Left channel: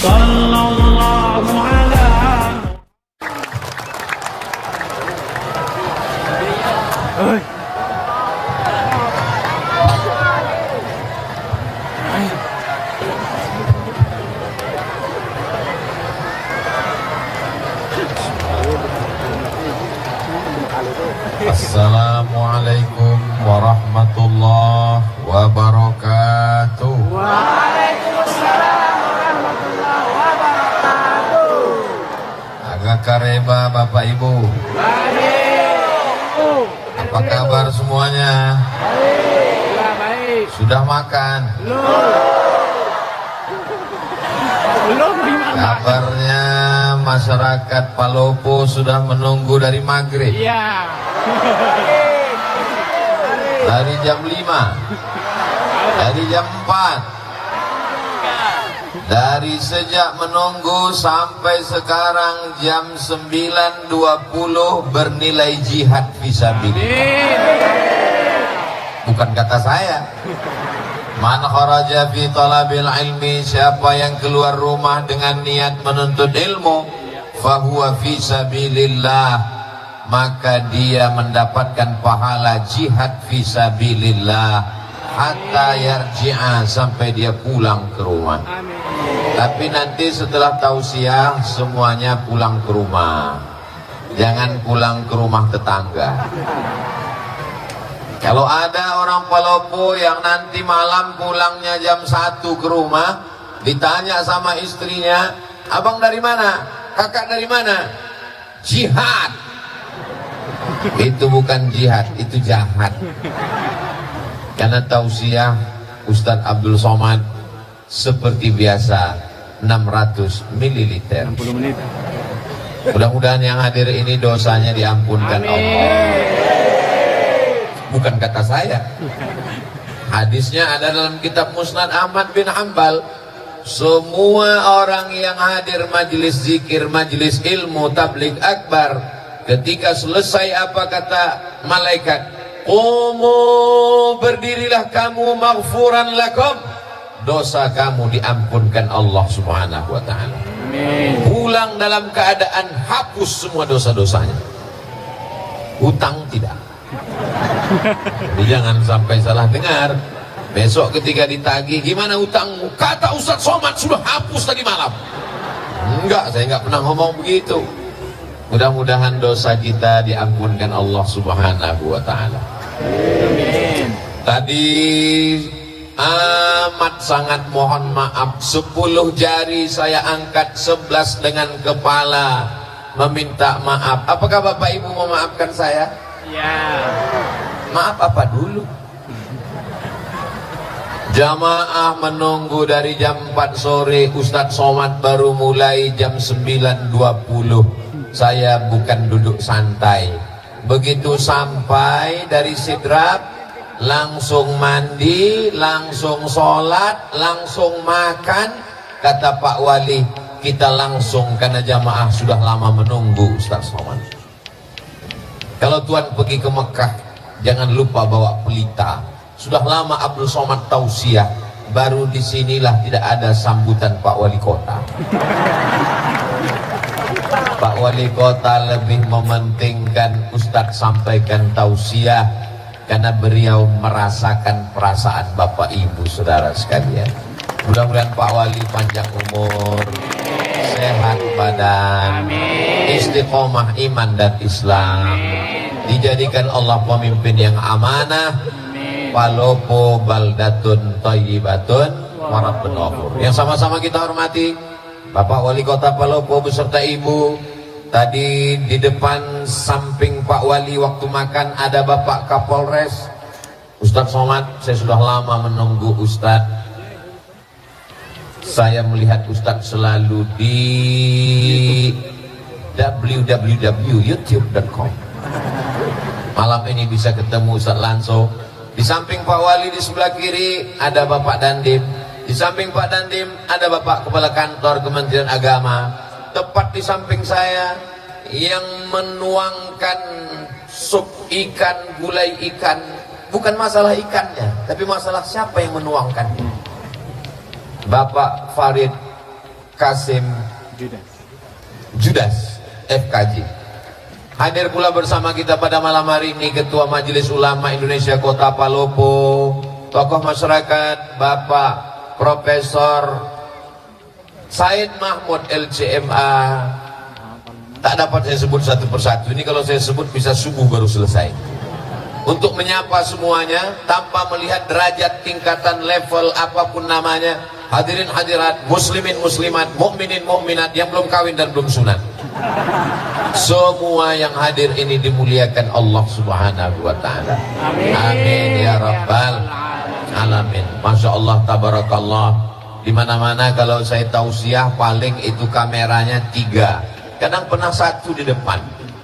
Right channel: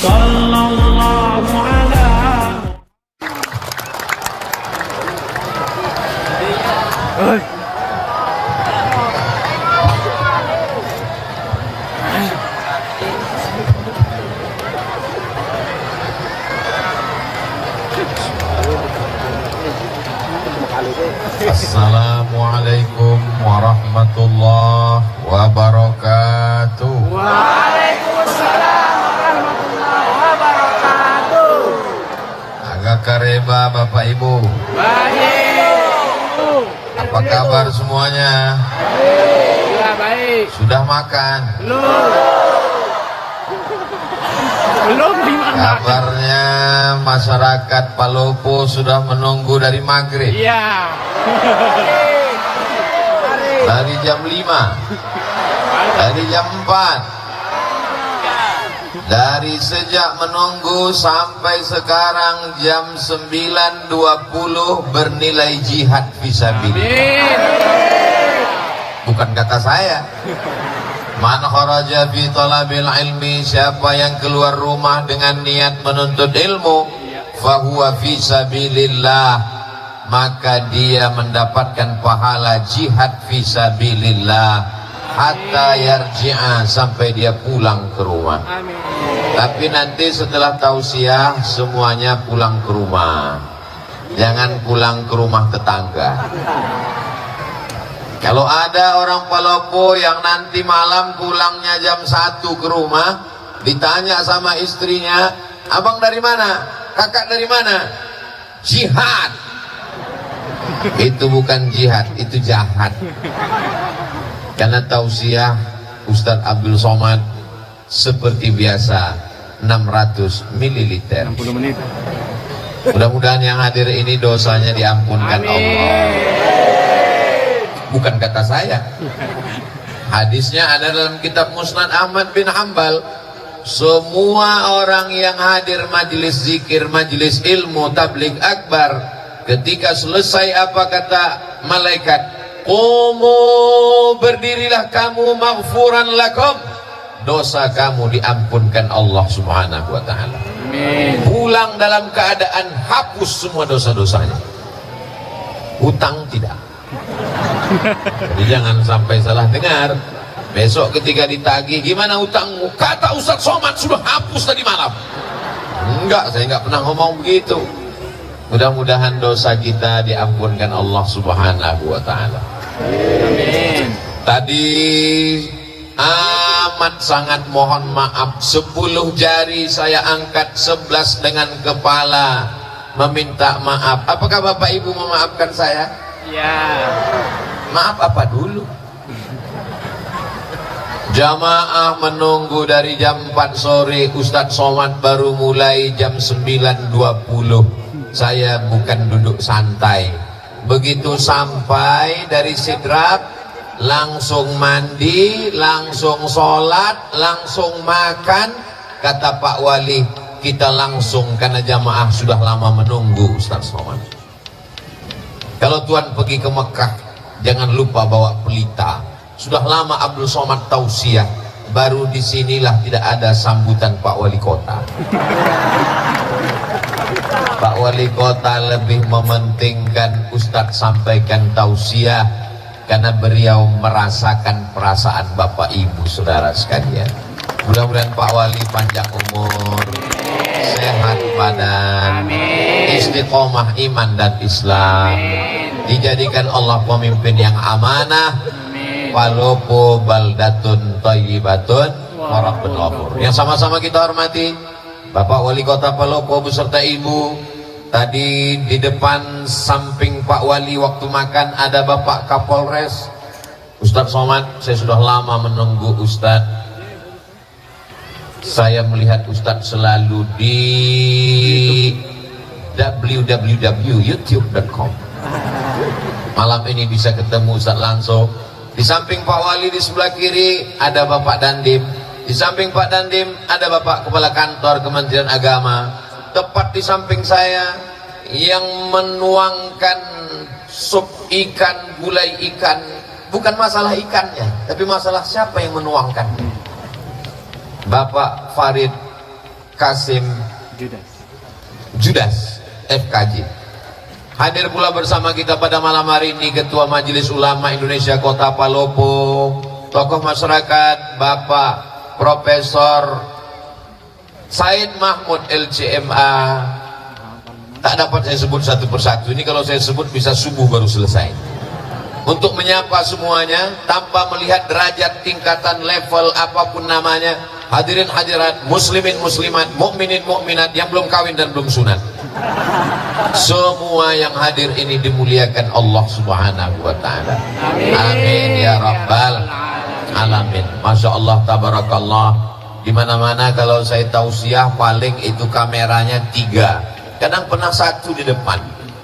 Sallallahu ala. Assalamualaikum warahmatullahi wabarakatuh. Waalaikumsalam warahmatullahi wabarakatuh. Agak kareba Bapak Ibu. Baik. Apa kabar semuanya? Baik. Ya, baik. Sudah makan? Belum dimana? Kabarnya masyarakat Palopo sudah menunggu dari maghrib. Iya. Dari jam 5, dari jam 4, dari sejak menunggu sampai sekarang jam 9.20 bernilai jihad fisabilillah. Bukan kata saya. Man kharaja fi talabil ilmi, siapa yang keluar rumah dengan niat menuntut ilmu, fahuwa fi sabilillah, maka dia mendapatkan pahala jihad fisabilillah hatta yarji'a, sampai dia pulang ke rumah. Tapi nanti setelah tausiah semuanya pulang ke rumah, jangan pulang ke rumah tetangga. Kalau ada orang Palopo yang nanti malam pulangnya jam 1 ke rumah, ditanya sama istrinya, abang dari mana? Kakak dari mana? Jihad. Itu bukan jihad, itu jahat. Karena tausiah Ustadz Abdul Somad seperti biasa 600 ml. 60 menit. Mudah-mudahan yang hadir ini dosanya diampunkan Allah. Bukan kata saya. Hadisnya ada dalam kitab Musnad Ahmad bin Hanbal. Semua orang yang hadir majelis zikir, majelis ilmu, tabligh akbar, ketika selesai apa kata malaikat? Qumu, berdirilah kamu, maghfuran lakum, dosa kamu diampunkan Allah subhanahu wa ta'ala. Pulang dalam keadaan hapus semua dosa-dosanya. Hutang tidak. Jadi jangan sampai salah dengar. Besok ketika ditagih, gimana hutangmu? Kata Ustadz Somad sudah hapus tadi malam. Enggak, saya enggak pernah ngomong begitu. Mudah-mudahan dosa kita diampunkan Allah subhanahu wa ta'ala. Amin. Tadi amat sangat mohon maaf, 10 jari saya angkat, 11 dengan kepala meminta maaf. Apakah Bapak Ibu memaafkan saya? Ya. Maaf apa dulu? Jamaah menunggu dari jam 4 sore, Ustadz Somad baru mulai jam 9.20. Saya bukan duduk santai. Begitu sampai dari Sidrap, langsung mandi, langsung sholat, langsung makan. Kata Pak Wali, kita langsung karena jamaah sudah lama menunggu Ustadz Somad. Kalau Tuan pergi ke Mekah, jangan lupa bawa pelita. Sudah lama Abdul Somad tausiah, baru disinilah tidak ada sambutan Pak Wali Kota. Pak Wali Kota lebih mementingkan Ustadz sampaikan tausiah, karena beliau merasakan perasaan Bapak Ibu saudara sekalian. Mudah-mudahan Pak Wali panjang umur, sehat badan, istiqomah iman dan Islam, dijadikan Allah pemimpin yang amanah. Palopo baldatun thayyibatun wa rabbun ghafur. Yang sama-sama kita hormati Bapak Wali Kota Palopo beserta Ibu. Tadi di depan samping Pak Wali waktu makan ada Bapak Kapolres Ustadz Somad. Saya sudah lama menunggu Ustadz. Saya melihat Ustadz selalu di www.youtube.com. Malam ini bisa ketemu Ustadz langsung. Di samping Pak Wali di sebelah kiri ada Bapak Dandim. Di samping Pak Dandim ada Bapak Kepala Kantor Kementerian Agama. Tepat di samping saya yang menuangkan sup ikan, gulai ikan. Bukan masalah ikannya, tapi masalah siapa yang menuangkan. Bapak Farid Kasim Judas FKJ. Hadir pula bersama kita pada malam hari ini Ketua Majelis Ulama Indonesia Kota Palopo, tokoh masyarakat Bapak Profesor Said Mahmud LCMA. Tak dapat saya sebut satu persatu, ini kalau saya sebut bisa subuh baru selesai. Untuk menyapa semuanya tanpa melihat derajat, tingkatan, level apapun namanya, hadirin hadirat, muslimin muslimat, mukminin mukminat yang belum kawin dan belum sunat, semua yang hadir ini dimuliakan Allah Subhanahu wa taala. Amin. Amin ya rabbal alamin. Masya Allah, tabarakallah. Di mana-mana kalau saya tausiah paling itu kameranya 3. Kadang pernah 1 di depan,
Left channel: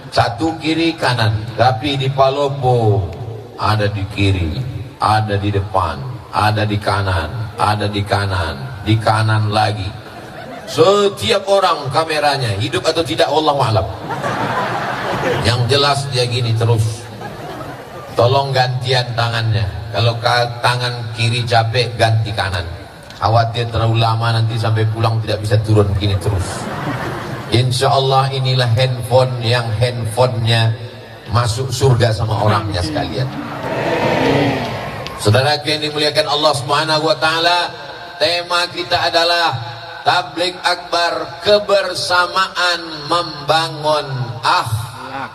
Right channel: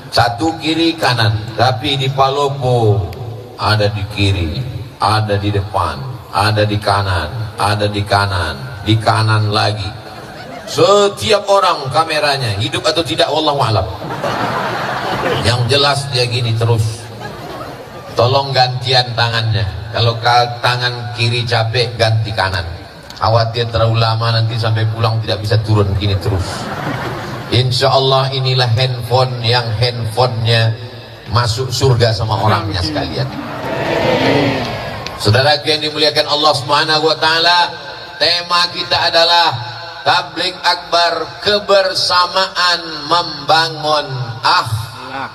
1 kiri kanan. Tapi di Palopo ada di kiri, ada di depan, ada di kanan, ada di kanan lagi. Setiap orang kameranya, hidup atau tidak wallahu a'lam. Yang jelas dia gini terus. Tolong gantian tangannya. Kalau tangan kiri capek, ganti kanan. Khawatir terlalu lama nanti sampai pulang tidak bisa turun, gini terus. Insya Allah inilah handphone yang handphonenya masuk surga sama orangnya sekalian. Saudara yang dimuliakan Allah Subhanahu wa taala, tema kita adalah Tabligh Akbar, kebersamaan membangun akhlak.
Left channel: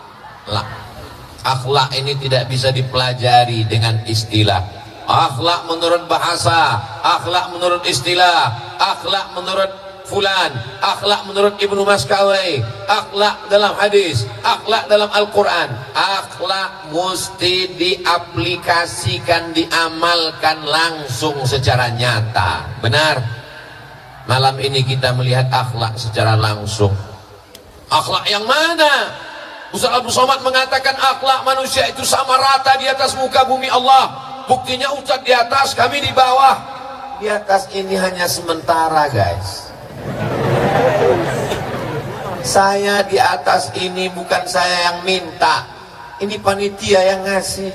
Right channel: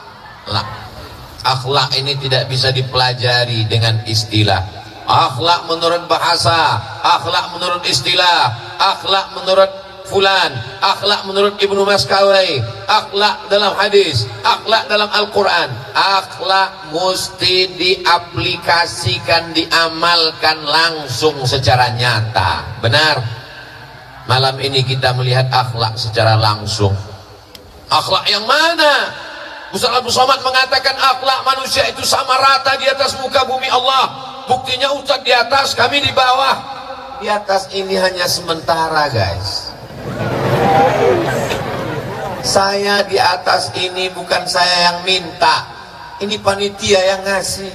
Akhlak ini tidak bisa dipelajari dengan istilah. Akhlak menurut bahasa, akhlak menurut istilah, akhlak menurut fulan, akhlak menurut Ibnu Maskawai, akhlak dalam hadis, akhlak dalam Al-Quran. Akhlak mesti diaplikasikan, diamalkan langsung secara nyata. Benar? Malam ini kita melihat akhlak secara langsung. Akhlak yang mana? Ustaz Abdul Somad mengatakan akhlak manusia itu sama rata di atas muka bumi Allah. Buktinya Ustaz di atas, kami di bawah. Di atas ini hanya sementara, guys. Saya di atas ini bukan saya yang minta, ini panitia yang ngasih.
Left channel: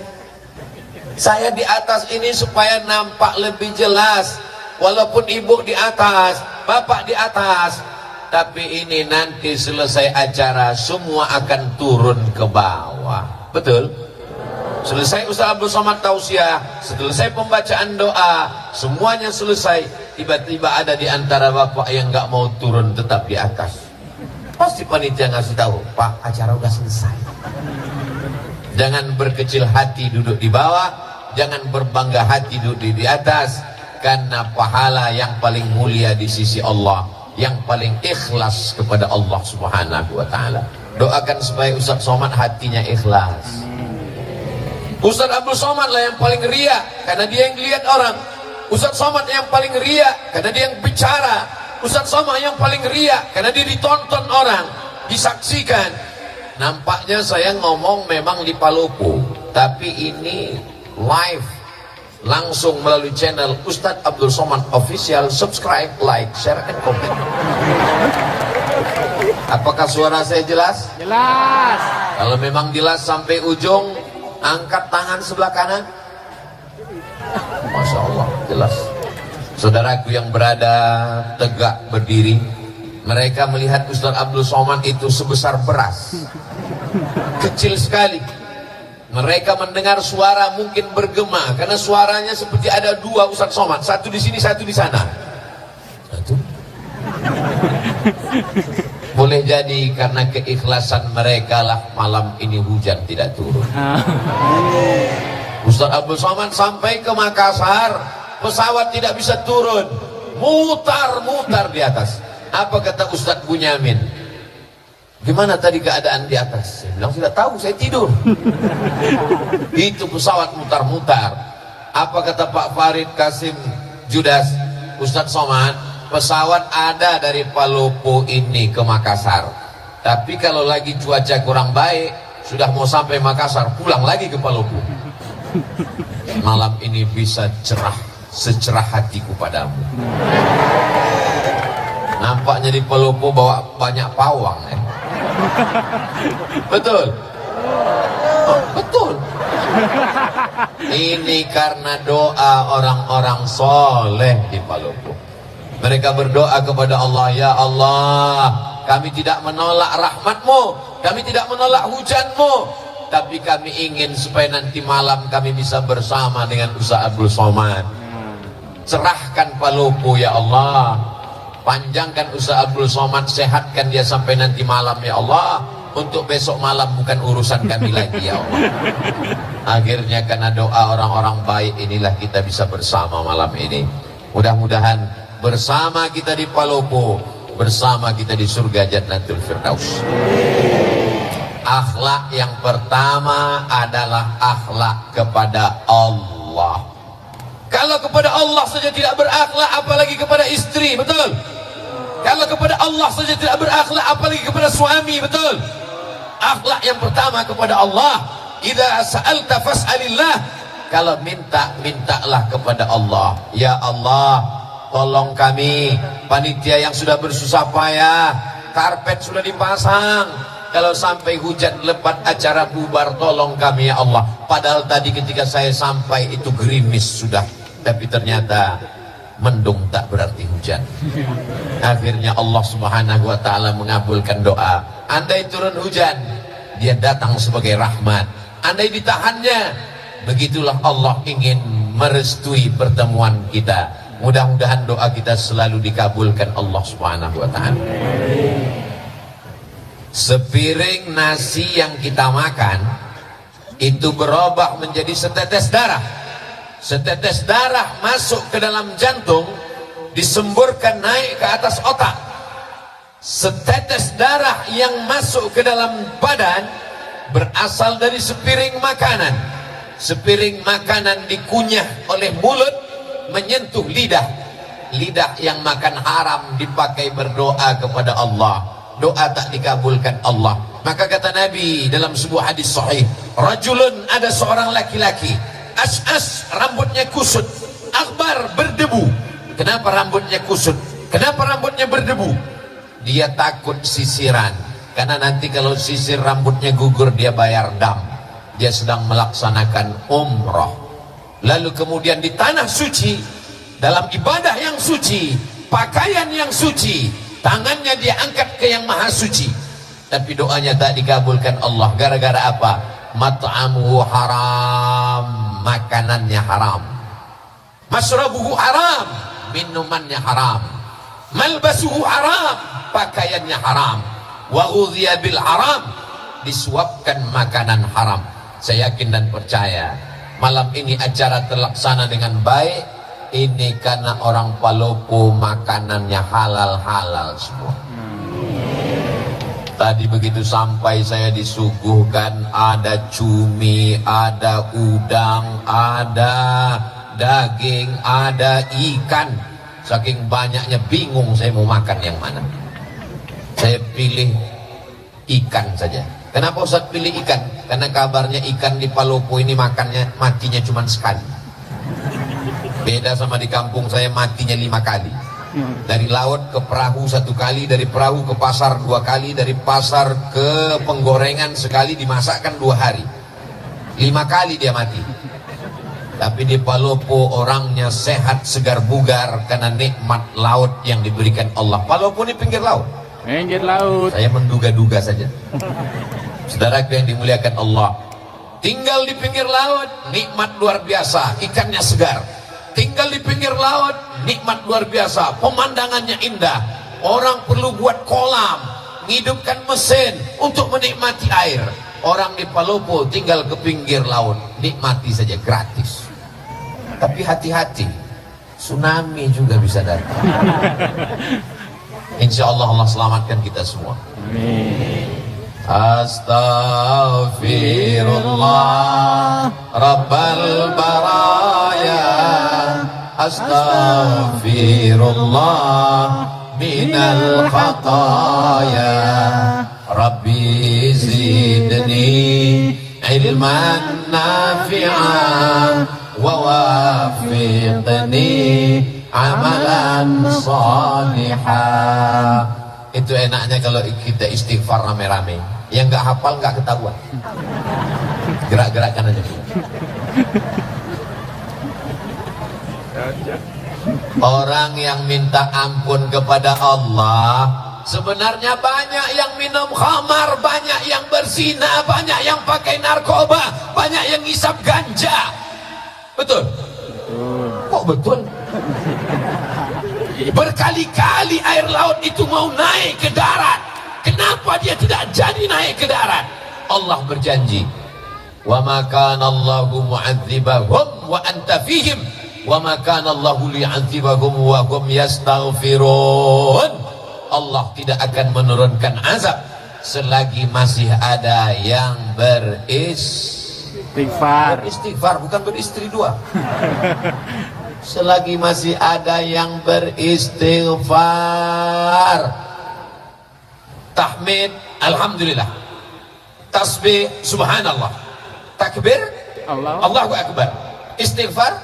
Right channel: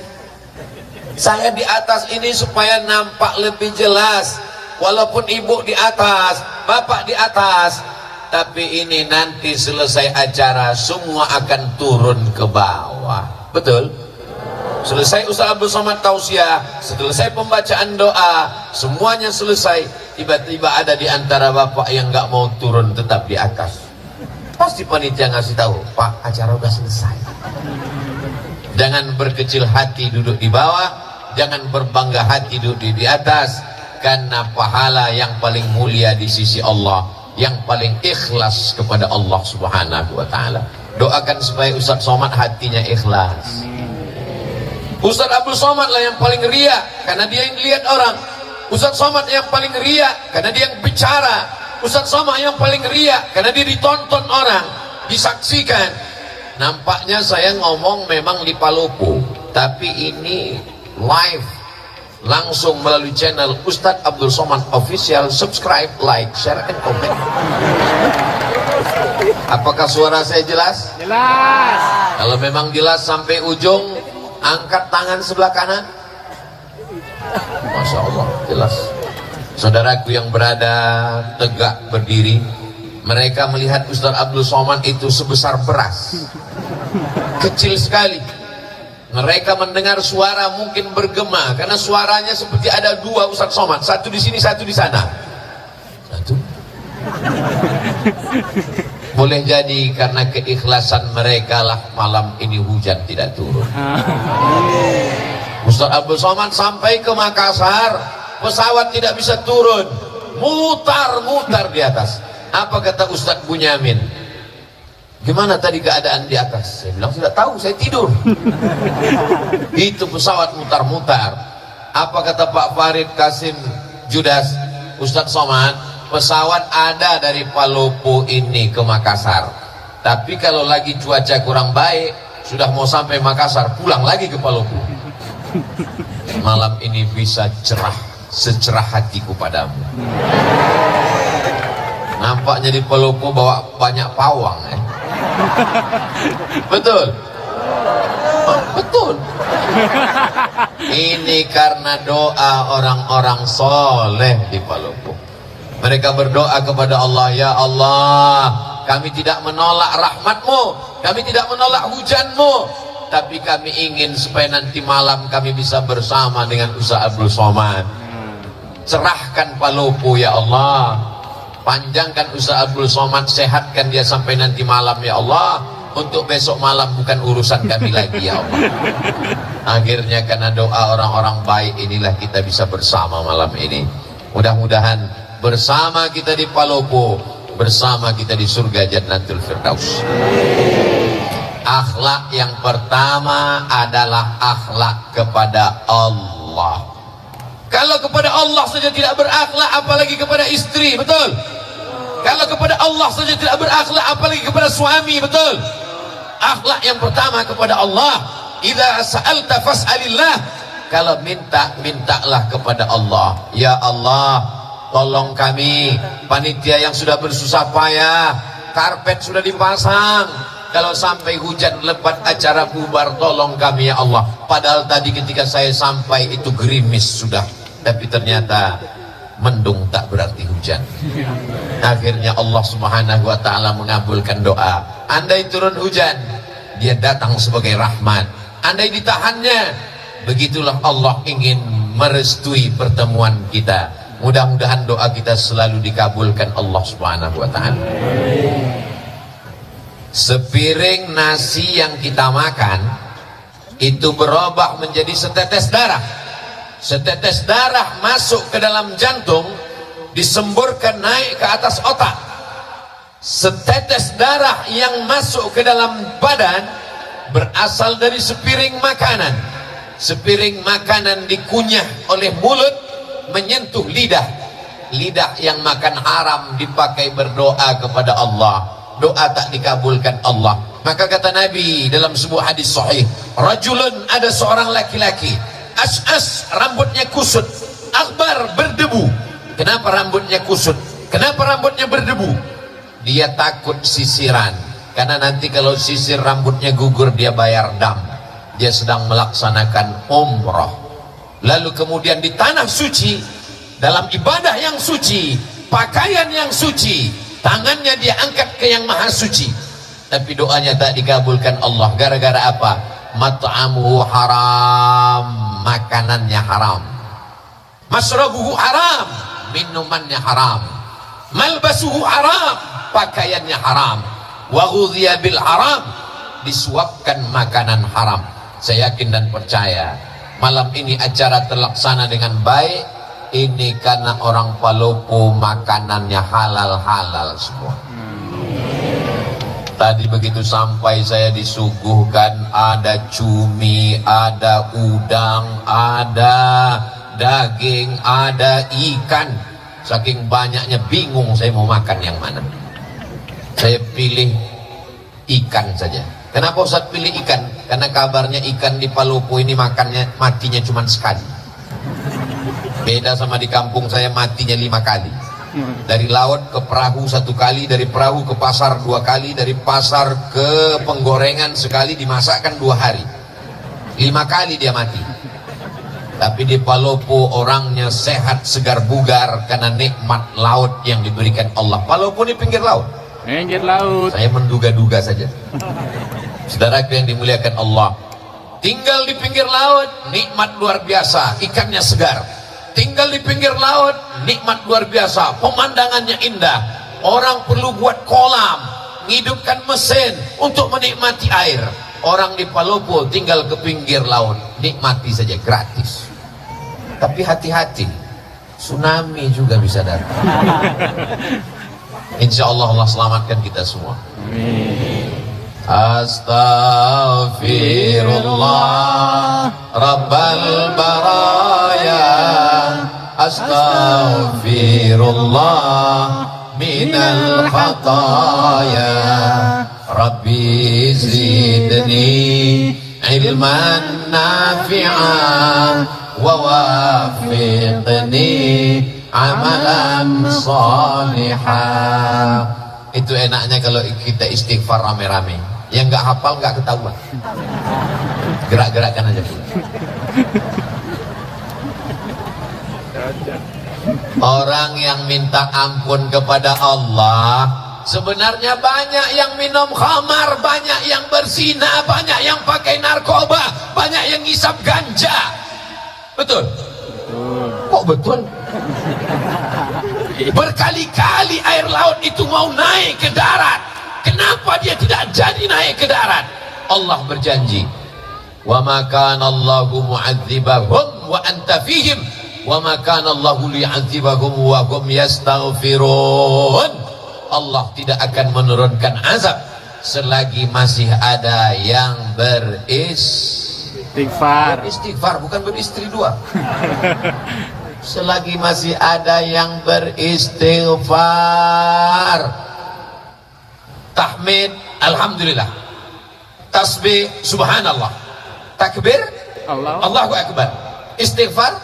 Saya di atas ini supaya nampak lebih jelas. Walaupun ibu di atas, bapak di atas, tapi ini nanti selesai acara semua akan turun ke bawah. Betul? Selesai Ustaz Abdul Somad tausiah, selesai pembacaan doa, semuanya selesai. Tiba-tiba ada di antara bapak yang nggak mau turun, tetap di atas. Pasti panitia ngasih tahu, Pak, acara udah selesai. Jangan berkecil hati duduk di bawah, jangan berbangga hati duduk di atas, karena pahala yang paling mulia di sisi Allah, yang paling ikhlas kepada Allah Subhanahu wa taala. Doakan supaya Ustaz Somad hatinya ikhlas. Ustaz Abdul Somad lah yang paling ria, karena dia yang dilihat orang. Ustaz Somad yang paling ria, karena dia yang bicara. Ustaz Somad yang paling ria, karena dia ditonton orang, disaksikan. Nampaknya saya ngomong memang di Palopo, tapi ini live, langsung melalui channel Ustaz Abdul Somad Official. Subscribe, like, share, and comment. Apakah suara saya jelas? Jelas. Kalau memang jelas sampai ujung, angkat tangan sebelah kanan. Masya Allah, jelas. Saudaraku yang berada tegak berdiri, mereka melihat Ustaz Abdul Somad itu sebesar beras, kecil sekali. Mereka mendengar suara mungkin bergema, karena suaranya seperti ada 2 Ustaz Somad, satu di sini, satu di sana. Satu. Boleh jadi karena keikhlasan mereka lah malam ini hujan tidak turun. Ustaz Abdul Somad sampai ke Makassar, pesawat tidak bisa turun, mutar-mutar di atas. Apa kata Ustaz Bunyamin? Gimana tadi keadaan di atas? Saya bilang tidak tahu, saya tidur. Itu pesawat mutar-mutar. Apa kata Pak Farid Kasim Judas? Ustaz Somad, pesawat ada dari Palopo ini ke Makassar, tapi kalau lagi cuaca kurang baik, sudah mau sampai Makassar, pulang lagi ke Palopo. Malam ini bisa cerah, secerah hatiku padamu. Nampaknya di Palopo bawa banyak pawang, ya? Betul? Oh, betul. Ini karena doa orang-orang soleh di Palopo. Mereka berdoa kepada Allah, ya Allah, kami tidak menolak rahmat-Mu, kami tidak menolak hujan-Mu, tapi kami ingin supaya nanti malam kami bisa bersama dengan Ustaz Abdul Somad. Cerahkan Palopo ya Allah, panjangkan Ustaz Abdul Somad, sehatkan dia sampai nanti malam ya Allah. Untuk besok malam bukan urusan kami lagi ya Allah. Akhirnya karena doa orang-orang baik inilah kita bisa bersama malam ini. Mudah-mudahan bersama kita di Palopo, bersama kita di surga Jannatul Firdaus. Akhlak yang pertama adalah akhlak kepada Allah. Kalau kepada Allah saja tidak berakhlak, apalagi kepada istri, betul? Kalau kepada Allah saja tidak berakhlak, apalagi kepada suami, betul? Akhlak yang pertama kepada Allah. Idza sa'alta fas'alillah. Kalau minta, mintalah kepada Allah. Ya Allah, tolong kami, panitia yang sudah bersusah payah, karpet sudah dipasang, kalau sampai hujan lebat acara bubar, tolong kami ya Allah. Padahal tadi ketika saya sampai itu gerimis sudah, tapi ternyata mendung tak berarti hujan. Akhirnya Allah Subhanahu wa ta'ala mengabulkan doa. Andai turun hujan, dia datang sebagai rahmat. Andai ditahannya, begitulah Allah ingin merestui pertemuan kita. Mudah-mudahan doa kita selalu dikabulkan Allah Subhanahu wa ta'ala. Sepiring nasi yang kita makan itu berubah menjadi setetes darah. Setetes darah masuk ke dalam jantung, disemburkan naik ke atas otak. Setetes darah yang masuk ke dalam badan berasal dari sepiring makanan. Sepiring makanan dikunyah oleh mulut, menyentuh lidah. Lidah yang makan haram dipakai berdoa kepada Allah. Doa tak dikabulkan Allah. Maka kata Nabi dalam sebuah hadis sahih, rajulun, ada seorang laki-laki, as'as, rambutnya kusut, akbar, berdebu. Kenapa rambutnya kusut? Kenapa rambutnya berdebu? Dia takut sisiran, karena nanti kalau sisir rambutnya gugur dia bayar dam. Dia sedang melaksanakan umrah. Lalu kemudian di tanah suci, dalam ibadah yang suci, pakaian yang suci, tangannya dia angkat ke yang maha suci, tapi doanya tak dikabulkan Allah. Gara-gara apa? Mat'amuhu haram, makanannya haram. Masrabuhu haram, minumannya haram. Malbasuhu haram, pakaiannya haram. Wa ghudhiya bil haram, disuapkan makanan haram. Saya yakin dan percaya malam ini acara terlaksana dengan baik. Ini karena orang Palopo makanannya halal-halal semua. Tadi begitu sampai saya disuguhkan ada cumi, ada udang, ada daging, ada ikan. Saking banyaknya bingung saya mau makan yang mana. Saya pilih ikan saja. Kenapa Ustaz pilih ikan? Karena kabarnya ikan di Palopo ini makannya matinya cuma sekali. Beda sama di kampung saya matinya 5 kali. Dari laut ke perahu 1 kali, dari perahu ke pasar 2 kali, dari pasar ke penggorengan sekali, dimasakkan 2 hari. 5 kali dia mati. Tapi di Palopo orangnya sehat, segar bugar karena nikmat laut yang diberikan Allah. Palopo ini pinggir laut. Pinggir laut. Saya menduga-duga saja. Saudaraku yang dimuliakan Allah, tinggal di pinggir laut, nikmat luar biasa, ikannya segar. Tinggal di pinggir laut, nikmat luar biasa, pemandangannya indah. Orang perlu buat kolam, menghidupkan mesin untuk menikmati air. Orang di Palopo tinggal ke pinggir laut, nikmati saja gratis. Tapi hati-hati, tsunami juga bisa datang. Insya Allah Allah selamatkan kita semua. Amin. Astaghfirullah Rabbal baraya, astaghfirullah minal khataya, Rabbi zidni ilman nafi'an wa wafiqni amalan salihah. Itu enaknya kalau kita istighfar rame-rame. Yang nggak hafal nggak ketahuan. Gerak-gerakan aja. Orang yang minta ampun kepada Allah, sebenarnya banyak yang minum khamar, banyak yang berzina, banyak yang pakai narkoba, banyak yang ngisap ganja. Betul? Kok betul? Berkali-kali air laut itu mau naik ke darat. Kenapa dia tidak jadi naik ke darat? Allah berjanji, wa ma kana Allahu mu'adzibahum wa anta fihim wa ma kana Allahu li'adzibahum wa hum yastaghfirun. Allah tidak akan menurunkan azab selagi masih ada yang beristighfar, bukan beristri dua. Selagi masih ada yang beristighfar, tahmid alhamdulillah, tasbih subhanallah, takbir Allahu akbar, istighfar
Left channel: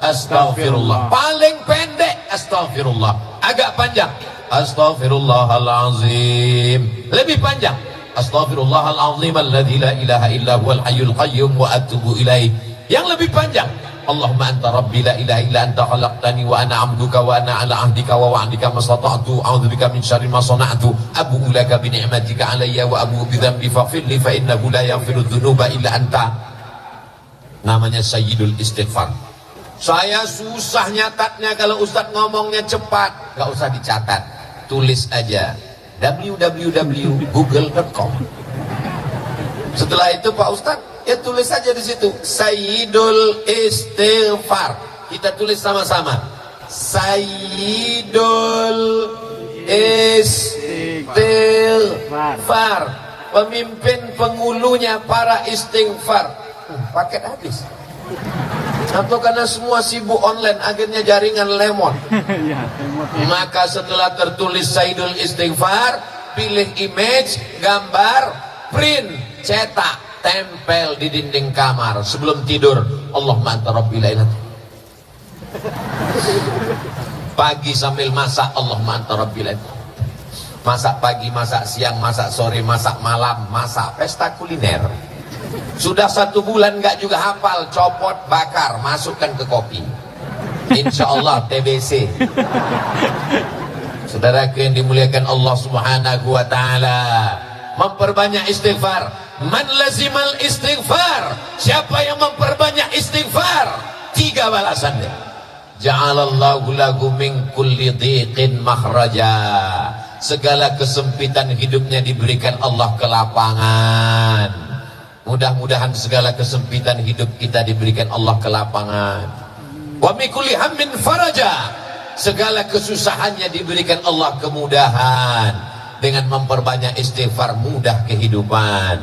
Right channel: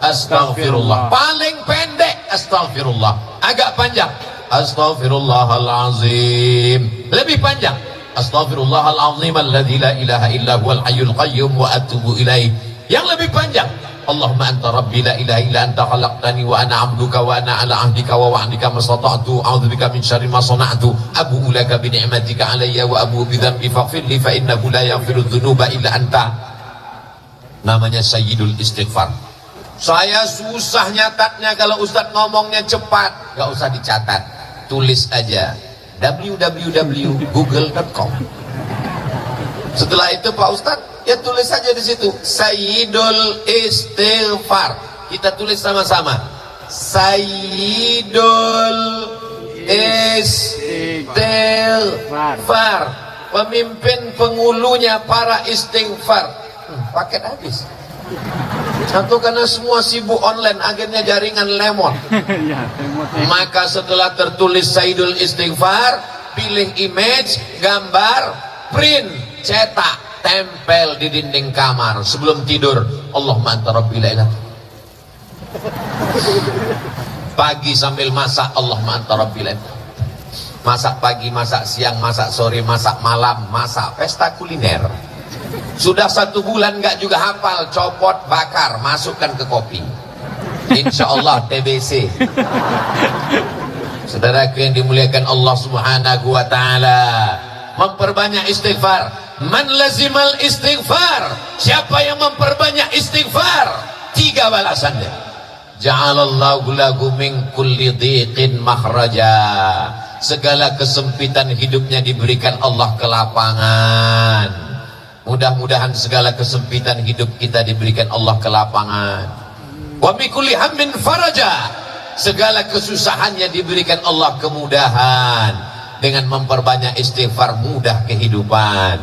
astaghfirullah. Paling pendek astaghfirullah, agak panjang astaghfirullahalazim, lebih panjang astaghfirullahalazim alladzi la ilaha illa huwal hayyul qayyum wa atubu ilaih. Yang lebih panjang Allahumma anta rabbi la ilaha illa anta khalaqtani wa ana 'abduka wa ana 'ala 'ahdika wa wa'dika mastata'tu a'udzubika min syarri ma sana'tu abu'u laka bi ni'matika 'alayya wa abu'u bi dhanbi faghfir li fa innahu la yaghfiru dzunuba illa anta. Namanya sayyidul istighfar. Saya susah nyatatnya, kalau Ustadz ngomongnya cepat, gak usah dicatat, tulis aja www.google.com. Setelah itu Pak Ustadz, ya tulis saja di situ Sayyidul Istighfar. Kita tulis sama-sama Sayyidul Istighfar, pemimpin pengulunya para istighfar. Paket habis. Atau karena semua sibuk online, akhirnya jaringan lemon. Maka setelah tertulis Sayyidul Istighfar, pilih image, gambar, print, cetak, tempel di dinding kamar. Sebelum tidur, Allahumma anta rabbi la ilaha. Pagi sambil masak, Allahumma anta rabbi la ilaha. Masak pagi, masak siang, masak sore, masak malam, masak pesta kuliner. Sudah 1 bulan nggak juga hafal, copot, bakar, masukkan ke kopi. Insya Allah TBC. Saudaraku yang dimuliakan Allah Subhanahu wa Ta'ala, memperbanyak istighfar. Man lazimal istighfar, siapa yang memperbanyak istighfar, 3 balasannya. Ja'alallahu lahu min kulli dhiqin makhraja. Segala kesempitan hidupnya diberikan Allah kelapangan. Mudah-mudahan segala kesempitan hidup kita diberikan Allah kelapangan. Wa min kulli hammin faraja. Segala kesusahannya diberikan Allah kemudahan. Dengan memperbanyak istighfar mudah kehidupan.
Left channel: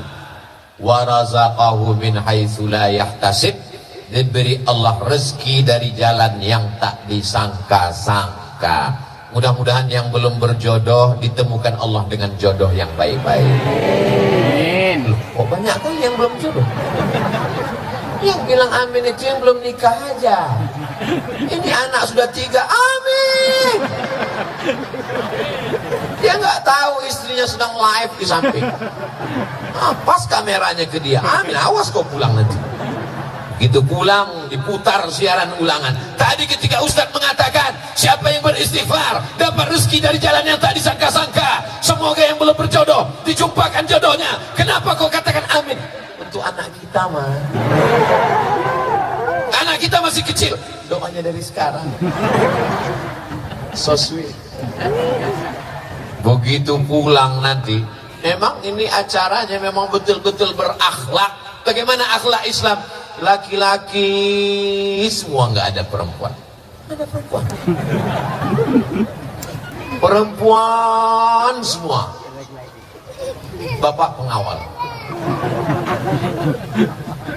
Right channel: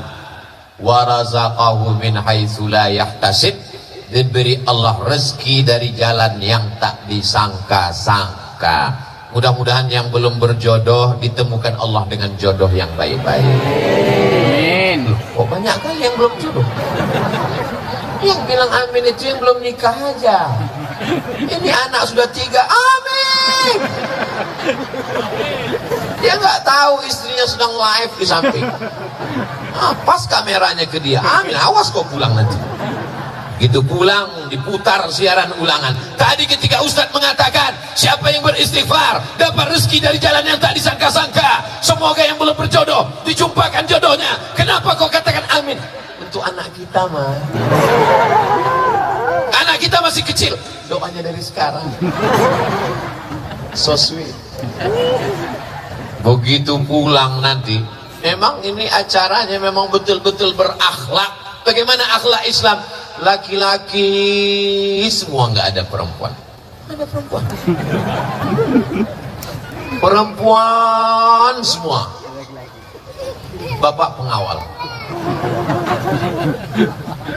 Wa razaqahu min haitsu la yahtasib. Diberi Allah rezeki dari jalan yang tak disangka-sangka. Mudah-mudahan yang belum berjodoh ditemukan Allah dengan jodoh yang baik-baik. Oh, banyak kali yang belum jodoh. Yang bilang amin itu yang belum nikah aja. Ini anak sudah 3, amin. Dia nggak tahu istrinya sedang live di samping. Pas kameranya ke dia, amin, awas kau pulang nanti. Itu pulang, diputar siaran ulangan. Tadi ketika Ustadz mengatakan, siapa yang beristighfar dapat rezeki dari jalan yang tak disangka-sangka. Semoga yang belum berjodoh dijumpakan jodohnya. Kenapa kau katakan amin? Untuk anak kita mah. Anak kita masih kecil, doanya dari sekarang. So sweet. Begitu pulang nanti, memang ini acaranya memang betul-betul berakhlak. Bagaimana akhlak Islam? Laki-laki semua, nggak ada perempuan. Ada perempuan. Perempuan semua. Bapak pengawal.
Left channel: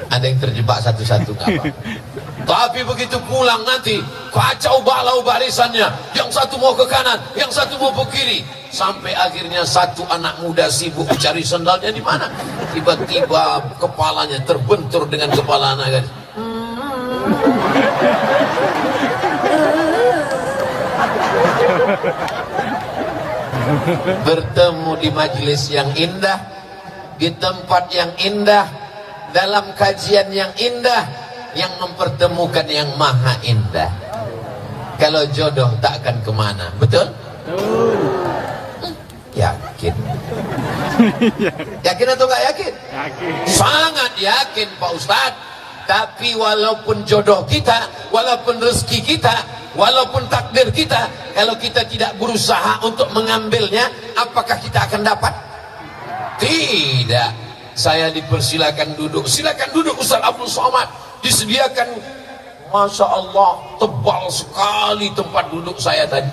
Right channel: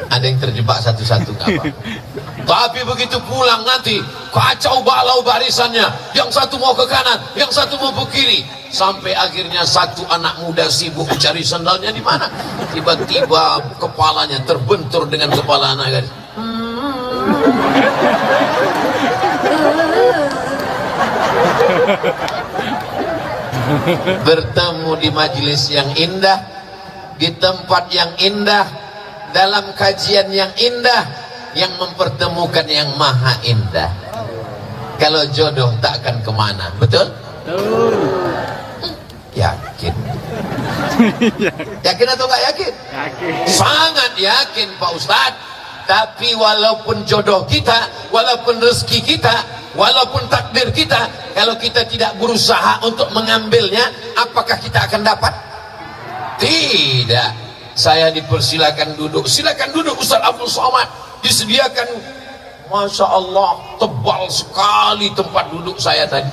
Ada yang terjebak satu-satu nggak apa. Tapi begitu pulang nanti kacau balau barisannya. Yang satu mau ke kanan, yang satu mau ke kiri. Sampai akhirnya satu anak muda sibuk cari sendalnya di mana. Tiba-tiba kepalanya terbentur dengan kepala anak gadis. Bertemu di majelis yang indah, di tempat yang indah, dalam kajian yang indah, yang mempertemukan yang maha indah. Kalau jodoh tak akan kemana. Betul? Betul. Yakin. Yakin atau gak yakin? Yakin. Sangat yakin Pak Ustadz. Tapi walaupun jodoh kita, walaupun rezeki kita, walaupun takdir kita, kalau kita tidak berusaha untuk mengambilnya, apakah kita akan dapat? Tidak. Saya dipersilakan duduk. Silakan duduk Ustaz Abdul Somad. Disediakan, Masya Allah, tebal sekali tempat duduk saya tadi.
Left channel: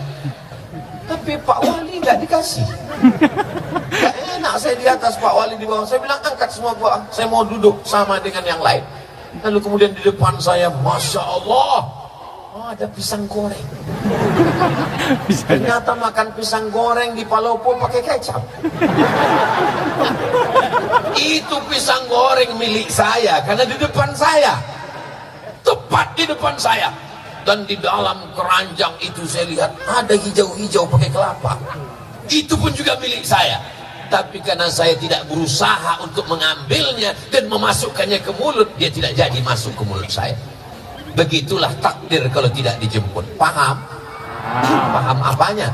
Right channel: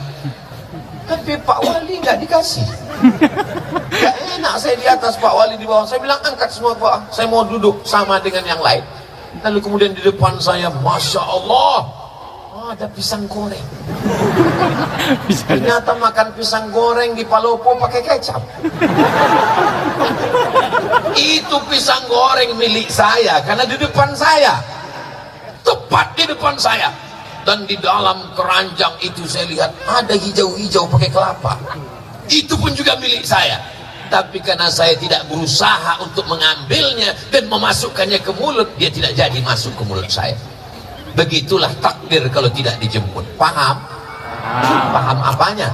Tapi Pak Wali nggak dikasih. Gak enak saya di atas, Pak Wali di bawah. Saya bilang angkat semua Pak, saya mau duduk sama dengan yang lain. Lalu kemudian di depan saya, Masya Allah, oh, ada pisang goreng. Ternyata makan pisang goreng di Palopo pakai kecap. Itu pisang goreng milik saya karena di depan saya, tepat di depan saya. Dan di dalam keranjang itu saya lihat ada hijau-hijau pakai kelapa. Itu pun juga milik saya. Tapi karena saya tidak berusaha untuk mengambilnya dan memasukkannya ke mulut, dia tidak jadi masuk ke mulut saya. Begitulah takdir kalau tidak dijemput. Paham? Paham apanya?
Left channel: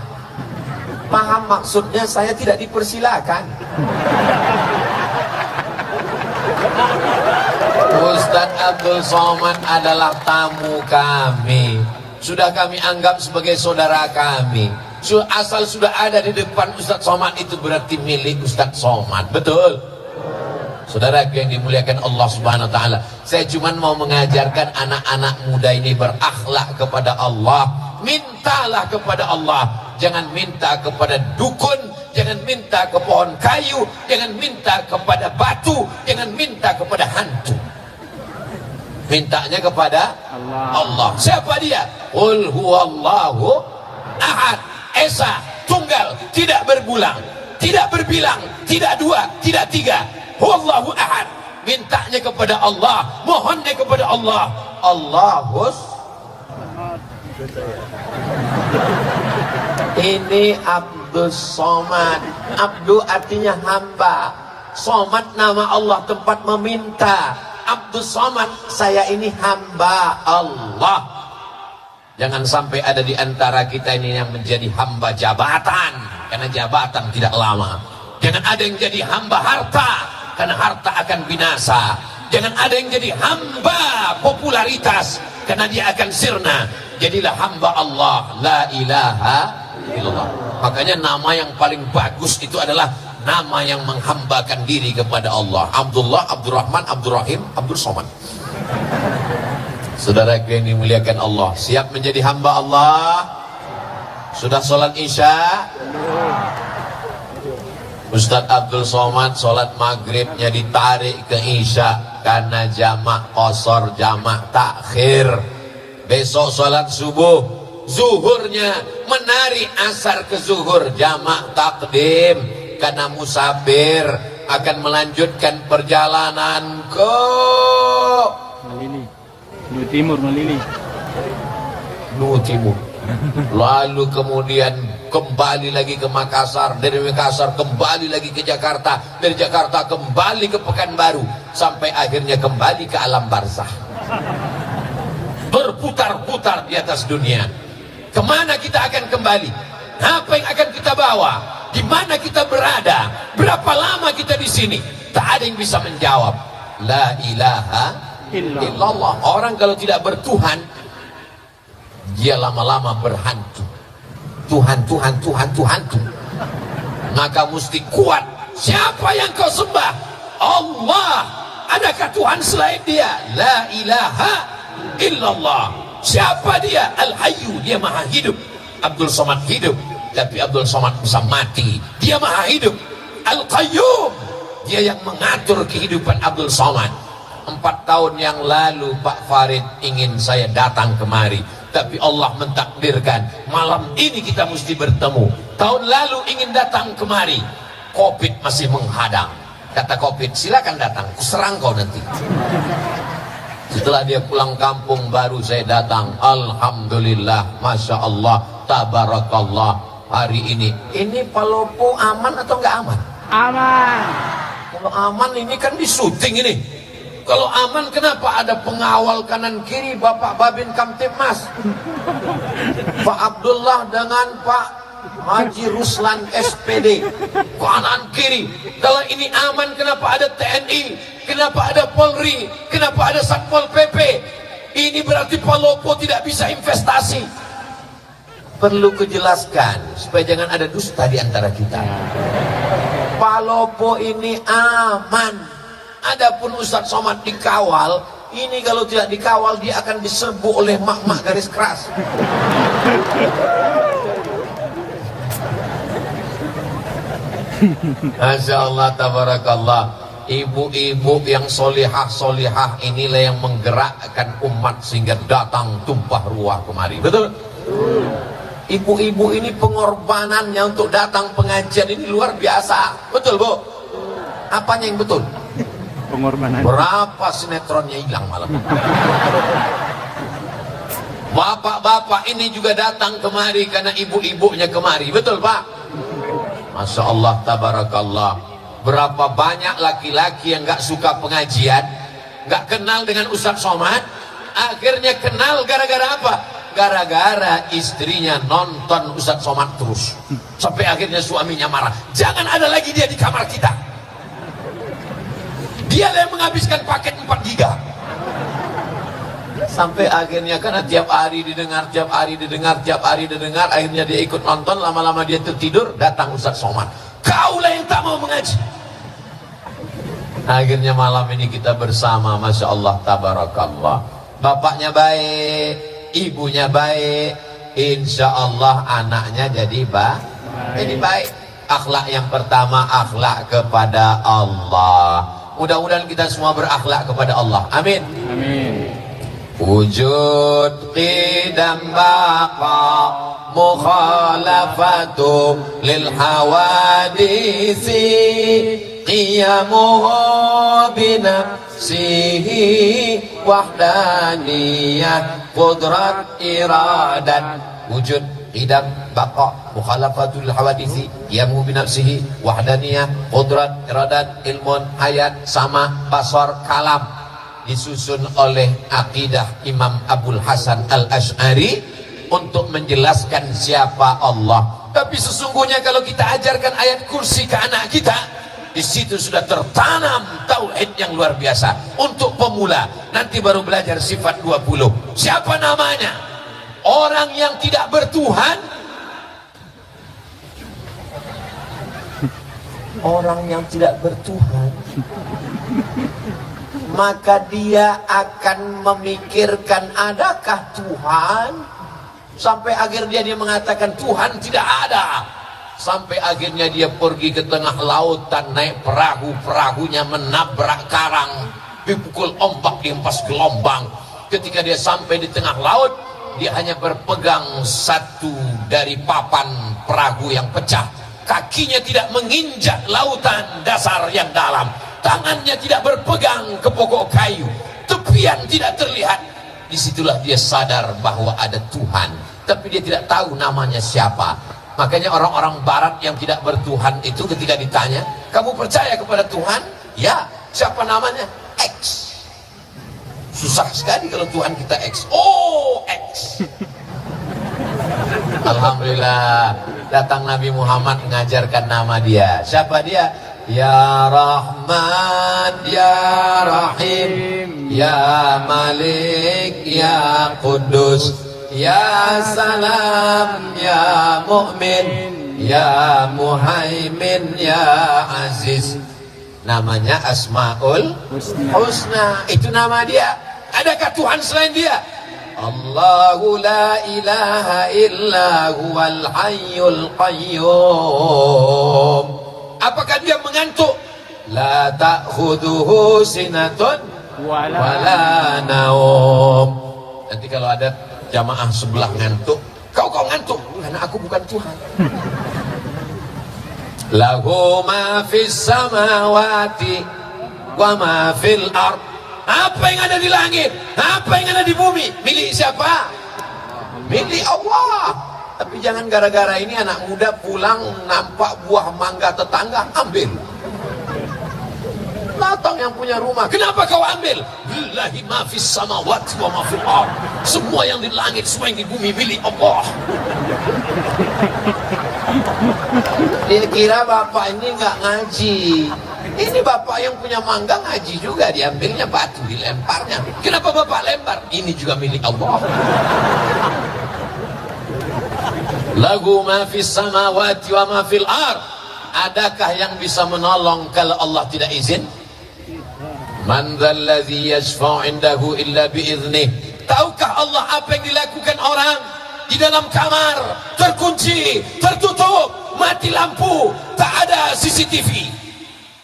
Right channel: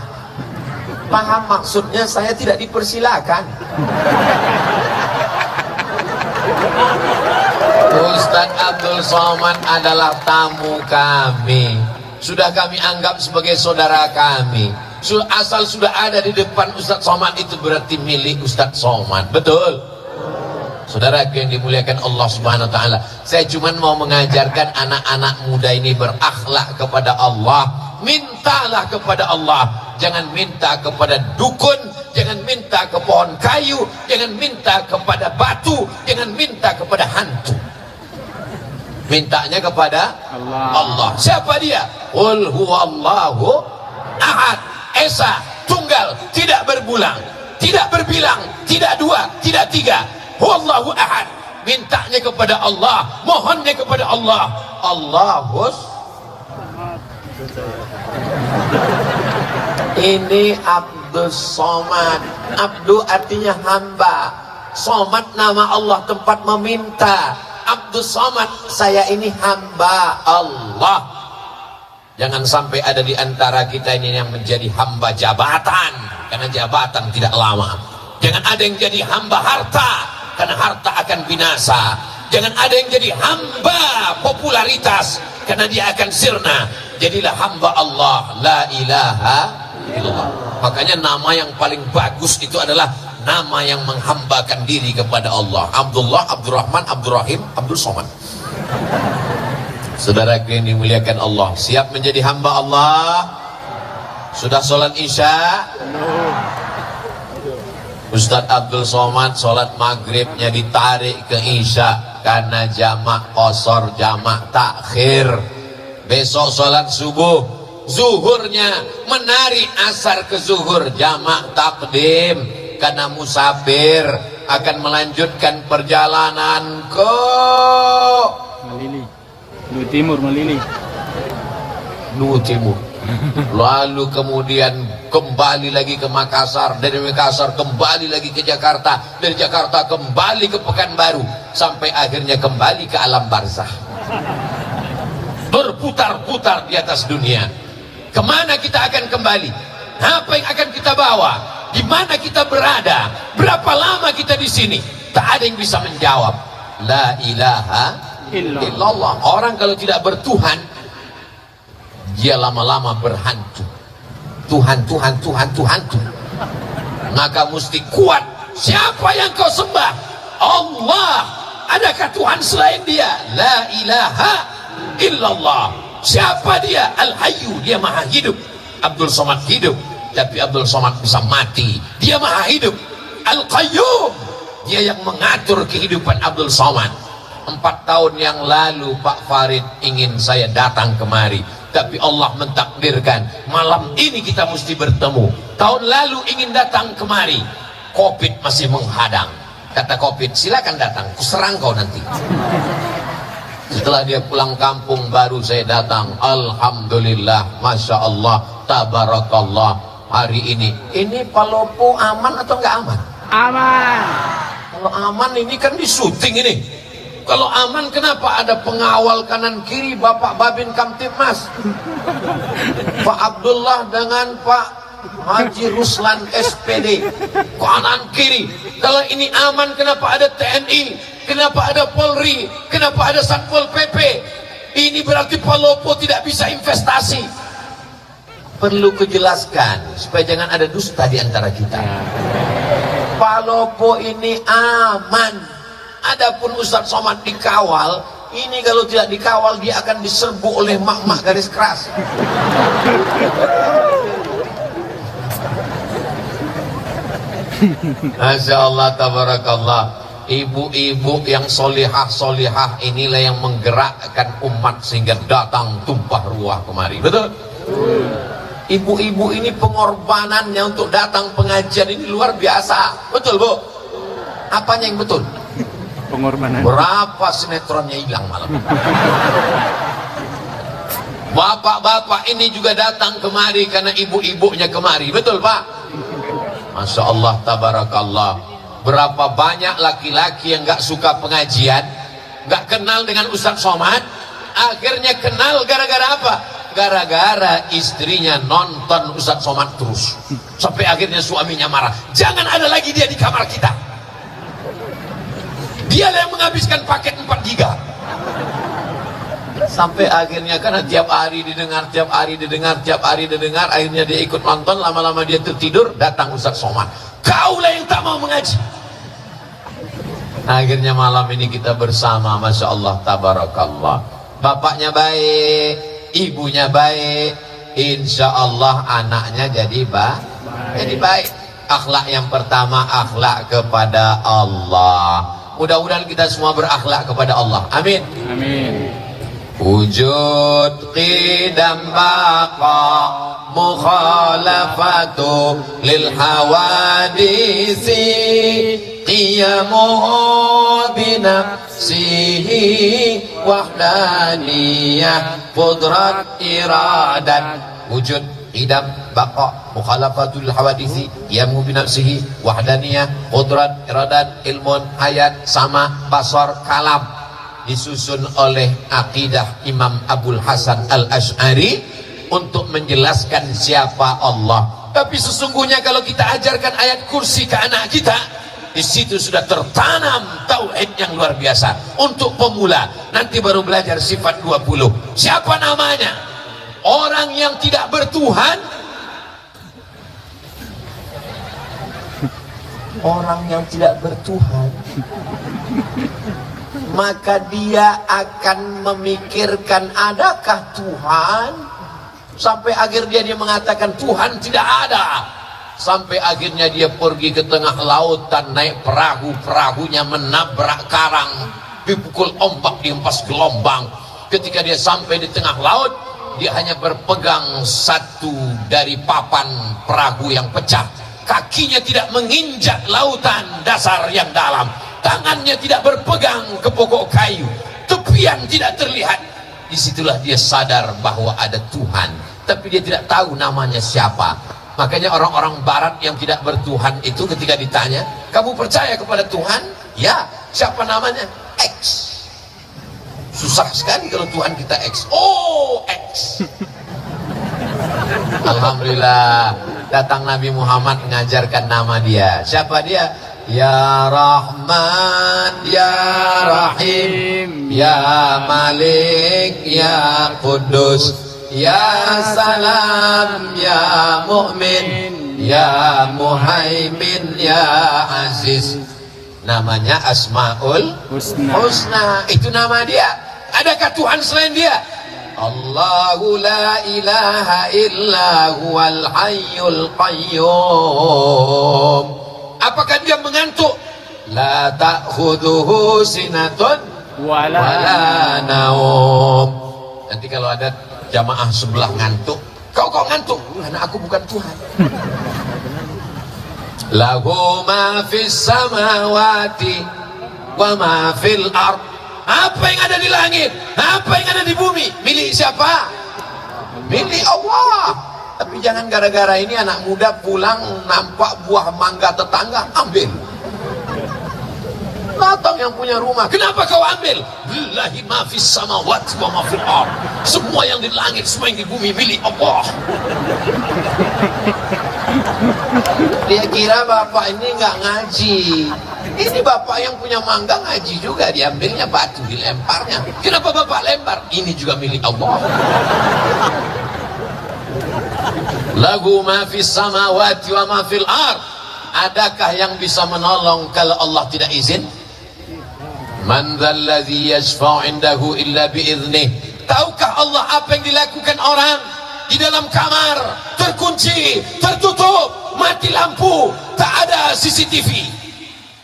Paham maksudnya saya tidak dipersilakan. Ustaz Abdul Somad adalah tamu kami. Sudah kami anggap sebagai saudara kami. Asal sudah ada di depan Ustaz Somad itu berarti milik Ustaz Somad. Betul? Saudara yang dimuliakan Allah Subhanahu wa taala, saya cuma mau mengajarkan anak-anak muda ini berakhlak kepada Allah. Mintalah kepada Allah. Jangan minta kepada dukun, jangan minta ke pohon kayu, jangan minta kepada batu, jangan minta kepada hantu. Mintanya kepada Allah. Siapa dia? Qul huwallahu ahad, esa, tunggal, tidak berbulan, tidak berbilang, tidak dua, tidak tiga. Huwallahu ahad. Mintanya kepada Allah, mohonnya kepada Allah. Allahus. Ini Abdul Somad. Abdu artinya hamba. Somad nama Allah, tempat meminta. Abdul Somad, saya ini hamba Allah. Jangan sampai ada di antara kita ini yang menjadi hamba jabatan, karena jabatan tidak lama. Jangan ada yang jadi hamba harta, karena harta akan binasa. Jangan ada yang jadi hamba popularitas, karena dia akan sirna. Jadilah hamba Allah, la ilaha illallah. Makanya nama yang paling bagus itu adalah nama yang menghambakan diri kepada Allah. Abdullah, Abdurrahman, Abdurrahim, Abdul Somad. Saudara yang dimuliakan Allah, siap menjadi hamba Allah? Sudah sholat isya? Ustaz Abdul Somad sholat maghribnya ditarik ke isya karena jamak qasar, jamak takhir. Besok sholat subuh, zuhurnya menarik asar ke zuhur, jamak takdim. Karena musafir akan melanjutkan perjalanan ke Malili, Lu Timur, Malili, Lu Timur. Lalu kemudian kembali lagi ke Makassar, dari Makassar kembali lagi ke Jakarta, dari Jakarta kembali ke Pekanbaru, sampai akhirnya kembali ke alam barzah. Berputar-putar di atas dunia. Kemana kita akan kembali? Apa yang akan kita bawa? Di mana kita berada? Berapa lama kita di sini? Tak ada yang bisa menjawab. La ilaha illallah. Orang kalau tidak bertuhan, dia lama-lama berhantu. Tuhan, Tuhan, Tuhan, Tuhan, Tuhan. Maka mesti kuat. Siapa yang kau sembah? Allah. Adakah Tuhan selain dia? La ilaha illallah. Siapa dia? Al-Hayyu. Dia maha hidup. Abdul Somad hidup, tapi Abdul Somad bisa mati. Dia maha hidup. Al-Qayyum, dia yang mengatur kehidupan Abdul Somad. 4 tahun yang lalu Pak Farid ingin saya datang kemari, tapi Allah mentakdirkan malam ini kita mesti bertemu. Tahun lalu ingin datang kemari, Covid masih menghadang. Kata Covid, silakan datang, kuserang kau nanti. Setelah dia pulang kampung baru saya datang. Alhamdulillah, Masya Allah, Tabarakallah. Hari ini Palopo aman atau enggak aman? aman. Kalau aman ini kan di syuting ini. Kalau aman kenapa ada pengawal kanan kiri Bapak Babin Kamtibmas, Pak Abdullah dengan Pak Haji Ruslan SPD kanan kiri? Kalau ini aman kenapa ada TNI, kenapa ada Polri, kenapa ada Satpol PP? Ini berarti Palopo tidak bisa investasi. Perlu kujelaskan supaya jangan ada dusta di antara kita. Palopo ini aman. Adapun Ustadz Somad dikawal, ini kalau tidak dikawal dia akan diserbu oleh mak-mak garis keras. Masya Allah, tabarakallah. Ibu-ibu yang solihah-solihah inilah yang menggerakkan umat sehingga datang tumpah ruah kemari. Betul? Ibu-ibu ini pengorbanannya untuk datang pengajian ini luar biasa. Betul, Bu? Apanya yang betul? Pengorbanan. Berapa sinetronnya hilang malam ini? Bapak-bapak ini juga datang kemari karena ibu-ibunya kemari. Betul, Pak? Masya Allah, tabarakallah. Berapa banyak laki-laki yang gak suka pengajian, gak kenal dengan Ustadz Somad, akhirnya kenal gara-gara apa? Gara-gara istrinya nonton Ustadz Somad terus, sampai akhirnya suaminya marah. Jangan ada lagi dia di kamar kita. Dia yang menghabiskan paket 4 giga. Sampai akhirnya karena tiap hari didengar, akhirnya dia ikut nonton, lama-lama dia tertidur, datang Ustadz Somad. Kaulah yang tak mau mengaji. Akhirnya malam ini kita bersama, Masya Allah, tabarakallah. Bapaknya baik, ibunya baik, insya Allah anaknya jadi baik. Akhlak yang pertama, akhlak kepada Allah. Mudah-mudahan kita semua berakhlak kepada Allah. Amin. Amin. Wujud qidam baqa mukhalafatu lil hawadisi qiyamuhu binafsihi wahdaniyah qudrat iradat. Wujud idam baqa mukhalafatul hawadisi yamu binafsihi wahdaniyah qudrat iradat ilmun hayat sama basar kalam, disusun oleh akidah Imam Abdul Hasan Al-Asy'ari untuk menjelaskan siapa Allah. Tapi sesungguhnya kalau kita ajarkan ayat kursi ke anak kita, di situ sudah tertanam tauhid yang luar biasa. Untuk pemula nanti baru belajar sifat 20. Siapa namanya? Orang yang tidak bertuhan, orang yang tidak bertuhan, maka dia akan memikirkan adakah Tuhan, sampai akhirnya dia mengatakan Tuhan tidak ada, sampai akhirnya dia pergi ke tengah lautan naik perahu, perahunya menabrak karang, dipukul ombak, dihempas gelombang. Ketika dia sampai di tengah laut, dia hanya berpegang satu dari papan perahu yang pecah. Kakinya tidak menginjak lautan dasar yang dalam. Tangannya tidak berpegang ke pokok kayu. Tepian tidak terlihat. Disitulah dia sadar bahwa ada Tuhan. Tapi dia tidak tahu namanya siapa. Makanya orang-orang barat yang tidak bertuhan itu ketika ditanya, kamu percaya kepada Tuhan? Ya. Siapa namanya? X. Susah sekali kalau Tuhan kita X. Oh, X. Alhamdulillah, datang Nabi Muhammad mengajarkan nama dia. Siapa dia? Ya Rahman, Ya Rahim, Ya Malik, Ya Kudus, Ya Salam, Ya Mu'min, Ya Muhaimin, Ya Aziz. Namanya Asmaul Husna. Itu nama dia. Adakah Tuhan selain dia? Allahu la ilaha illa huwal hayyul qayyum. Apakah dia mengantuk? La ta'khudhuhu sinatun wala naum. Nanti kalau ada jamaah sebelah ngantuk, kau ngantuk? Karena aku bukan Tuhan. Lahu ma fis samawati wa ma fil ard. Apa yang ada di langit, apa yang ada di bumi, milik siapa? Milik Allah. Tapi jangan gara-gara ini anak muda pulang nampak buah mangga tetangga, ambil. Datang yang punya rumah, kenapa kau ambil? Lillahi ma fis samawati wa ma fil ard. Semua yang di langit, semua yang di bumi milik Allah. Dia kira bapak ini nggak ngaji. Ini bapak yang punya mangga ngaji juga, diambilnya batu, dilemparnya. Kenapa bapak lempar? Ini juga milik Allah. Lahu ma fis samawati wa ma fil ard. Adakah yang bisa menolong kalau Allah tidak izin? Man dzalladzi yashfa'u 'indahu illa bi'idzni. Tahukah Allah apa yang dilakukan orang di dalam kamar, terkunci, tertutup, mati lampu, tak ada CCTV.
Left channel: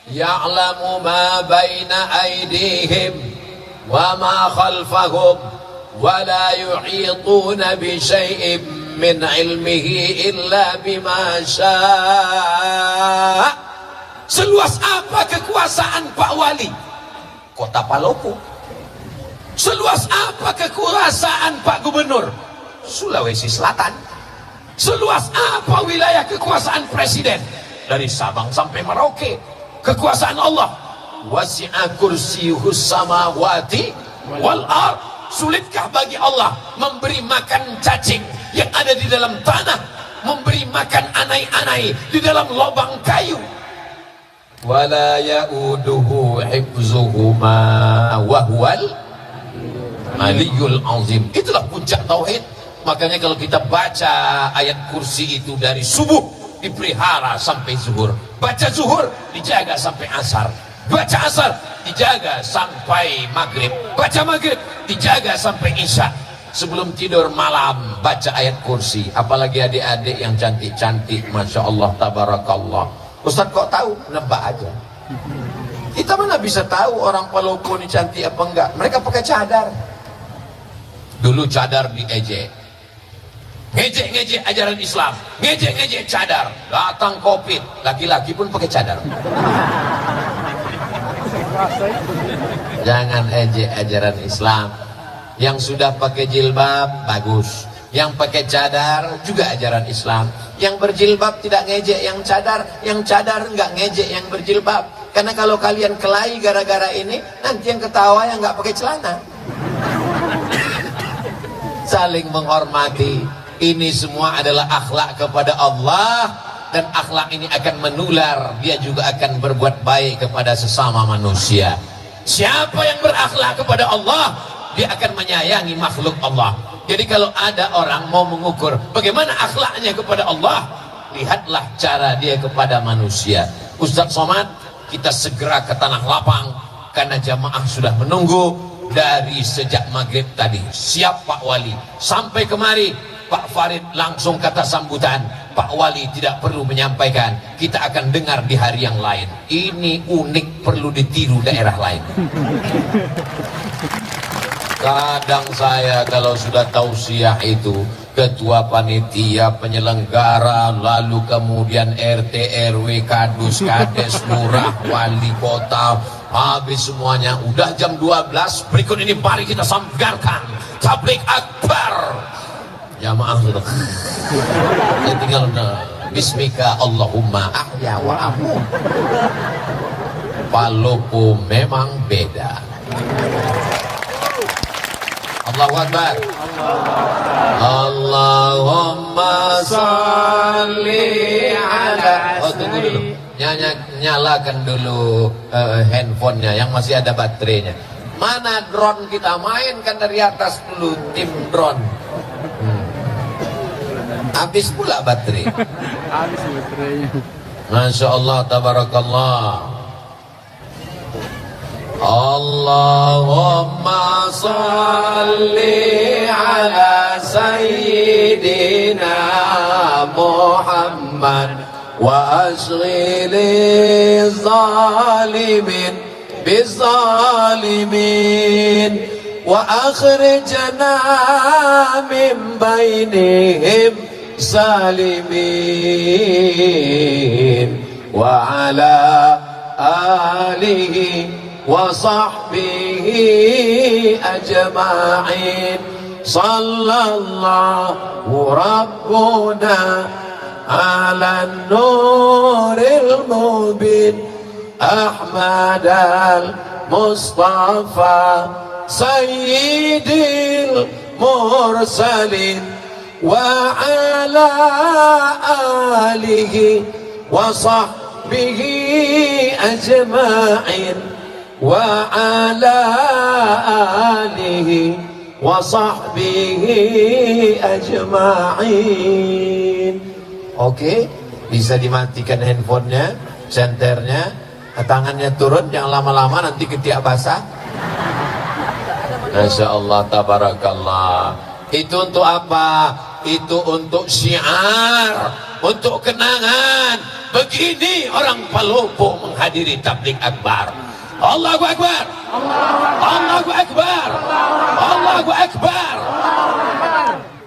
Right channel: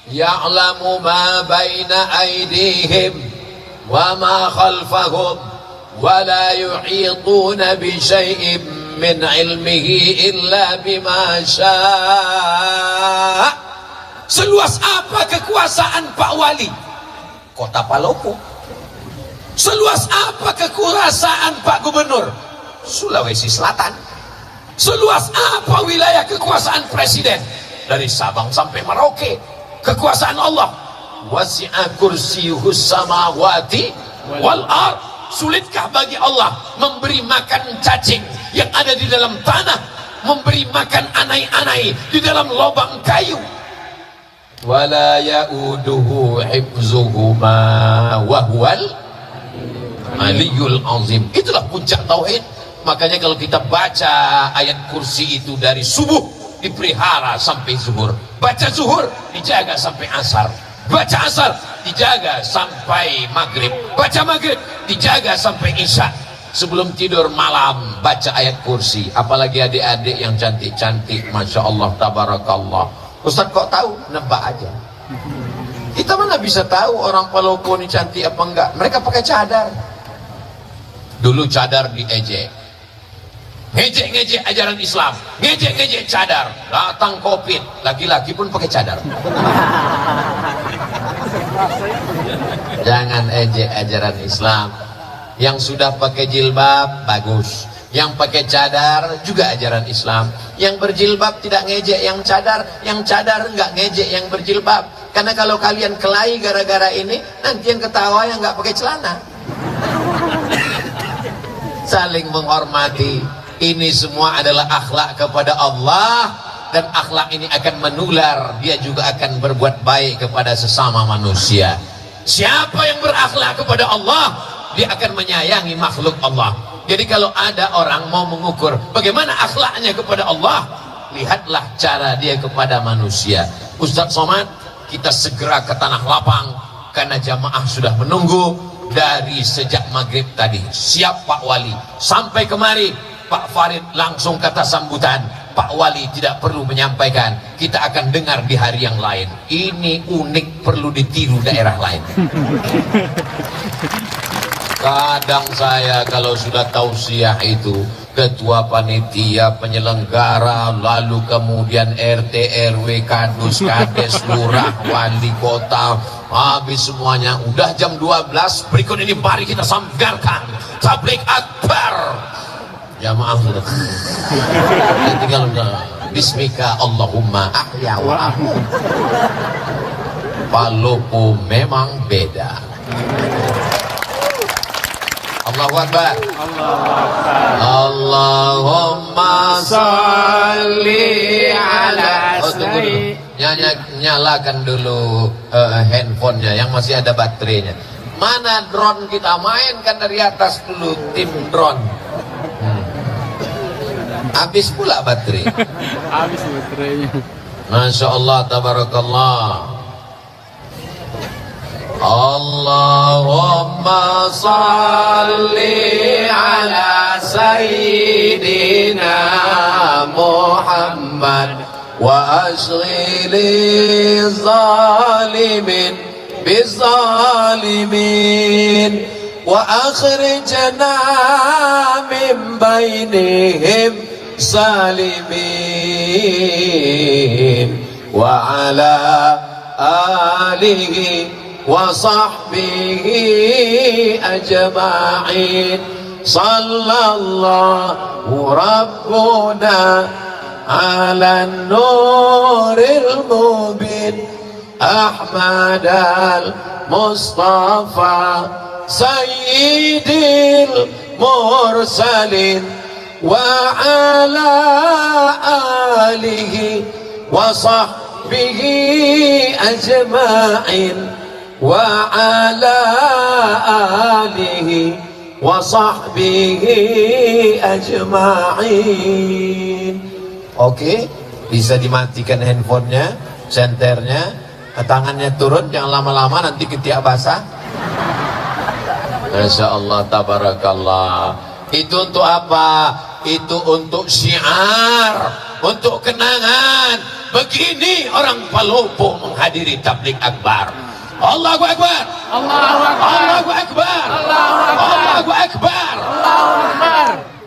Ya'lamu ma baina aydihim wa ma khalfahum wa la yuhituna bi syai'in min ilmihi illa bima syaa. Seluas apa kekuasaan Pak Wali Kota Palopo? Seluas apa kekuasaan Pak Gubernur Sulawesi Selatan? Seluas apa wilayah kekuasaan Presiden dari Sabang sampai Merauke? Kekuasaan Allah. Wasi'a kursiyuhus samawati wal ard. Sulitkah bagi Allah memberi makan cacing yang ada di dalam tanah, memberi makan anai-anai di dalam lubang kayu? Wala ya'uduhu hifzuhuma wa huwal aliyul azim. Itulah puncak tauhid. Makanya kalau kita baca ayat kursi itu dari subuh dipelihara sampai zuhur, baca zuhur dijaga sampai asar, baca asar dijaga sampai maghrib, baca maghrib dijaga sampai isya. Sebelum tidur malam baca ayat kursi. Apalagi adik-adik yang cantik-cantik, Masya Allah, tabarakallah. Ustaz kok tahu? Nebak aja. Kita mana bisa tahu orang Palopo ini cantik apa enggak? Mereka pakai cadar. Dulu cadar diejek, ngejek-ngejek ajaran Islam, ngejek-ngejek cadar. Datang Covid, laki-laki pun pakai cadar. Jangan ejek ajaran Islam. Yang sudah pakai jilbab bagus, yang pakai cadar juga ajaran Islam. Yang berjilbab tidak ngejek yang cadar enggak ngejek yang berjilbab. Karena kalau kalian kelahi gara-gara ini, nanti yang ketawa yang enggak pakai celana. Saling menghormati. Ini semua adalah akhlak kepada Allah, dan akhlak ini akan menular. Dia juga akan berbuat baik kepada sesama manusia. Siapa yang berakhlak kepada Allah, dia akan menyayangi makhluk Allah. Jadi kalau ada orang mau mengukur bagaimana akhlaknya kepada Allah, lihatlah cara dia kepada manusia. Ustaz Somad, kita segera ke Tanah Lapang karena jamaah sudah menunggu dari sejak maghrib tadi. Siap Pak Wali. Sampai kemari Pak Farid langsung kata sambutan, Pak Wali tidak perlu menyampaikan, kita akan dengar di hari yang lain. Ini unik, perlu ditiru daerah lain. Kadang saya kalau sudah tausiah itu, ketua panitia, penyelenggara, lalu kemudian RT, RW, kadus, kades, lurah, wali kota, habis semuanya. Udah jam 12, berikut ini mari kita sanggarkan tablik akbar. Jamaah sudah tinggal bismika Allahumma ahya wa amu. Palopo memang beda. Allahu Akbar. Allahumma salli ala. Oh, tunggu dulu. Nyalakan dulu handphonenya yang masih ada baterainya. Mana drone kita? Mainkan dari atas dulu, tim drone. Habis pula baterai. Habis baterainya. Masya Allah, tabarakallah. Allahumma salli ala sayyidina Muhammad wa ashghili zalimin bizalimin wa akhrijna min bainihim salimin wa ala alihi wa sahbihi ajma'in. Sallallahu rabbuna ala nuril mubin أحمد المصطفى سيد المرسلين وعلى آله وصحبه أجمعين وعلى آله وصحبه أجمعين. Oke, bisa dimatikan handphonenya, senternya, tangannya turun, jangan lama-lama nanti ketiak basah. Masya Allah, tabarakallah. Itu untuk apa? Itu untuk syiar, untuk kenangan. Begini orang Palopo menghadiri tabligh akbar. Allahu Akbar, Allahu Akbar, Allahu Akbar,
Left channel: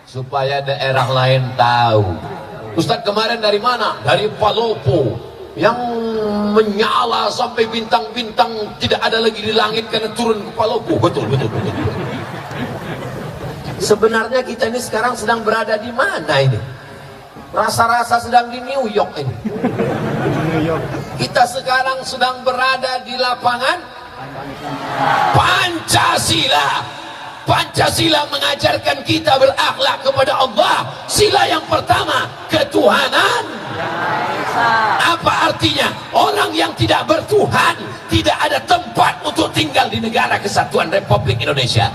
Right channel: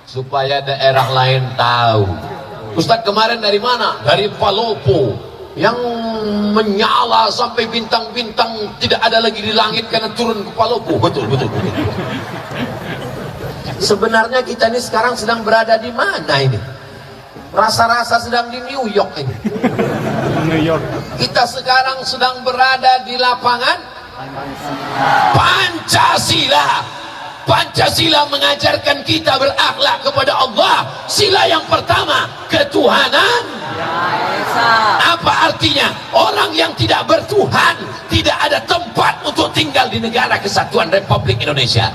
supaya daerah lain tahu. Ustaz kemarin dari mana? Dari Palopo, yang menyala sampai bintang-bintang tidak ada lagi di langit karena turun ke Palopo. Betul. Sebenarnya kita ini sekarang sedang berada di mana ini? Rasa-rasa sedang di New York ini. Kita sekarang sedang berada di lapangan Pancasila. Pancasila mengajarkan kita berakhlak kepada Allah. Sila yang pertama, ketuhanan. Apa artinya? Orang yang tidak bertuhan tidak ada tempat untuk tinggal di negara kesatuan Republik Indonesia.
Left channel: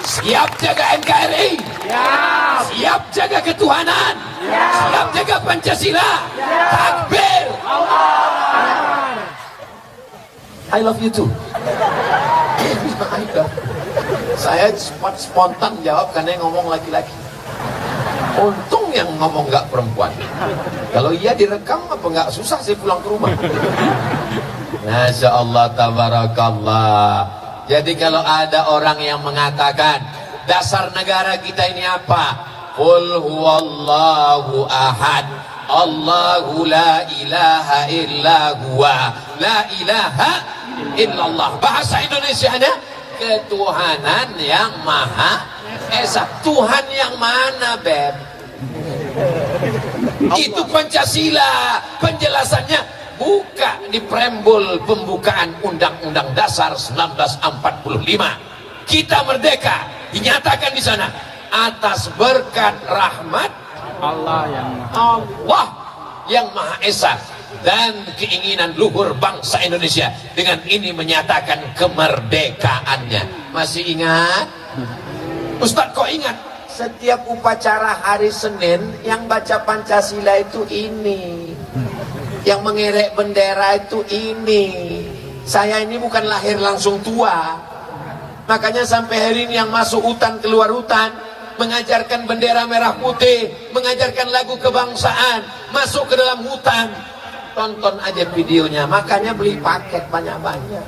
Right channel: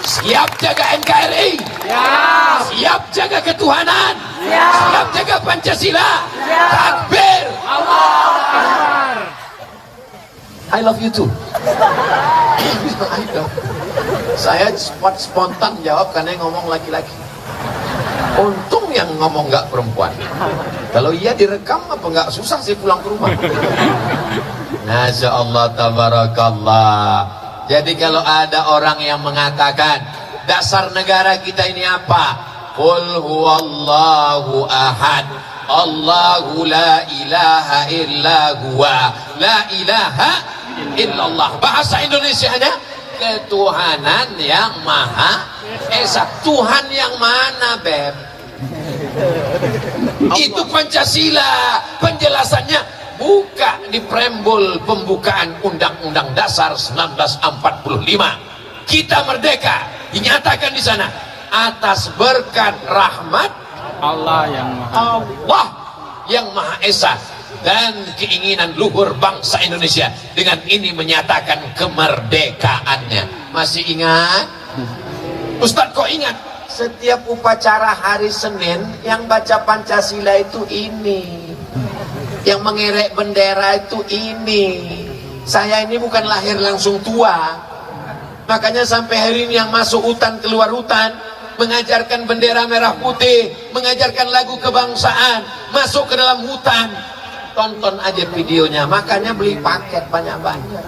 Siap jaga NKRI? Ya. Siap jaga ketuhanan? Ya. Siap jaga Pancasila? Ya. Takbir! Allah Akbar! I love you too. Saya spontan jawab karena yang ngomong laki-laki. Untung yang ngomong nggak perempuan. Kalau iya direkam apa nggak susah sih pulang ke rumah. Masya Allah, tabarakallah. Jadi kalau ada orang yang mengatakan dasar negara kita ini apa? Qul huwallahu ahad, Allahu la ilaha illa huwa, la ilaha illallah. Bahasa Indonesianya ketuhanan yang maha esa. Tuhan yang mana, Beb? Itu Pancasila. Penjelasannya buka di preambul pembukaan Undang-Undang Dasar 1945. Kita merdeka, dinyatakan di sana atas berkat rahmat Allah yang Maha Esa dan keinginan luhur bangsa Indonesia. Dengan ini menyatakan kemerdekaannya. Masih ingat? Ustadz kok ingat? Setiap upacara hari Senin yang baca Pancasila itu ini, yang mengerek bendera itu ini. Saya ini bukan lahir langsung tua, makanya sampai hari ini yang masuk hutan keluar hutan, mengajarkan bendera merah putih, mengajarkan lagu kebangsaan, masuk ke dalam hutan. Tonton aja videonya, makanya beli paket banyak-banyak.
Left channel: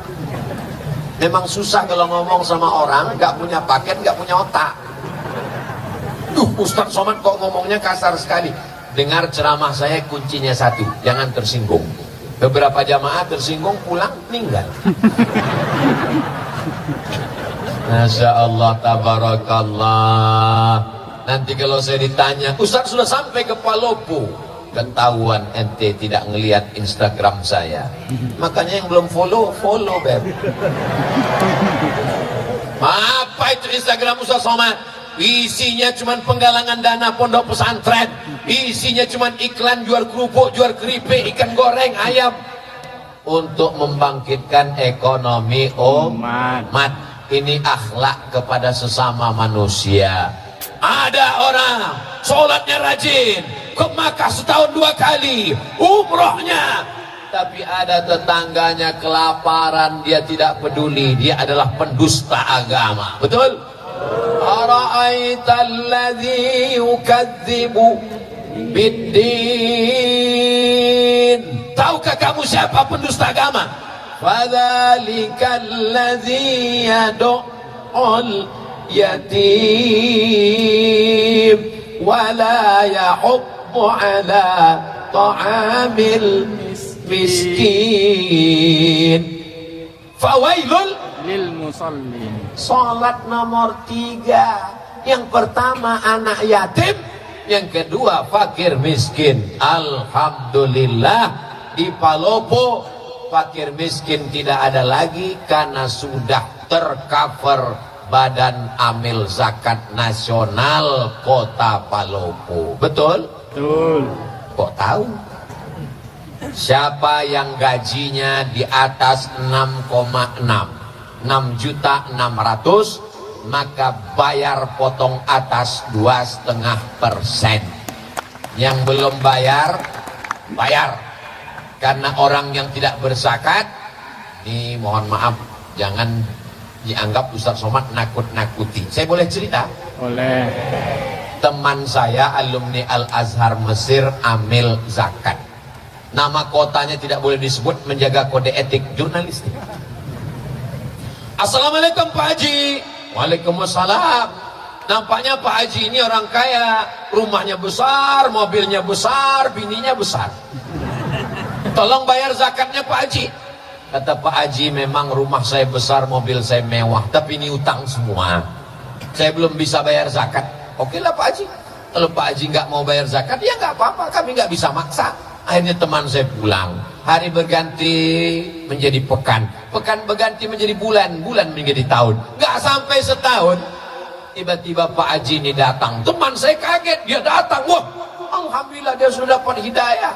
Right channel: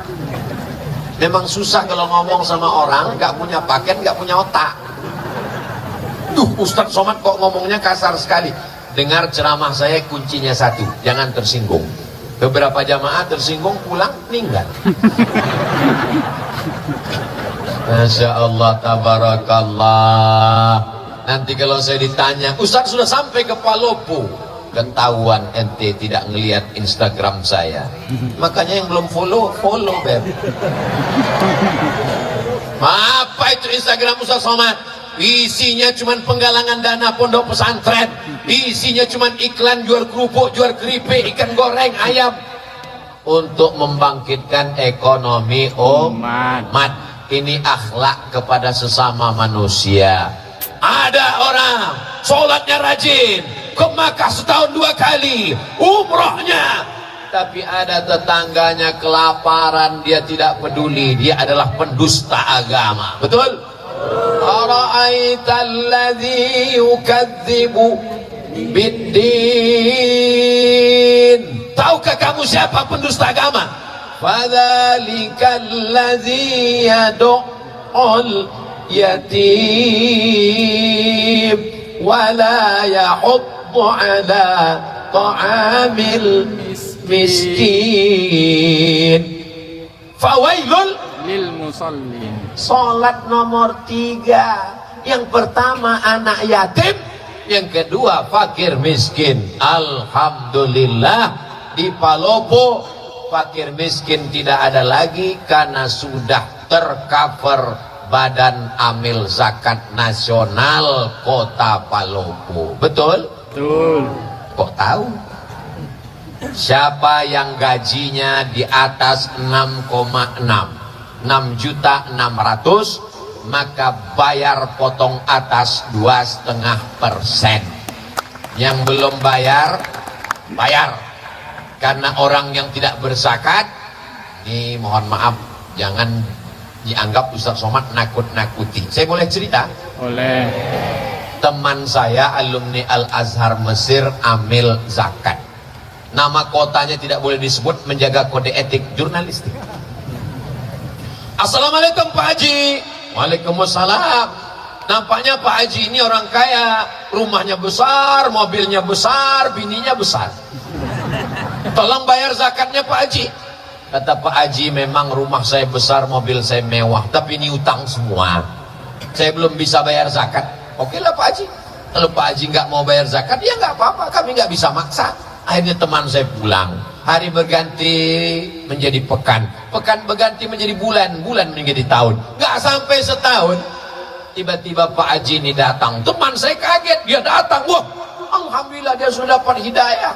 Memang susah kalau ngomong sama orang gak punya paket, gak punya otak. Ustaz Somad kok ngomongnya kasar sekali. Dengar ceramah saya, kuncinya satu, jangan tersinggung. Beberapa jamaah tersinggung, pulang meninggal. Masya Allah, tabarakallah. Nanti kalau saya ditanya, Ustaz sudah sampai ke Palopo, ketahuan ente tidak ngelihat Instagram saya. Makanya yang belum follow, Beb. Apa itu Instagram Ustaz Somad? Isinya cuman penggalangan dana pondok pesantren, isinya cuman iklan jual kerupuk, jual keripik, ikan goreng, ayam, untuk membangkitkan ekonomi umat. Ini akhlak kepada sesama manusia. Ada orang sholatnya rajin, ke Makkah setahun 2 kali, umrohnya, tapi ada tetangganya kelaparan, dia tidak peduli, dia adalah pendusta agama. Betul? Ara'aita alladhi yukadzibu biddin. Tahukah kamu siapa pendusta agama? Fadzalika alladhi yad'ul yatim wa la yahuddu ala ta'amil miskin. Fawailul lil musallin. Salat nomor 3. Yang pertama anak yatim, yang kedua fakir miskin. Alhamdulillah di Palopo fakir miskin tidak ada lagi karena sudah tercover Badan Amil Zakat Nasional Kota Palopo. Betul? Betul. Kok tahu? Siapa yang gajinya di atas 6,6 6.600.000, maka bayar potong atas 2,5%. Yang belum bayar, bayar. Karena orang yang tidak berzakat, ini mohon maaf, jangan dianggap Ustaz Somad nakut-nakuti. Saya boleh cerita? Boleh. Teman saya alumni Al-Azhar Mesir amil zakat. Nama kotanya tidak boleh disebut, menjaga kode etik jurnalistik. Assalamualaikum Pak Haji. Waalaikumsalam. Nampaknya Pak Haji ini orang kaya, rumahnya besar, mobilnya besar, bininya besar. Tolong bayar zakatnya Pak Haji. Kata Pak Haji, memang rumah saya besar, mobil saya mewah, tapi ini utang semua. Saya belum bisa bayar zakat. Oke lah Pak Haji. Kalau Pak Haji nggak mau bayar zakat, ya nggak apa-apa, kami nggak bisa maksa. Akhirnya teman saya pulang. Hari berganti menjadi pekan, pekan berganti menjadi bulan, bulan menjadi tahun. Nggak sampai setahun, tiba-tiba Pak Haji ini datang. Teman saya kaget, dia datang. Wah, alhamdulillah dia sudah dapat hidayah.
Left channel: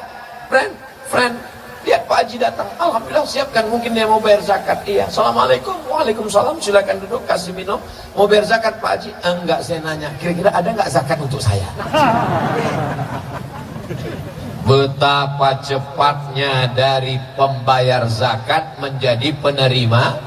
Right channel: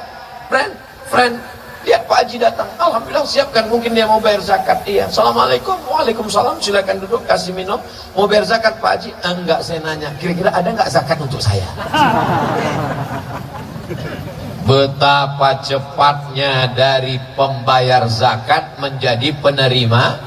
Friend, lihat Pak Haji datang. Alhamdulillah, siapkan, mungkin dia mau bayar zakat. Iya, assalamualaikum. Waalaikumsalam, silakan duduk, kasih minum. Mau bayar zakat Pak Haji? Enggak, saya nanya, kira-kira ada nggak zakat untuk saya? Betapa cepatnya dari pembayar zakat menjadi penerima.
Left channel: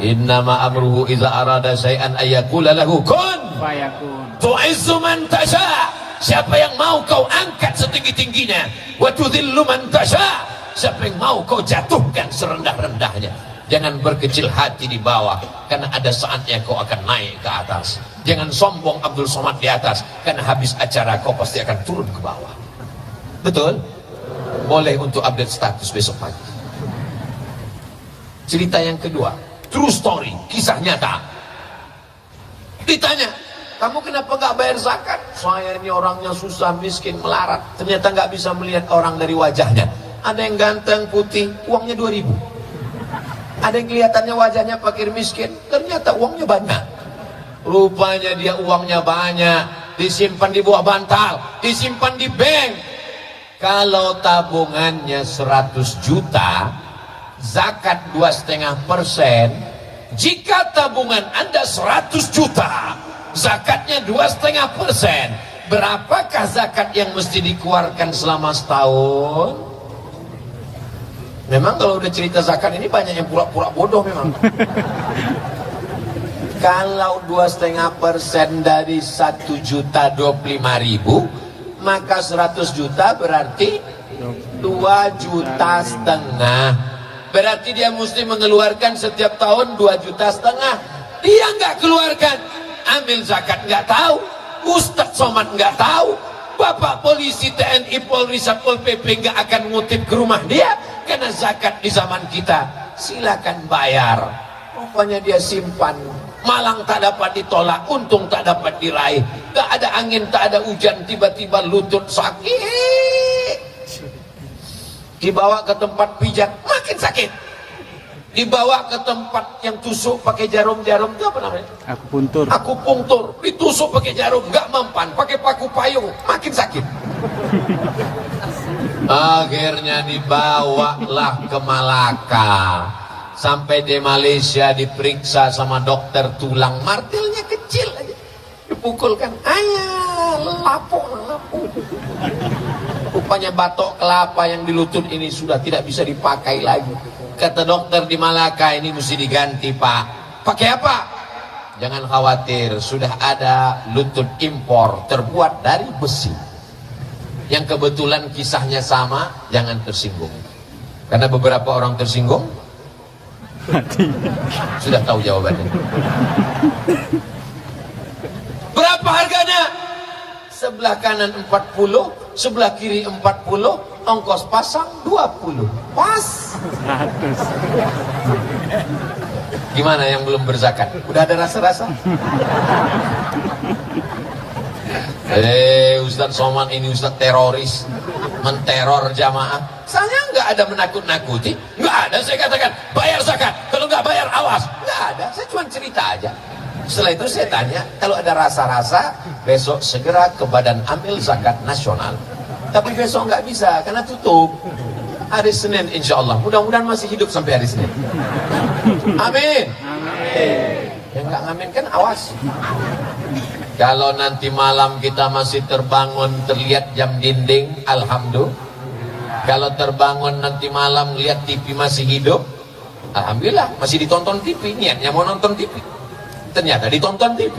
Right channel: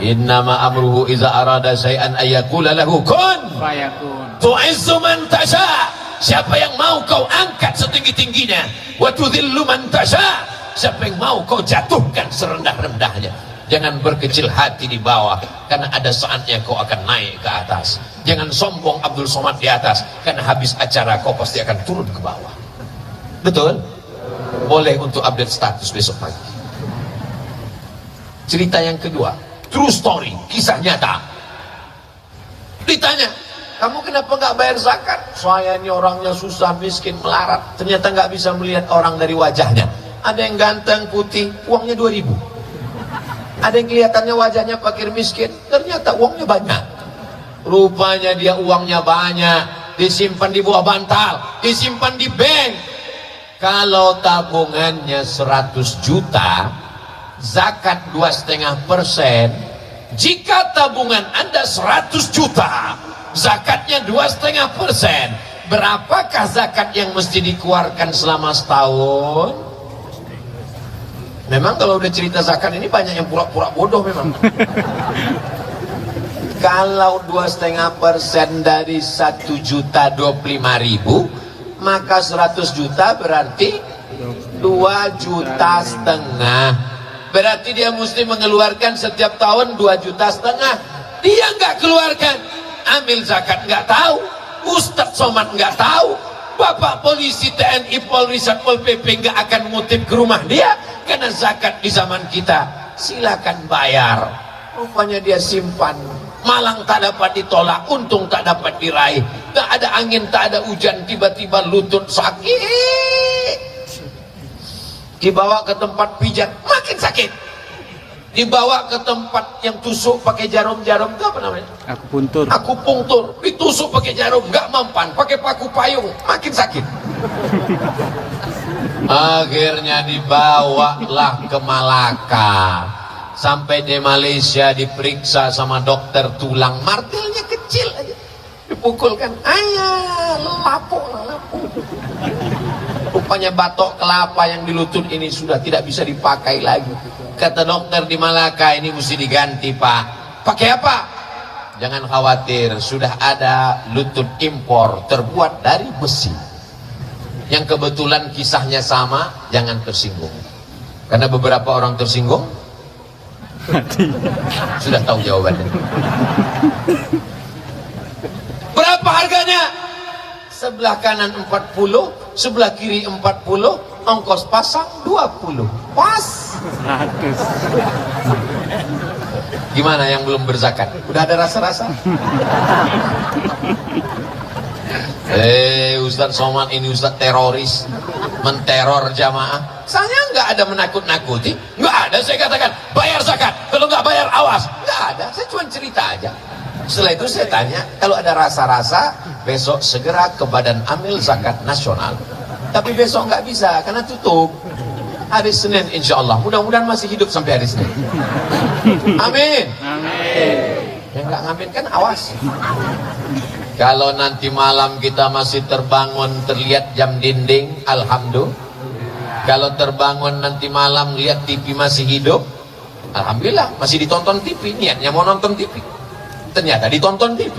Innama amruhu iza arada syai'an ayyakula lahu kun Fayakun. tu'izzu man tasha. Siapa yang mau kau angkat setinggi-tingginya, wa tudhillu man tasha. Siapa yang mau kau jatuhkan serendah-rendahnya. Jangan berkecil hati di bawah, karena ada saatnya kau akan naik ke atas. Jangan sombong Abdul Somad di atas, karena habis acara kau pasti akan turun ke bawah. Betul? Boleh untuk update status besok pagi. Cerita yang kedua, true story, kisah nyata. Ditanya, kamu kenapa nggak bayar zakat? Saya ini orangnya susah, miskin, melarat. Ternyata nggak bisa melihat orang dari wajahnya. Ada yang ganteng, putih, uangnya 2.000. Ada yang kelihatannya wajahnya fakir miskin, ternyata uangnya banyak. Rupanya dia uangnya banyak, disimpan di bawah bantal, disimpan di bank. Kalau tabungannya 100 juta, zakat 2,5%. Jika tabungan Anda 100 juta, zakatnya 2,5%. Berapakah zakat yang mesti dikeluarkan selama setahun? Memang kalau udah cerita zakat ini banyak yang pura-pura bodoh memang. Kalau 2,5% dari 1.025.000, maka 100 juta berarti 2,5 juta. Berarti dia mesti mengeluarkan setiap tahun 2,5 juta. Dia nggak keluarkan. Ambil zakat nggak tahu. Ustadz Somad nggak tahu. Bapak polisi, TNI, Polri, Satpol PP nggak akan ngutip ke rumah dia. Karena zakat di zaman kita silakan bayar. Rupanya dia simpan. Malang tak dapat ditolak, untung tak dapat diraih. Tak ada angin, tak ada hujan, tiba-tiba lutut sakit. Dibawa ke tempat pijat, makin sakit. Dibawa ke tempat yang tusuk pakai jarum-jarum, itu apa namanya? Akupuntur. Akupunktur, ditusuk pakai jarum, gak mempan, pakai paku payung, makin sakit. Akhirnya dibawalah ke Malaka. Sampai di Malaysia diperiksa sama dokter tulang, martilnya kecil aja, dipukulkan, ayah lapuk. Rupanya batok kelapa yang di lutut ini sudah tidak bisa dipakai lagi. Kata dokter di Malaka, ini mesti diganti Pak. Pakai apa? Jangan khawatir, sudah ada lutut impor terbuat dari besi. Yang kebetulan kisahnya sama, jangan tersinggung. Karena beberapa orang tersinggung sudah tahu jawabannya. Berapa harganya? Sebelah kanan 40, sebelah kiri 40, ongkos pasang 20. Pas. 100. Gimana yang belum berzakat? Udah ada rasa-rasa? Ustadz Somad ini Ustadz teroris. menteror jamaah. Saya nggak ada menakut-nakuti, nggak ada. Saya katakan bayar zakat, kalau nggak bayar awas, nggak ada. Saya cuma cerita aja. Setelah itu saya tanya, kalau ada rasa-rasa besok segera ke Badan Amil Zakat Nasional. Tapi besok nggak bisa karena tutup. Hari Senin insya Allah. Mudah-mudahan masih hidup sampai hari Senin. Amin. Yang nggak ngamin kan awas. Kalau nanti malam kita masih terbangun terlihat jam dinding, alhamdulillah. Kalau terbangun nanti malam lihat TV masih hidup, alhamdulillah. Masih ditonton TV, niatnya mau nonton TV, ternyata ditonton TV.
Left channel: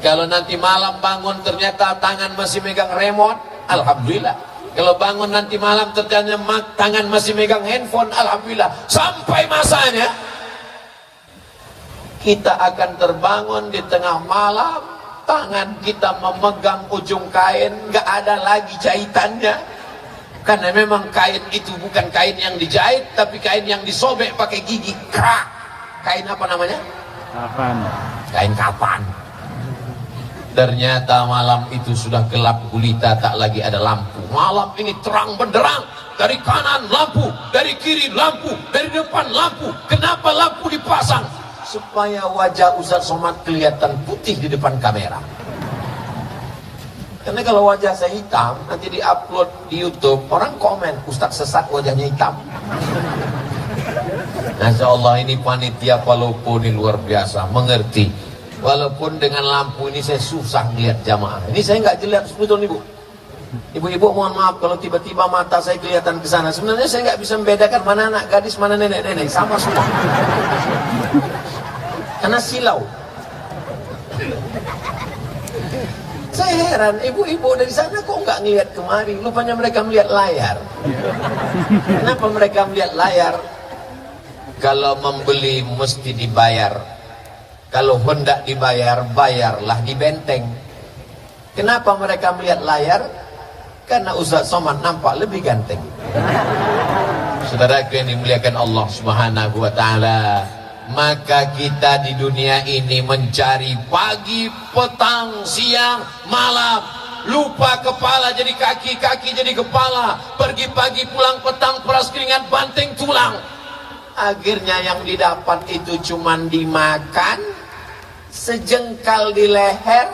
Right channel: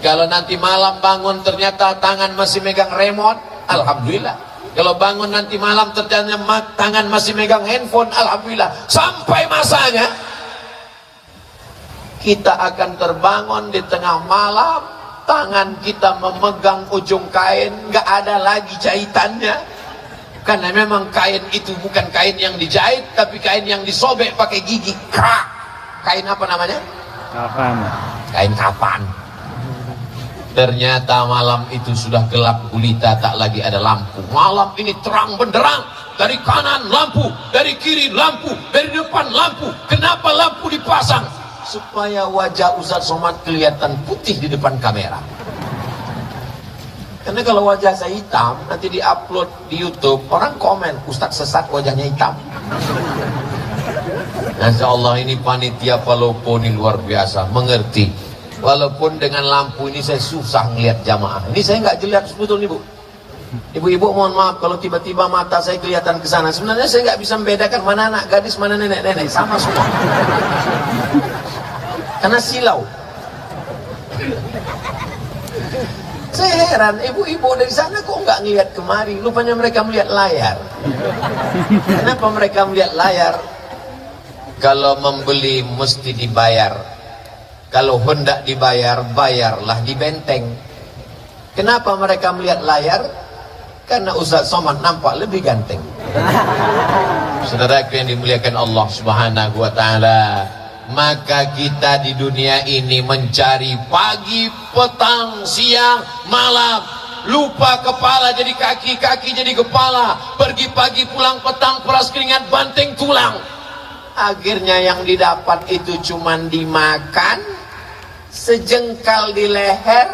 Kalau nanti malam bangun ternyata tangan masih megang remote, alhamdulillah. Kalau bangun nanti malam ternyata tangan masih megang handphone, alhamdulillah. Sampai masanya kita akan terbangun di tengah malam, tangan kita memegang ujung kain, nggak ada lagi jahitannya. Karena memang kain itu bukan kain yang dijahit, tapi kain yang disobek pakai gigi. Krak. Kain apa namanya? Kapan? Kain kapan. Ternyata malam itu sudah gelap gulita, tak lagi ada lampu. Malam ini terang benderang. Dari kanan lampu, dari kiri lampu, dari depan lampu. Kenapa lampu dipasang? Supaya wajah Ustaz Somad kelihatan putih di depan kamera. Karena kalau wajah saya hitam, nanti diupload di YouTube, orang komen, Ustaz sesat wajahnya hitam. Masya Allah, ini panitia Palopo ini luar biasa, mengerti. Walaupun dengan lampu ini saya susah lihat jamaah. Ini saya nggak jelas betul nih Bu. Ibu-ibu mohon maaf kalau tiba-tiba mata saya kelihatan ke sana. Sebenarnya saya nggak bisa membedakan mana anak gadis, mana nenek-nenek, sama semua. Karena silau. Saya heran, ibu-ibu dari sana kok nggak ngelihat kemari? Lupanya mereka melihat layar. Kenapa mereka melihat layar? Kalau membeli mesti dibayar. Kalau hendak dibayar, bayarlah di benteng. Kenapa mereka melihat layar? Karena Ustaz Somad nampak lebih ganteng. Saudara yang dimuliakan Allah Subhanahu wa Ta'ala, maka kita di dunia ini mencari pagi, petang, siang, malam. Lupa kepala jadi kaki, kaki jadi kepala. Pergi pagi pulang petang, peras keringat, banteng tulang. Akhirnya yang didapat itu cuman dimakan, sejengkal di leher,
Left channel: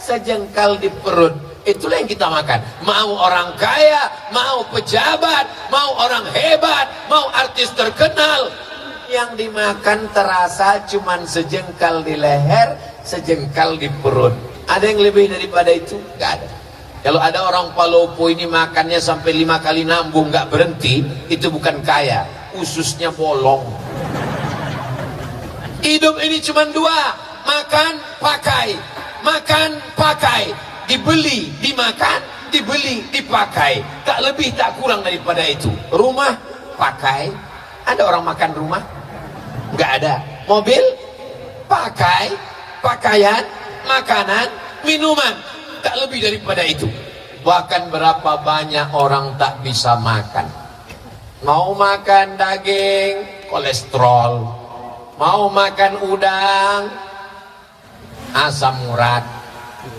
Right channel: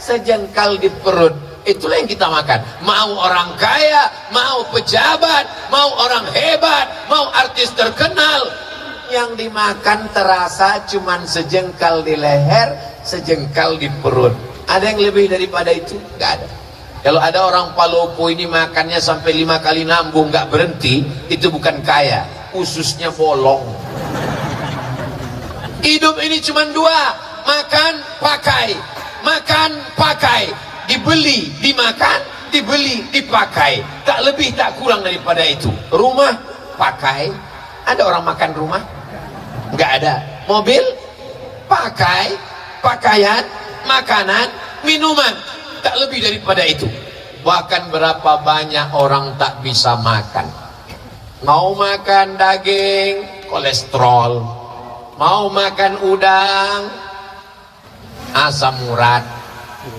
sejengkal di perut. Itulah yang kita makan. Mau orang kaya, mau pejabat, mau orang hebat, mau artis terkenal, yang dimakan terasa cuman sejengkal di leher, sejengkal di perut. Ada yang lebih daripada itu? Gak ada. Kalau ada orang Palopo ini makannya sampai 5 kali nambung gak berhenti, itu bukan kaya, ususnya bolong. Hidup ini cuma 2, makan, pakai. Makan, pakai. Dibeli, dimakan, dibeli, dipakai. Tak lebih, tak kurang daripada itu. Rumah, pakai. Ada orang makan rumah? Nggak ada. Mobil, pakai. Pakaian, makanan, minuman. Tak lebih daripada itu. Bahkan berapa banyak orang tak bisa makan. Mau makan daging, kolesterol. Mau makan udang, asam urat.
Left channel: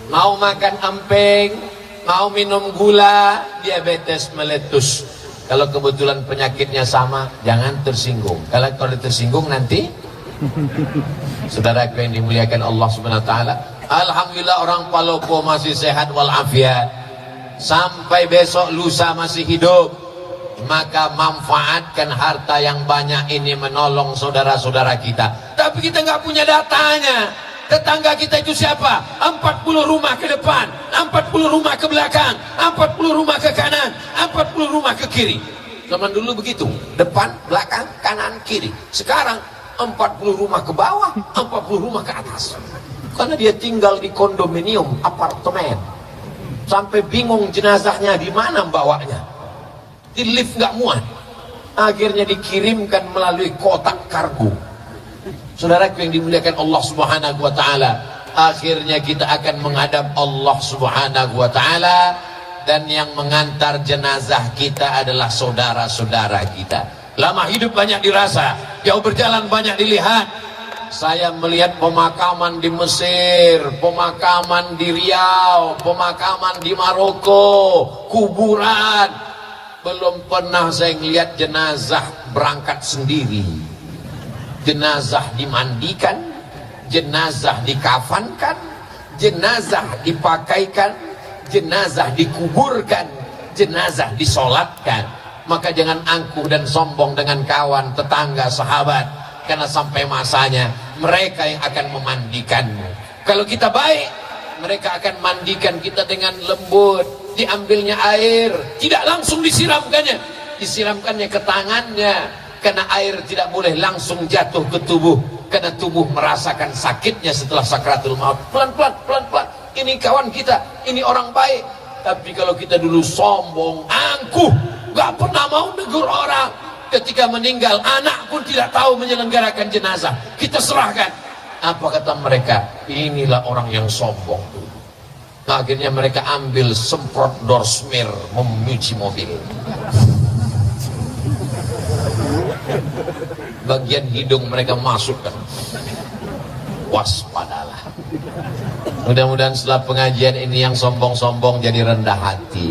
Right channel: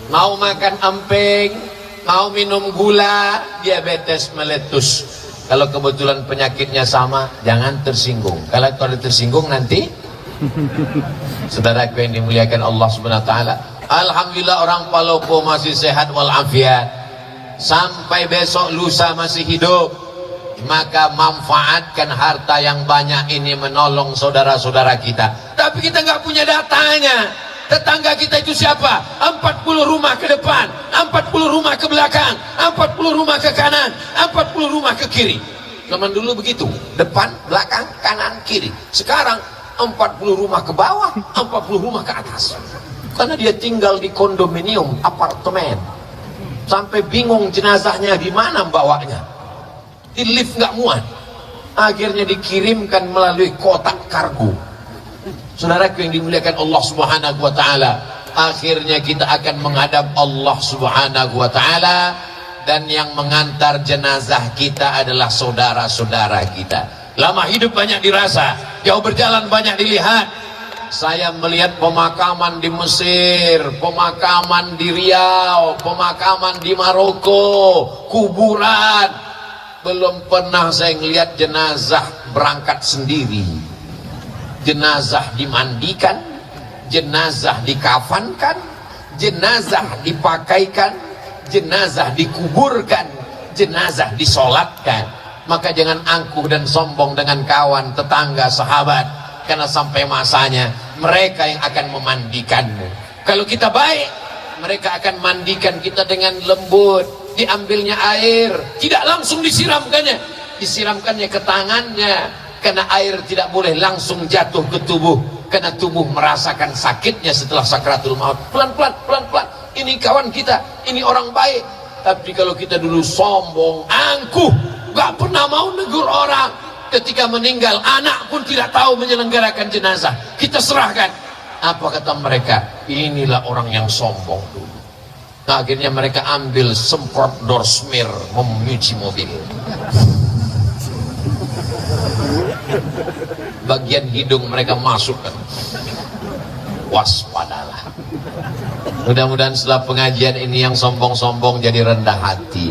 Mau makan emping, mau minum gula, diabetes meletus. Kalau kebetulan penyakitnya sama, jangan tersinggung. Kalau tersinggung nanti, saudaraku yang dimuliakan Allah Subhanahu wa Ta'ala, alhamdulillah orang Palopo masih sehat walafiat. Sampai besok lusa masih hidup. Maka manfaatkan harta yang banyak ini menolong saudara-saudara kita. Tapi kita nggak punya datanya. Tetangga kita itu siapa? 40 rumah ke depan, 40 rumah ke belakang, 40 rumah ke kanan, 40 rumah ke kiri. Zaman dulu begitu, depan, belakang, kanan, kiri. Sekarang 40 rumah ke bawah, 40 rumah ke atas. Karena dia tinggal di kondominium, apartemen. Sampai bingung jenazahnya di mana bawanya. Di lift nggak muat. Akhirnya dikirimkan melalui kotak kargo. Saudaraku yang dimuliakan Allah Subhanahu wa Ta'ala, akhirnya kita akan menghadap Allah Subhanahu wa Ta'ala, dan yang mengantar jenazah kita adalah saudara-saudara kita. Lama hidup banyak dirasa, jauh berjalan banyak dilihat. Saya melihat pemakaman di Mesir, pemakaman di Riau, pemakaman di Maroko, kuburan. belum pernah saya ngelihat jenazah berangkat sendiri. Jenazah dimandikan, jenazah dikafankan, jenazah dipakaikan, jenazah dikuburkan, jenazah disolatkan. Maka jangan angkuh dan sombong dengan kawan, tetangga, sahabat, karena sampai masanya mereka yang akan memandikanmu. Kalau kita baik, mereka akan mandikan kita dengan lembut. Diambilnya air, tidak langsung disiramkannya, disiramkannya ke tangannya, karena air tidak boleh langsung jatuh ke tubuh, karena tubuh merasakan sakitnya setelah sakratul maut. Pelan-pelan, pelan-pelan. Ini kawan kita, ini orang baik. Tapi kalau kita dulu sombong, angkuh, gak pernah mau negur orang, ketika meninggal anak pun tidak tahu menyelenggarakan jenazah, kita serahkan. Apa kata mereka? Inilah orang yang sombong dulu. Nah, akhirnya mereka ambil semprot door smear memuji mobil. Bagian hidung mereka masukkan. Waspadalah. Mudah-mudahan setelah pengajian ini yang sombong-sombong jadi rendah hati.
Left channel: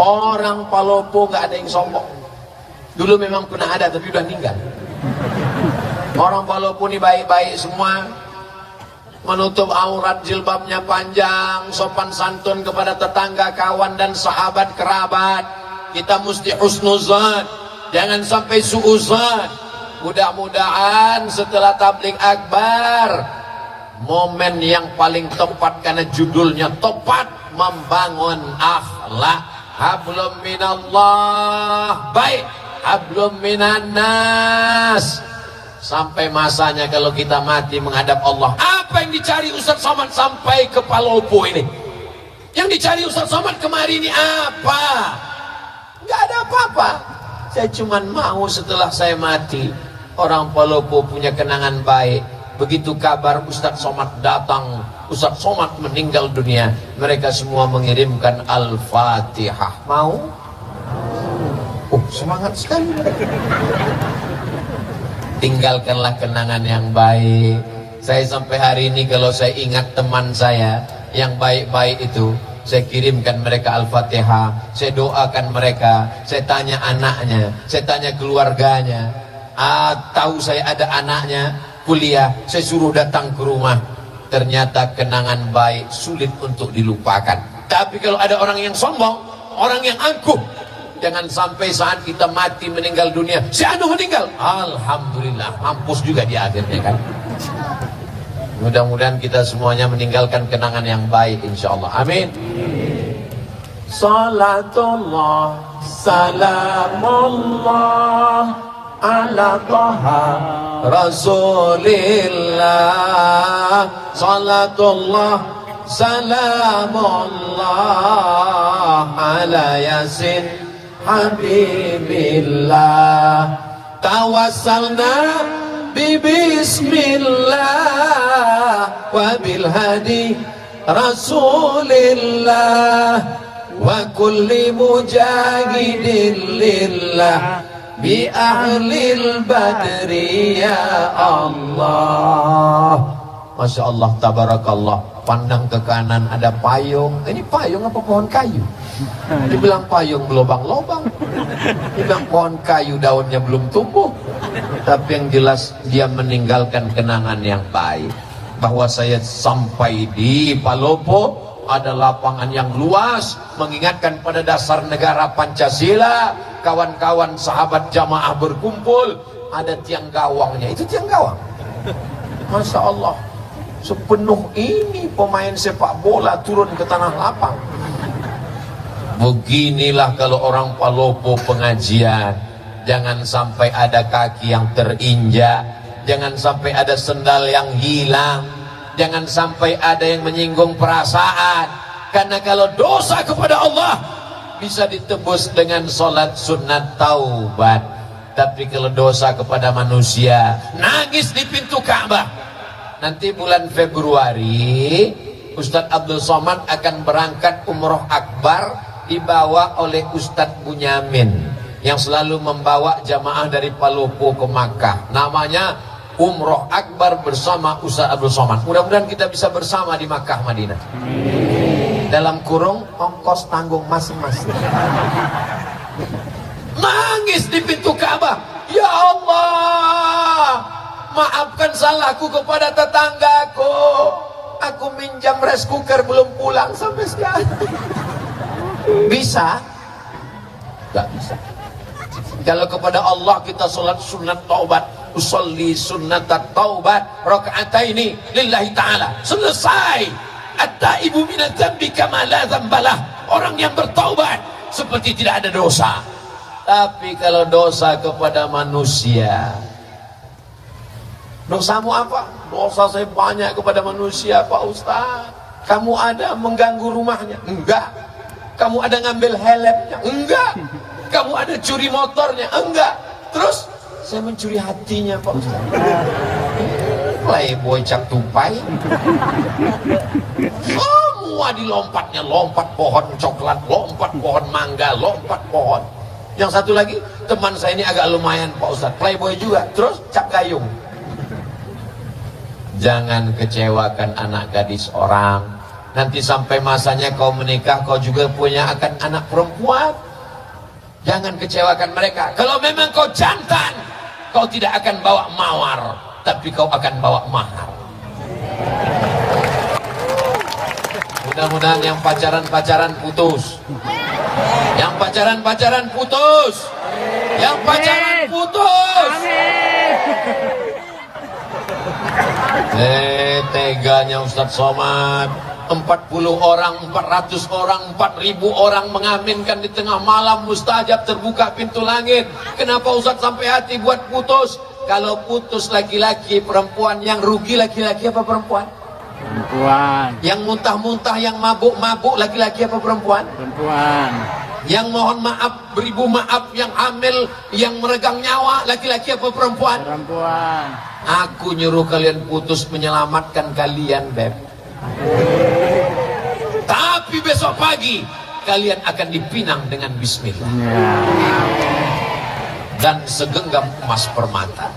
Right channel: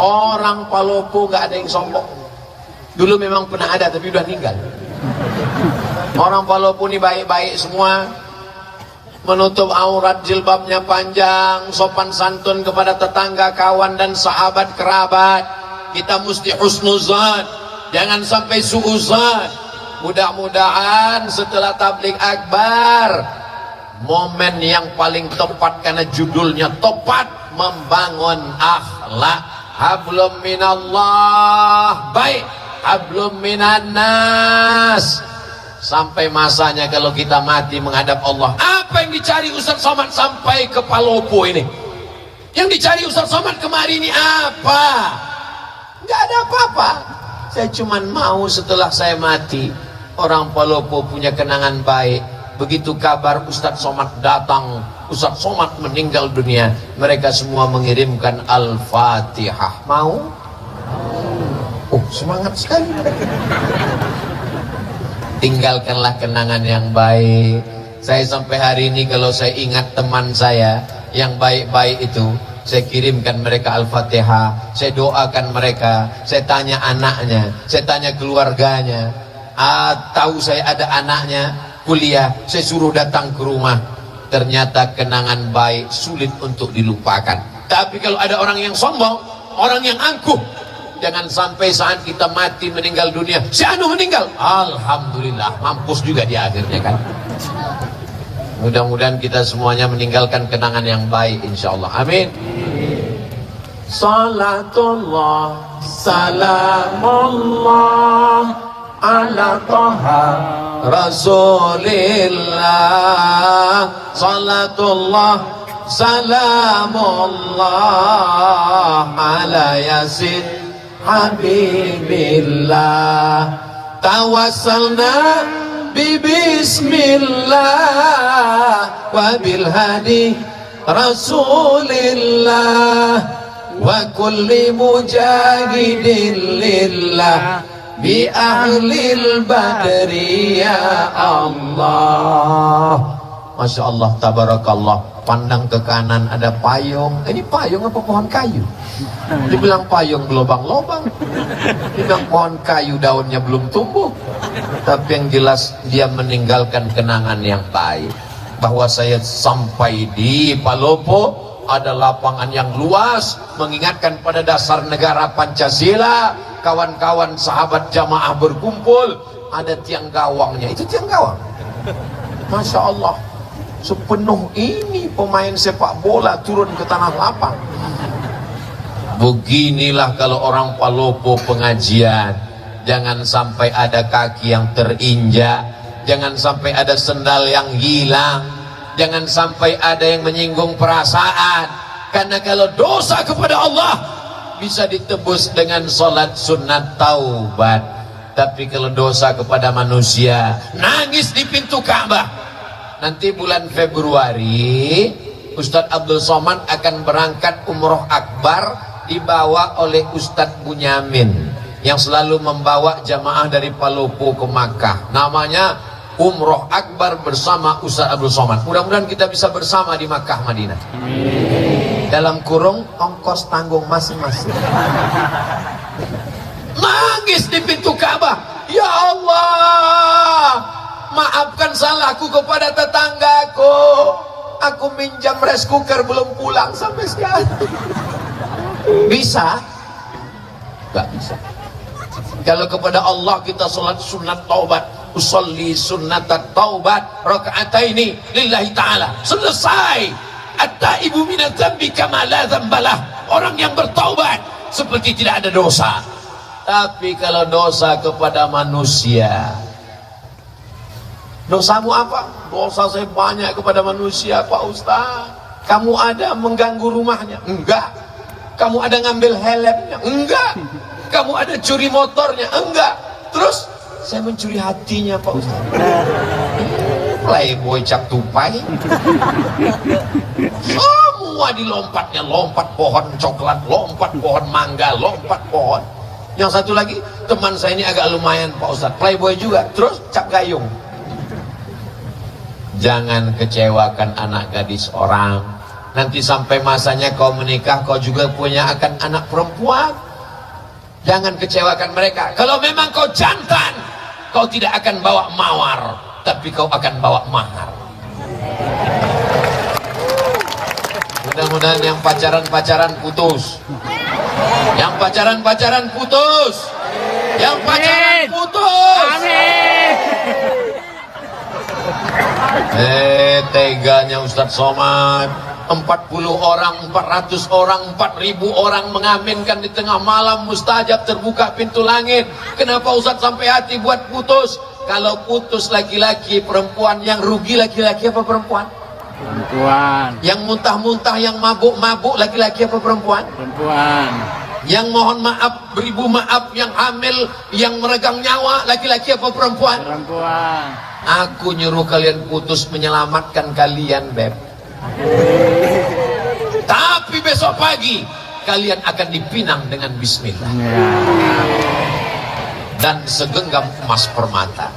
Orang Palopo gak ada yang sombong. Dulu memang pernah ada tapi udah meninggal. Orang Palopo ini baik-baik semua, menutup aurat, jilbabnya panjang, sopan santun kepada tetangga, kawan dan sahabat kerabat. Kita mesti husnuzan, jangan sampai suuzan. Mudah-mudahan setelah tabligh akbar, momen yang paling tepat karena judulnya tepat, membangun akhlak. Hablum minallah, baik, hablum minan nas. Sampai masanya kalau kita mati menghadap Allah. Apa yang dicari Ustaz Somad sampai ke Palopo ini? Yang dicari Ustaz Somad kemari ini apa? Enggak ada apa-apa. Saya cuma mau setelah saya mati, orang Palopo punya kenangan baik. Begitu kabar Ustaz Somad datang, Ustaz Somad meninggal dunia, mereka semua mengirimkan Al-Fatihah. Mau? Oh, semangat sekali. Tinggalkanlah kenangan yang baik. Saya sampai hari ini kalau saya ingat teman saya yang baik-baik itu, saya kirimkan mereka Al-Fatihah, saya doakan mereka, saya tanya anaknya, saya tanya keluarganya. Tahu saya ada anaknya kuliah, saya suruh datang ke rumah. Ternyata kenangan baik sulit untuk dilupakan. Tapi kalau ada orang yang sombong, orang yang angkuh, jangan sampai saat kita mati meninggal dunia, si anu meninggal, alhamdulillah, mampus juga di akhirnya kan. Mudah-mudahan kita semuanya meninggalkan kenangan yang baik insyaallah. Amin. Salatullah salamullah ala taha rasulillah. Salatullah salamullah ala yasin habibillah. Tawassalna bismillah wa bil hadi rasulillah wa kulli mujahidin lillah bi ahlil badri ya Allah. Masya Allah, tabarakallah. Pandang ke kanan ada payung. Ini payung apa pohon kayu? Dibilang payung berlobang-lobang. Dibilang pohon kayu daunnya belum tumbuh. Tapi yang jelas dia meninggalkan kenangan yang baik. Bahwa saya sampai di Palopo, ada lapangan yang luas, mengingatkan pada dasar negara Pancasila. Kawan-kawan sahabat jamaah berkumpul, ada tiang gawangnya. Itu tiang gawang. Masya Allah, sepenuh ini pemain sepak bola turun ke tanah lapang. Beginilah kalau orang Palopo pengajian. Jangan sampai ada kaki yang terinjak, jangan sampai ada sendal yang hilang, jangan sampai ada yang menyinggung perasaan. Karena kalau dosa kepada Allah bisa ditebus dengan sholat sunat taubat. Tapi kalau dosa kepada manusia, nangis di pintu Ka'bah. Nanti bulan Februari Ustadz Abdul Somad akan berangkat umroh akbar, dibawa oleh Ustadz Bunyamin yang selalu membawa jamaah dari Palopo ke Makkah. Namanya umroh akbar bersama Ustadz Abdul Somad. Mudah-mudahan kita bisa bersama di Makkah Madinah. Amin. dalam kurung ongkos tanggung masing-masing. Nangis di pintu Ka'bah, ya Allah, maafkan salahku kepada tetanggaku. Aku minjam rice cooker belum pulang sampai sekarang. Bisa? Gak bisa. Kalau kepada Allah kita sholat sunat taubat, usolli sunat taubat rakaataini lillahi ta'ala, selesai. At-taibu minadz dzambi kama la dzambalah. Orang yang bertaubat seperti tidak ada dosa. Tapi kalau dosa kepada manusia, dosamu apa? Dosa saya banyak kepada manusia, Pak Ustaz. Kamu ada mengganggu rumahnya? Enggak. Kamu ada ngambil helmnya? Enggak. Kamu ada curi motornya? Enggak. Terus saya mencuri hatinya, Pak Ustaz. Playboy cap tupai. Semua dilompatnya, lompat pohon coklat, lompat pohon mangga, lompat pohon. Yang satu lagi, teman saya ini agak lumayan, Pak Ustaz, playboy juga, terus cap gayung. Jangan kecewakan anak gadis orang. Nanti sampai masanya kau menikah, kau juga punya akan anak perempuan. Jangan kecewakan mereka. Kalau memang kau jantan, kau tidak akan bawa mawar, tapi kau akan bawa mahar. Mudah-mudahan yang pacaran-pacaran putus. Yang pacaran-pacaran putus. Yang pacaran putus. Teganya Ustadz Somad. 40 orang, 400 orang, 4000 orang mengaminkan di tengah malam mustajab, terbuka pintu langit. Kenapa Ustadz sampai hati buat putus? Kalau putus laki-laki, perempuan, yang rugi laki-laki apa perempuan? Perempuan. Yang muntah-muntah, yang mabuk-mabuk, laki-laki apa perempuan? Perempuan. Yang mohon maaf, beribu maaf, yang hamil, yang meregang nyawa, laki-laki apa perempuan? Perempuan. Aku nyuruh kalian putus menyelamatkan kalian, Beb. Tapi besok pagi kalian akan dipinang dengan bismillah dan segenggam emas permata.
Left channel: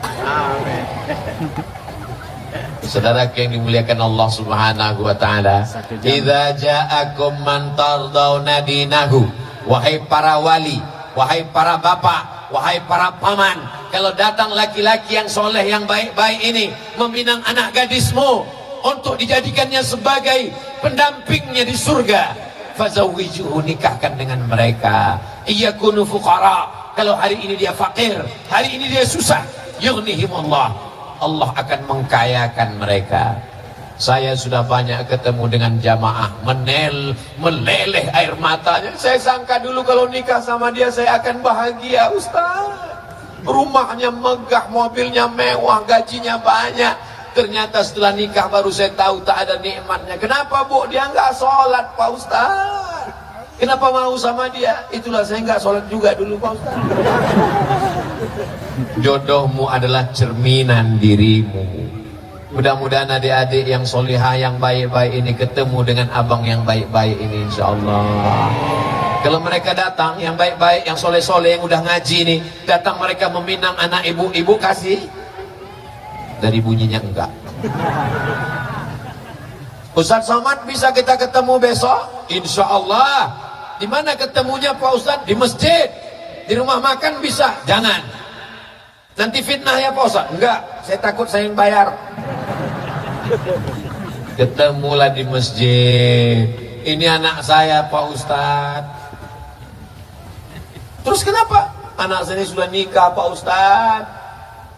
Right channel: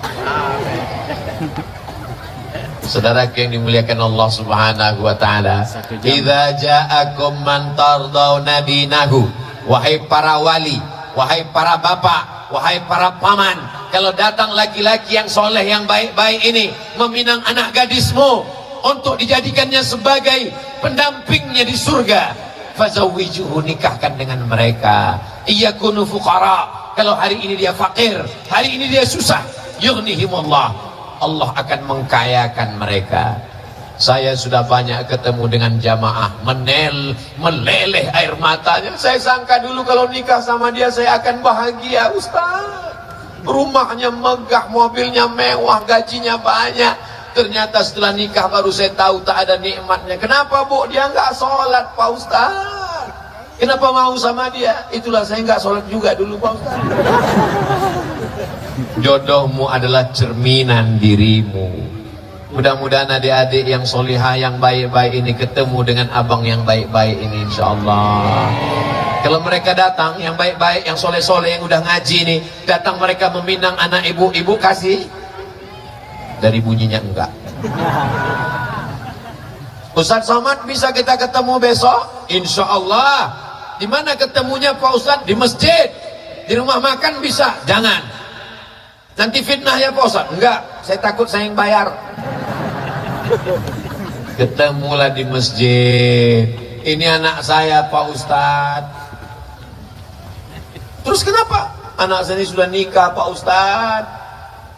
Saudara yang dimuliakan Allah Subhanahu wa taala, idza ja'akum man tardawna dinahu, wahai para wali, wahai para bapak, wahai para paman, kalau datang laki-laki yang soleh, yang baik-baik ini meminang anak gadismu untuk dijadikannya sebagai pendampingnya di surga, fazawwijuhu, nikahkan dengan mereka. Iyakunu fuqara, kalau hari ini dia fakir, hari ini dia susah, yughnihimullah, Allah akan mengkayakan mereka. Saya sudah banyak ketemu dengan jamaah meleleh air matanya. Saya sangka dulu kalau nikah sama dia saya akan bahagia, Ustaz. Rumahnya megah, mobilnya mewah, gajinya banyak. Ternyata setelah nikah baru saya tahu tak ada nikmatnya. Kenapa, Bu? Dia nggak sholat, Pak Ustaz. Kenapa mau sama dia? Itulah saya nggak sholat juga dulu, Pak Ustaz. Jodohmu adalah cerminan dirimu. Mudah-mudahan adik-adik yang solihah, yang baik-baik ini ketemu dengan abang yang baik-baik ini, insya Allah. Kalau mereka datang, yang baik-baik, yang soleh-soleh, yang udah ngaji ini, datang mereka meminang anak ibu kasih. Dari bunyinya enggak. Ustadz Somad, bisa kita ketemu besok? Insya Allah. Di mana ketemunya Pak Ustadz? Di masjid. Di rumah makan bisa? Jangan. Nanti fitnah ya Pak Ustadz? Enggak, saya takut saya yang bayar. Ketemulah di masjid. Ini anak saya Pak Ustadz. Terus kenapa? Anak saya sudah nikah Pak Ustadz.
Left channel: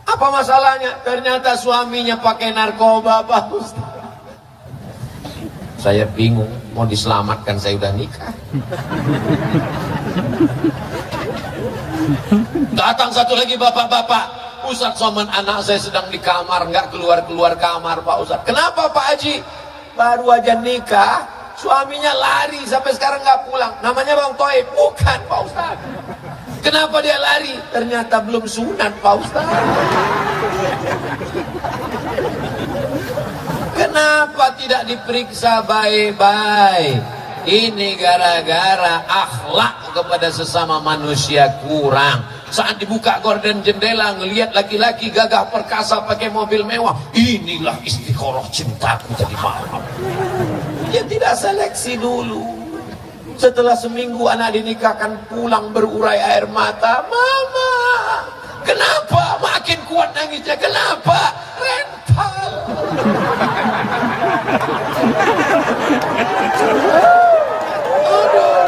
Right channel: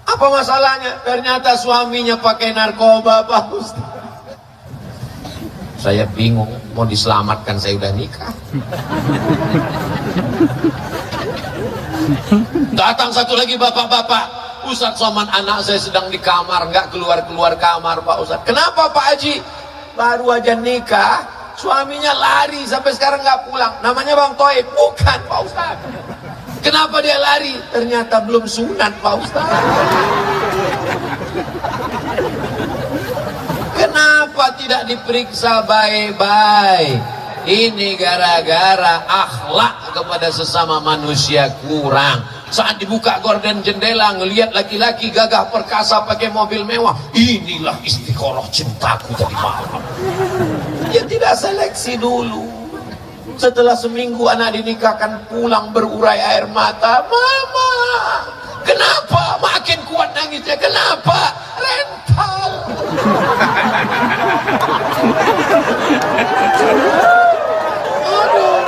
Apa masalahnya? Ternyata suaminya pakai narkoba, Pak Ustaz. Saya bingung, mau diselamatkan saya udah nikah. Datang satu lagi bapak-bapak, Ustaz Somad, anak saya sedang di kamar, nggak keluar-keluar kamar, Pak Ustaz. Kenapa Pak Haji? Baru aja nikah, suaminya lari sampai sekarang nggak pulang. Namanya Bang Toib? Bukan Pak Ustaz. Kenapa dia lari? Ternyata belum sunat, Pak Ustaz. Kenapa tidak diperiksa baik-baik? Ini gara-gara akhlak kepada sesama manusia kurang. Saat dibuka gorden jendela, ngelihat laki-laki gagah perkasa pakai mobil mewah. Inilah istiqoroh cintaku tadi malam. Dia tidak seleksi dulu. Setelah seminggu anak dinikahkan, pulang berurai air mata. Mama, kenapa? Makin kuat nangisnya. Kenapa? Rental. Aduh.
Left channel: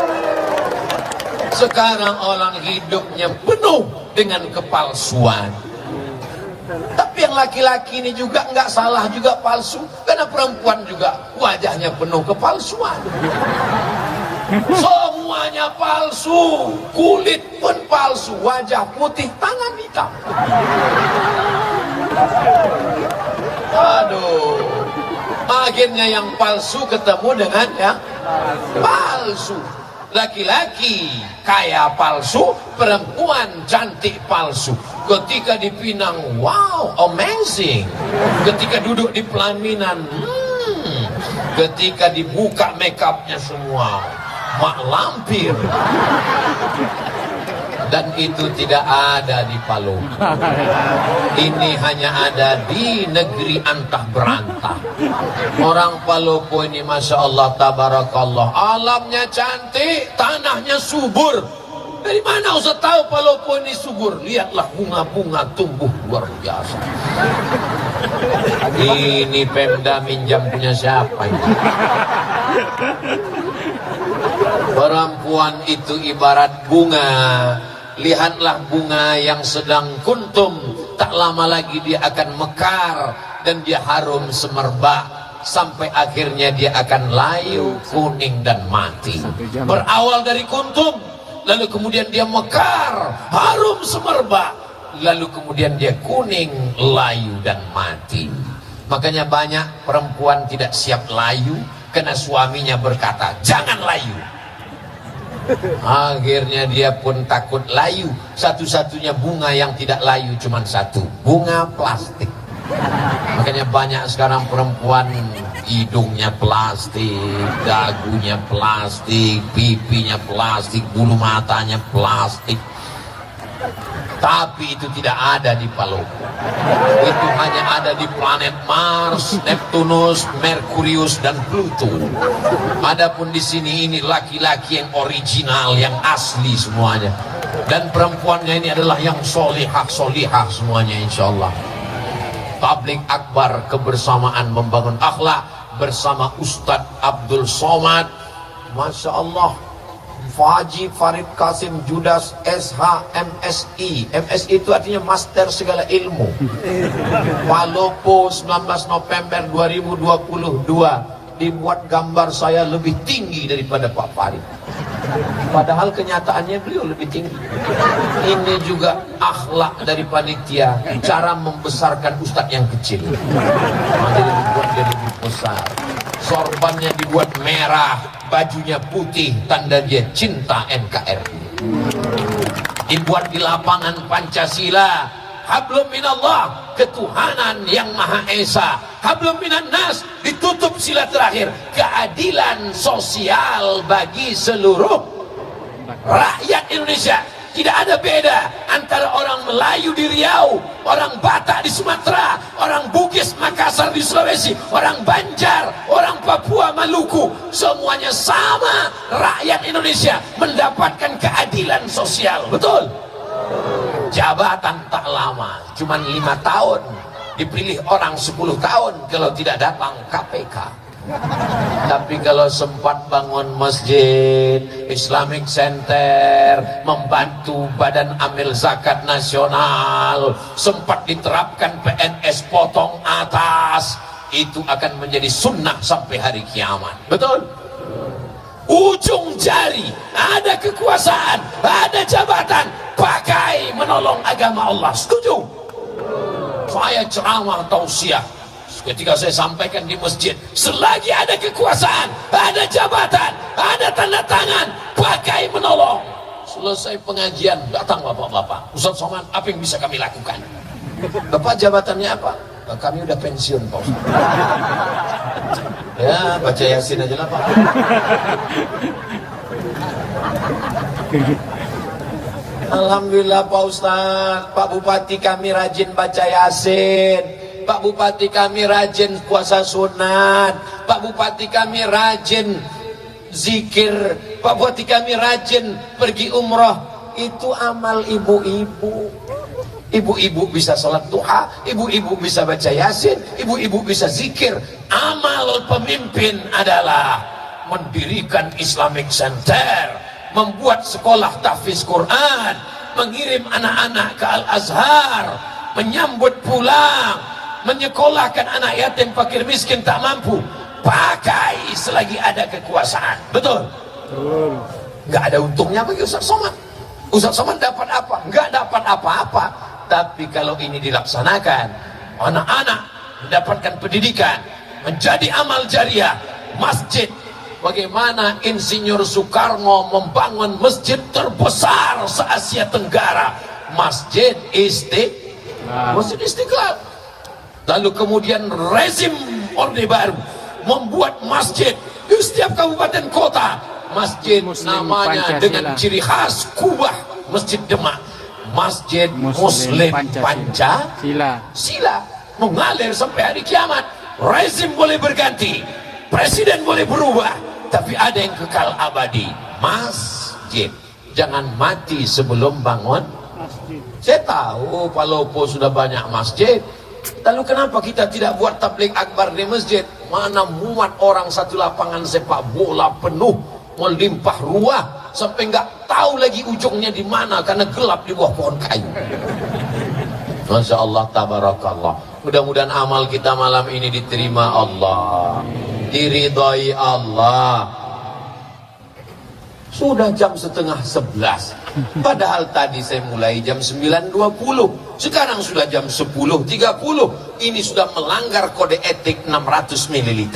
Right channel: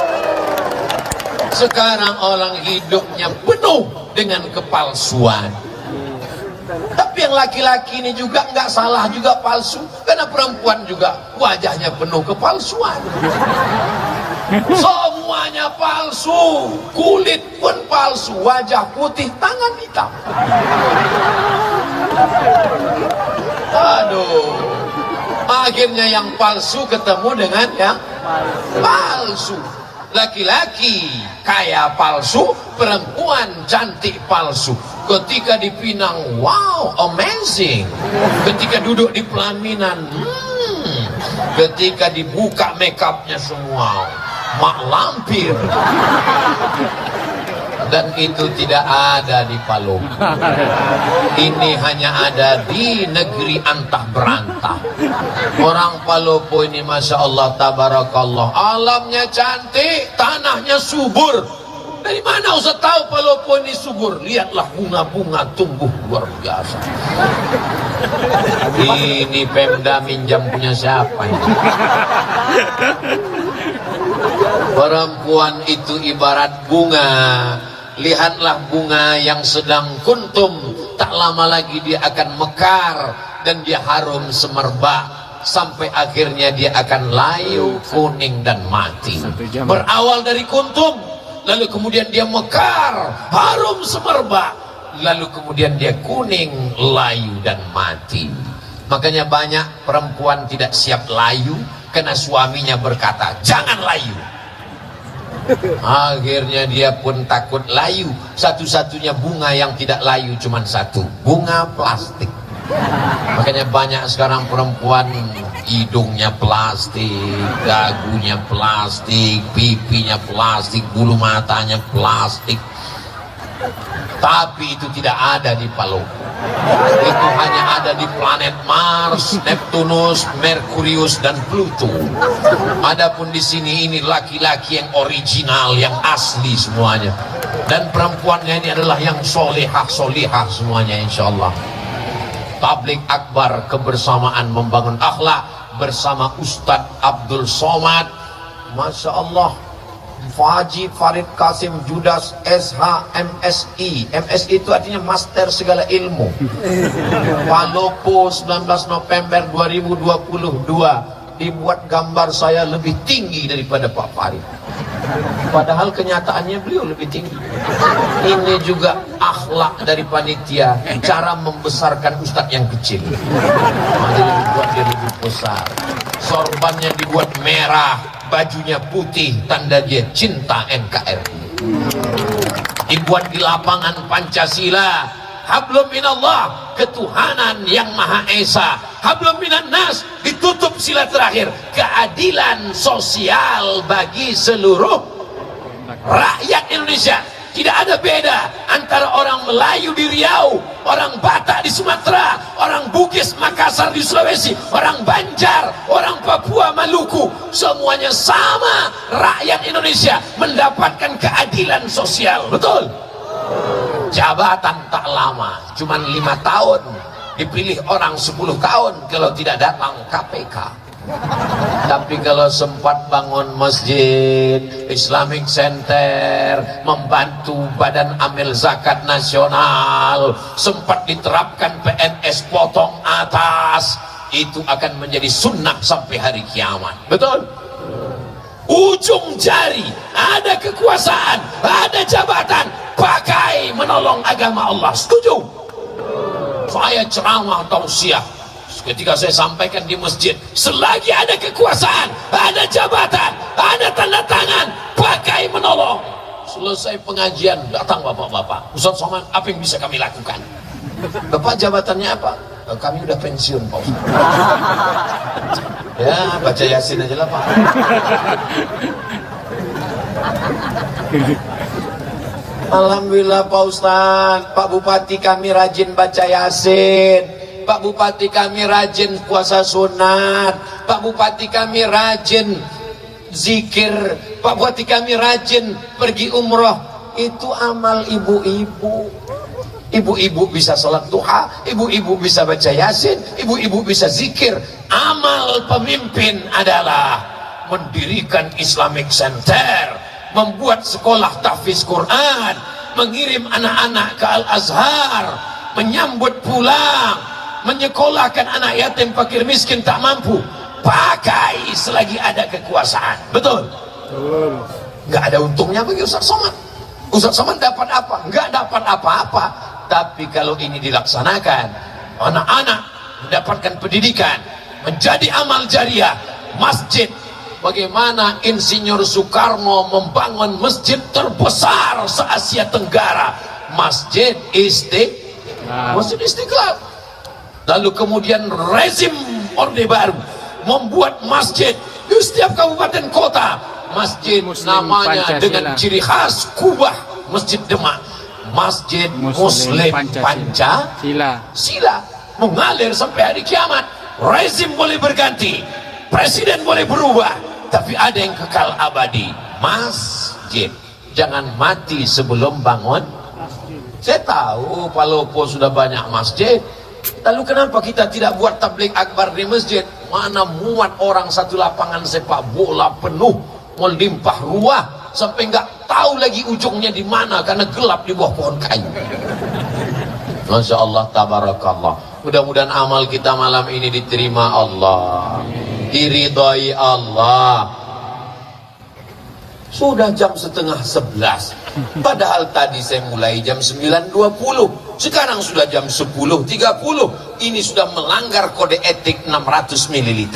Sekarang orang hidupnya penuh dengan kepalsuan. Tapi yang laki-laki ini juga nggak salah juga palsu, karena perempuan juga wajahnya penuh kepalsuan. Semuanya palsu, kulit pun palsu, wajah putih, tangan hitam. Aduh, akhirnya yang palsu ketemu dengan yang palsu. Laki-laki kaya palsu, perempuan cantik palsu. Ketika dipinang, wow, amazing. Ketika duduk di pelaminan, ketika dibuka makeupnya semua, mak lampir. Dan itu tidak ada di Palu. Ini hanya ada di negeri antah berantah. Orang Palopo ini Masya Allah, tabarakallah, alamnya cantik, tanahnya subur. Dari mana Ustaz tahu Palopo ini subur? Lihatlah bunga-bunga tumbuh luar biasa. Ini Pemda minjam punya siapa ini? Perempuan itu ibarat bunga. Lihatlah bunga yang sedang kuntum, tak lama lagi dia akan mekar dan dia harum semerbak sampai akhirnya dia akan layu, kuning dan mati. Berawal dari kuntum, lalu kemudian dia mekar, harum semerbak, lalu kemudian dia kuning, layu dan mati. Makanya banyak perempuan tidak siap layu karena suaminya berkata, jangan layu. Akhirnya dia pun takut layu. Satu-satunya bunga yang tidak layu cuma satu, bunga plastik. Makanya banyak sekarang perempuan hidungnya plastik, dagunya plastik, pipinya plastik, bulu matanya plastik. Tapi itu tidak ada di Palu. Itu hanya ada di planet Mars, Neptunus, Merkurius dan Pluto. Adapun di sini ini laki-laki yang original, yang asli semuanya. Dan perempuannya ini adalah yang solehah semuanya insya Allah. Tablik akbar kebersamaan membangun akhlak bersama Ustadz Abdul Somad. Masya Allah. Faji Farid Kasim Judas SH MSI. MSI itu artinya Master Segala Ilmu. Palopo 19 November 2022. Dibuat gambar saya lebih tinggi daripada Pak Farid. Padahal kenyataannya beliau lebih tinggi. Ini juga akhlak dari panitia, cara membesarkan ustadz yang kecil. Makanya dibuat dia lebih besar. Sorbannya dibuat merah, bajunya putih, tanda dia cinta NKRI. Dibuat di lapangan Pancasila, hablum minallah, ketuhanan yang Maha Esa. Hablum minan nas, ditutup sila terakhir, keadilan sosial bagi seluruh rakyat Indonesia. Tidak ada beda antara orang Melayu di Riau, orang Batak di Sumatera, orang Bugis Makassar di Sulawesi, orang Banjar, orang Papua Maluku, semuanya sama. Rakyat Indonesia mendapatkan keadilan sosial. Betul? Jabatan tak lama, cuma 5 tahun. Dipilih orang 10 tahun kalau tidak datang KPK. Tapi kalau sempat bangun masjid, Islamic Center, membantu Badan Amil Zakat Nasional, sempat diterapkan PNS potong atas, itu akan menjadi sunnah sampai hari kiamat. Betul? Ujung jari, ada kekuasaan, ada jabatan, pakai menolong agama Allah. Setuju? Saya ceramah tausiah. Ketika saya sampaikan di masjid, selagi ada kekuasaan, ada jabatan, ada tanda tangan, pakai menolong. Selesai pengajian, datang bapak-bapak. Ustaz Somad, apa yang bisa kami lakukan? Bapak jabatannya apa? Kami udah pensiun, Pak Ustaz. Ya, baca Yasin aja lah, Pak. Alhamdulillah Pak Ustaz, Pak Bupati kami rajin baca Yasin. Pak Bupati kami rajin puasa sunat, Pak Bupati kami rajin zikir, Pak Bupati kami rajin pergi umroh. Itu amal ibu-ibu. Ibu-ibu bisa sholat duha, ibu-ibu bisa baca yasin, ibu-ibu bisa zikir. Amal pemimpin adalah mendirikan Islamic Center, membuat sekolah tahfiz Quran, mengirim anak-anak ke Al-Azhar, menyambut pulang, menyekolahkan anak yatim fakir miskin tak mampu, pakai selagi ada kekuasaan. Betul? Betul. Nggak ada untungnya bagi Ustaz Somad. Ustaz Somad dapat apa? Nggak dapat apa-apa. Tapi kalau ini dilaksanakan, anak-anak mendapatkan pendidikan, menjadi amal jariah, masjid. Bagaimana Insinyur Soekarno membangun masjid terbesar se-Asia Tenggara, Masjid Istiqlal. Lalu kemudian rezim Orde Baru membuat masjid di setiap kabupaten kota. Masjid Muslim namanya Pancasila. dengan ciri khas Kubah, Masjid Demak, Masjid Muslim Pancasila, mengalir sampai hari kiamat. Rezim boleh berganti, presiden boleh berubah, tapi ada yang kekal abadi, masjid. Jangan mati sebelum bangun. Saya tahu Palopo sudah banyak masjid, lalu kenapa kita tidak buat tabligh akbar di masjid? Mana muat orang satu lapangan sepak bola penuh, melimpah ruah, sampai nggak tahu lagi ujungnya di mana karena gelap di bawah pohon kayu. Masya Allah, tabarakallah. Mudah-mudahan amal kita malam ini diterima Allah, diridhai Allah. Sudah jam 10:30. Padahal tadi saya mulai jam 9.20. Sekarang sudah jam 10.30. Ini sudah melanggar kode etik 600 ml.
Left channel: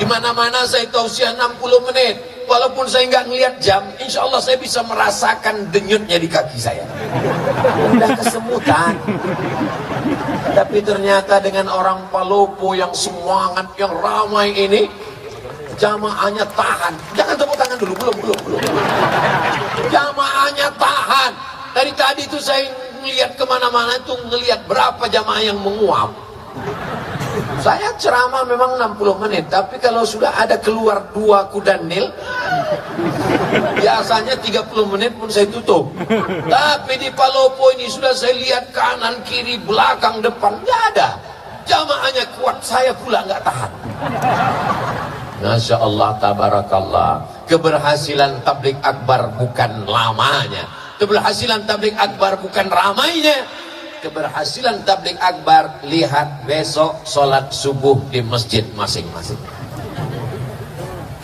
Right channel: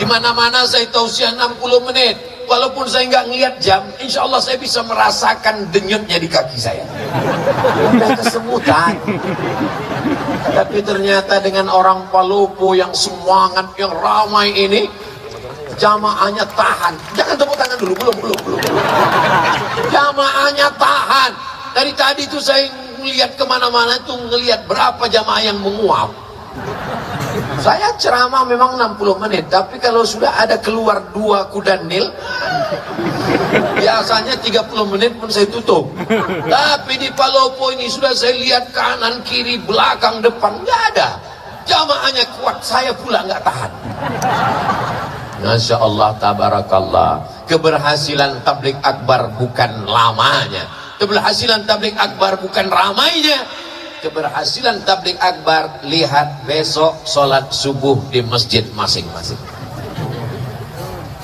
Di mana-mana saya tausiah 60 menit. Walaupun saya nggak ngelihat jam, insya Allah saya bisa merasakan denyutnya di kaki saya. Udah kesemutan. Tapi ternyata dengan orang Palopo yang semangat, yang ramai ini, jamaahnya tahan. Jangan tepuk tangan dulu, belum. Jamaahnya tahan. Dari tadi itu saya melihat kemana-mana itu ngelihat berapa jamaah yang menguap. Saya ceramah memang 60 menit, tapi kalau sudah ada keluar 2 kuda nil, biasanya 30 menit pun saya tutup. Tapi di Palopo ini sudah saya lihat kanan, kiri, belakang, depan, nggak ada. Jamaahnya kuat, saya pula nggak tahan. Masya Allah, tabarakallah. Keberhasilan tabligh akbar bukan lamanya, keberhasilan tabligh akbar bukan ramainya. Keberhasilan tabligh akbar, lihat besok sholat subuh di masjid masing-masing.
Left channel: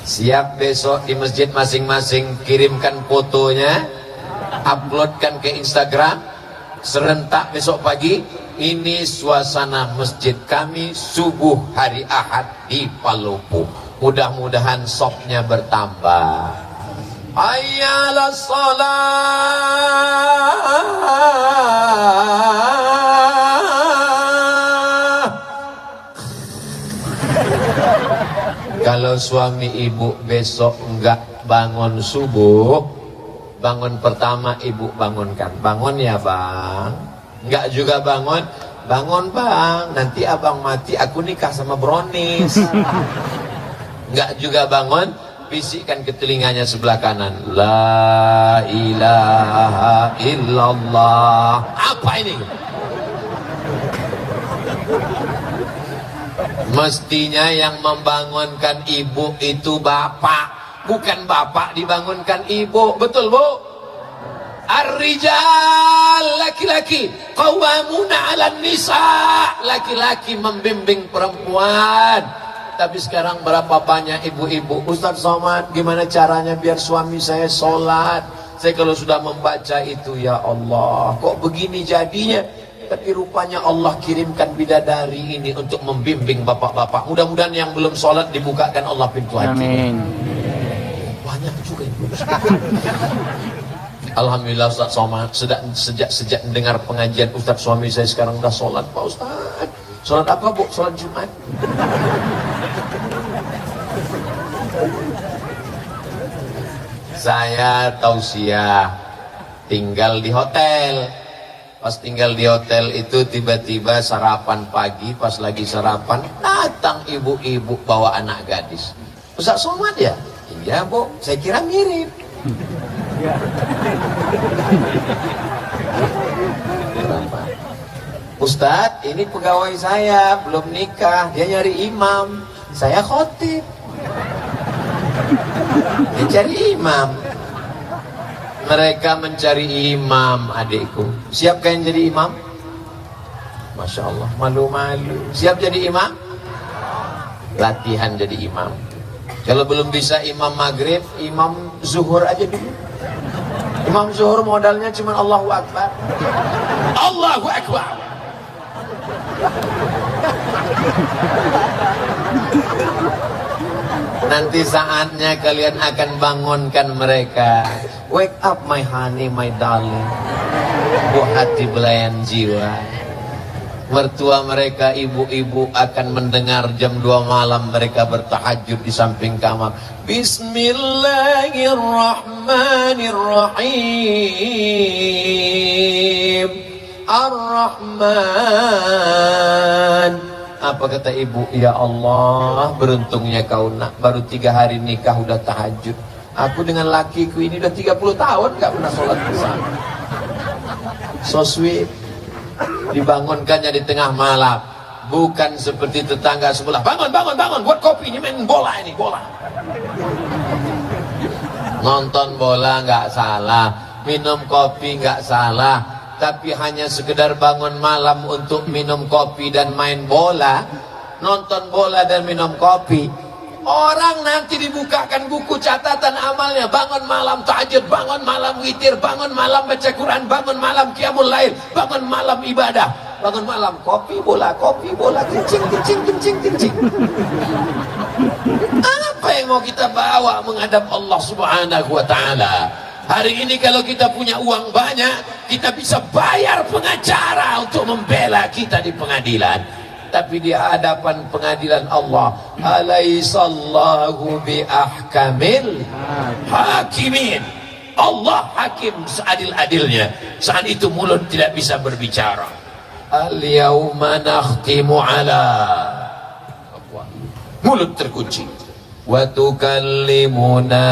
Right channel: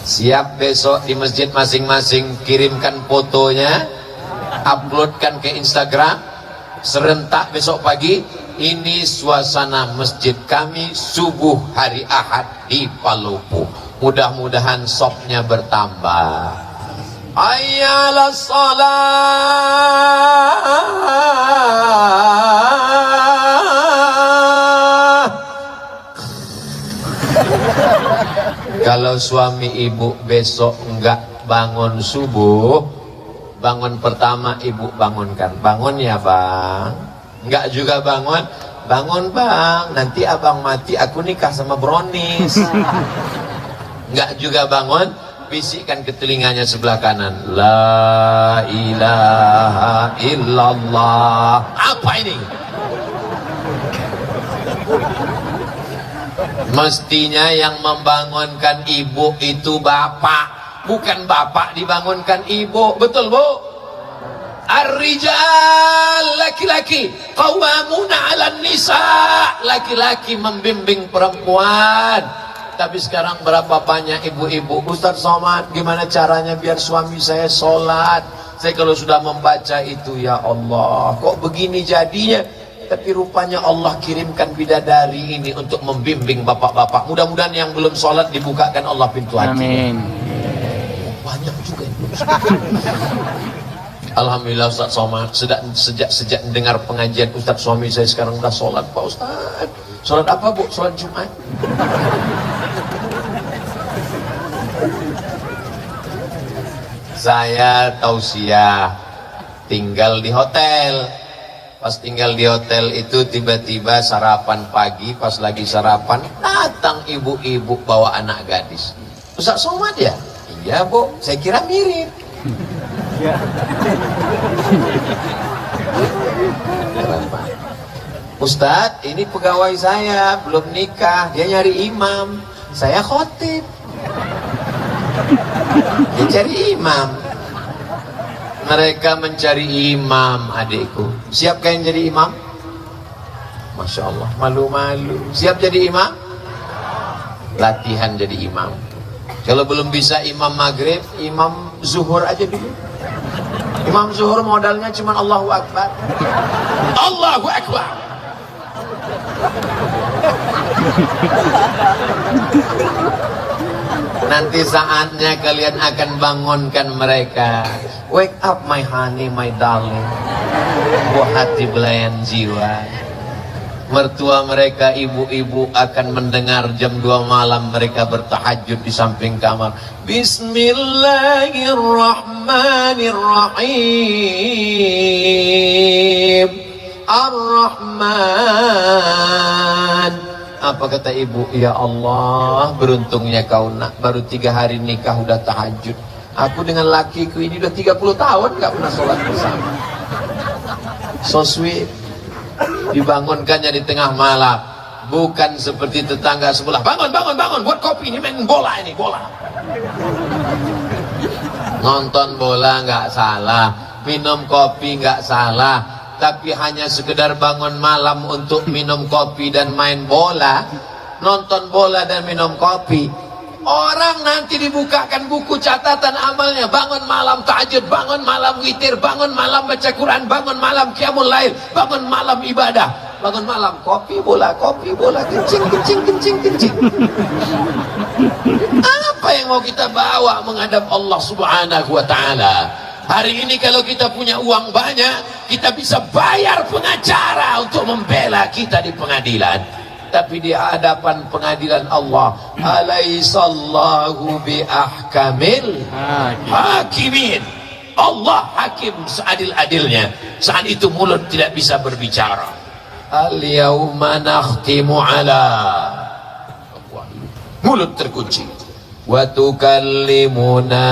Siap besok di masjid masing-masing, kirimkan fotonya, uploadkan ke Instagram. Serentak besok pagi, ini suasana masjid kami subuh hari Ahad di Palopo. Mudah-mudahan sopnya bertambah. Ayyalah salat. Kalau suami ibu besok enggak bangun subuh, bangun pertama ibu bangunkan. Bangun ya bang. Enggak juga bangun. Bangun bang, nanti abang mati aku nikah sama Bronis. Enggak juga bangun, bisikkan ke telinganya sebelah kanan, la ilaha illallah. Apa ini? Mestinya yang membangunkan ibu itu bapak, bukan bapak dibangunkan ibu. Betul bu? Ar-rijal, laki-laki, qawwamuna 'alan nisa, laki-laki membimbing perempuan. Tapi sekarang berapa banyak ibu-ibu, Ustaz Somad, gimana caranya biar suami saya sholat? Saya kalau sudah membaca itu, ya Allah, kok begini jadinya? Tapi rupanya Allah kirimkan bidadari ini untuk membimbing bapak-bapak. Mudah-mudahan yang belum sholat dibukakan Allah pintu hati. Amin. Banyak juga yang belum sholat. Alhamdulillah Ustaz Somad, sejak dengar pengajian Ustaz, suami saya sekarang udah sholat Pak Ustaz. Sholat apa bu? Sholat Jumat. Saya tausiah tinggal di hotel. Pas tinggal di hotel itu tiba-tiba sarapan pagi, pas lagi sarapan datang ibu-ibu bawa anak gadis. Ustaz Somad ya? Iya bu, saya kira mirip. Ustadz, ini pegawai saya belum nikah, dia nyari imam, saya khotib. Dia cari imam. Mereka mencari imam, adikku. Siap kalian jadi imam? Masya Allah, malu-malu. Siap jadi imam? Latihan jadi imam. Kalau belum bisa imam maghrib, imam zuhur aja dulu. Imam zuhur modalnya cuma Allahu Akbar. Allahu Akbar. Nanti saatnya kalian akan bangunkan mereka. Wake up my honey, my darling. Buah hati belayan jiwa. Mertua mereka, ibu-ibu akan mendengar jam 2 malam mereka bertahajud di samping kamar. Bismillahirrahmanirrahim. Ar-Rahman. Apa kata ibu? Ya Allah, beruntungnya kau nak, baru 3 hari nikah udah tahajud. Aku dengan lakiku ini udah 30 tahun gak pernah sholat bersama. So sweet. Dibangunkannya di tengah malam, bukan seperti tetangga sebelah. Bangun, bangun, bangun, buat kopi, ini main bola, ini bola. Nonton bola nggak salah, minum kopi nggak salah, tapi hanya sekedar bangun malam untuk minum kopi dan main bola, nonton bola dan minum kopi. Orang nanti dibukakan buku catatan amalnya, bangun malam tahajud, bangun malam witir, bangun malam baca Quran, bangun malam qiyamul lail, bangun malam ibadah, bangun malam kopi bola, kencing, kencing, kencing, kencing. Apa yang mau kita bawa menghadap Allah Subhanahu wa ta'ala? Hari ini kalau kita punya uang banyak, kita bisa bayar pengacara untuk membela kita di pengadilan. Tapi di hadapan pengadilan Allah, alaihissallahu biahkamil hakimin. Allah hakim seadil-adilnya. Saat itu mulut tidak bisa berbicara. Al-yawma nakhtimu ala, mulut terkunci. Wa tukallimuna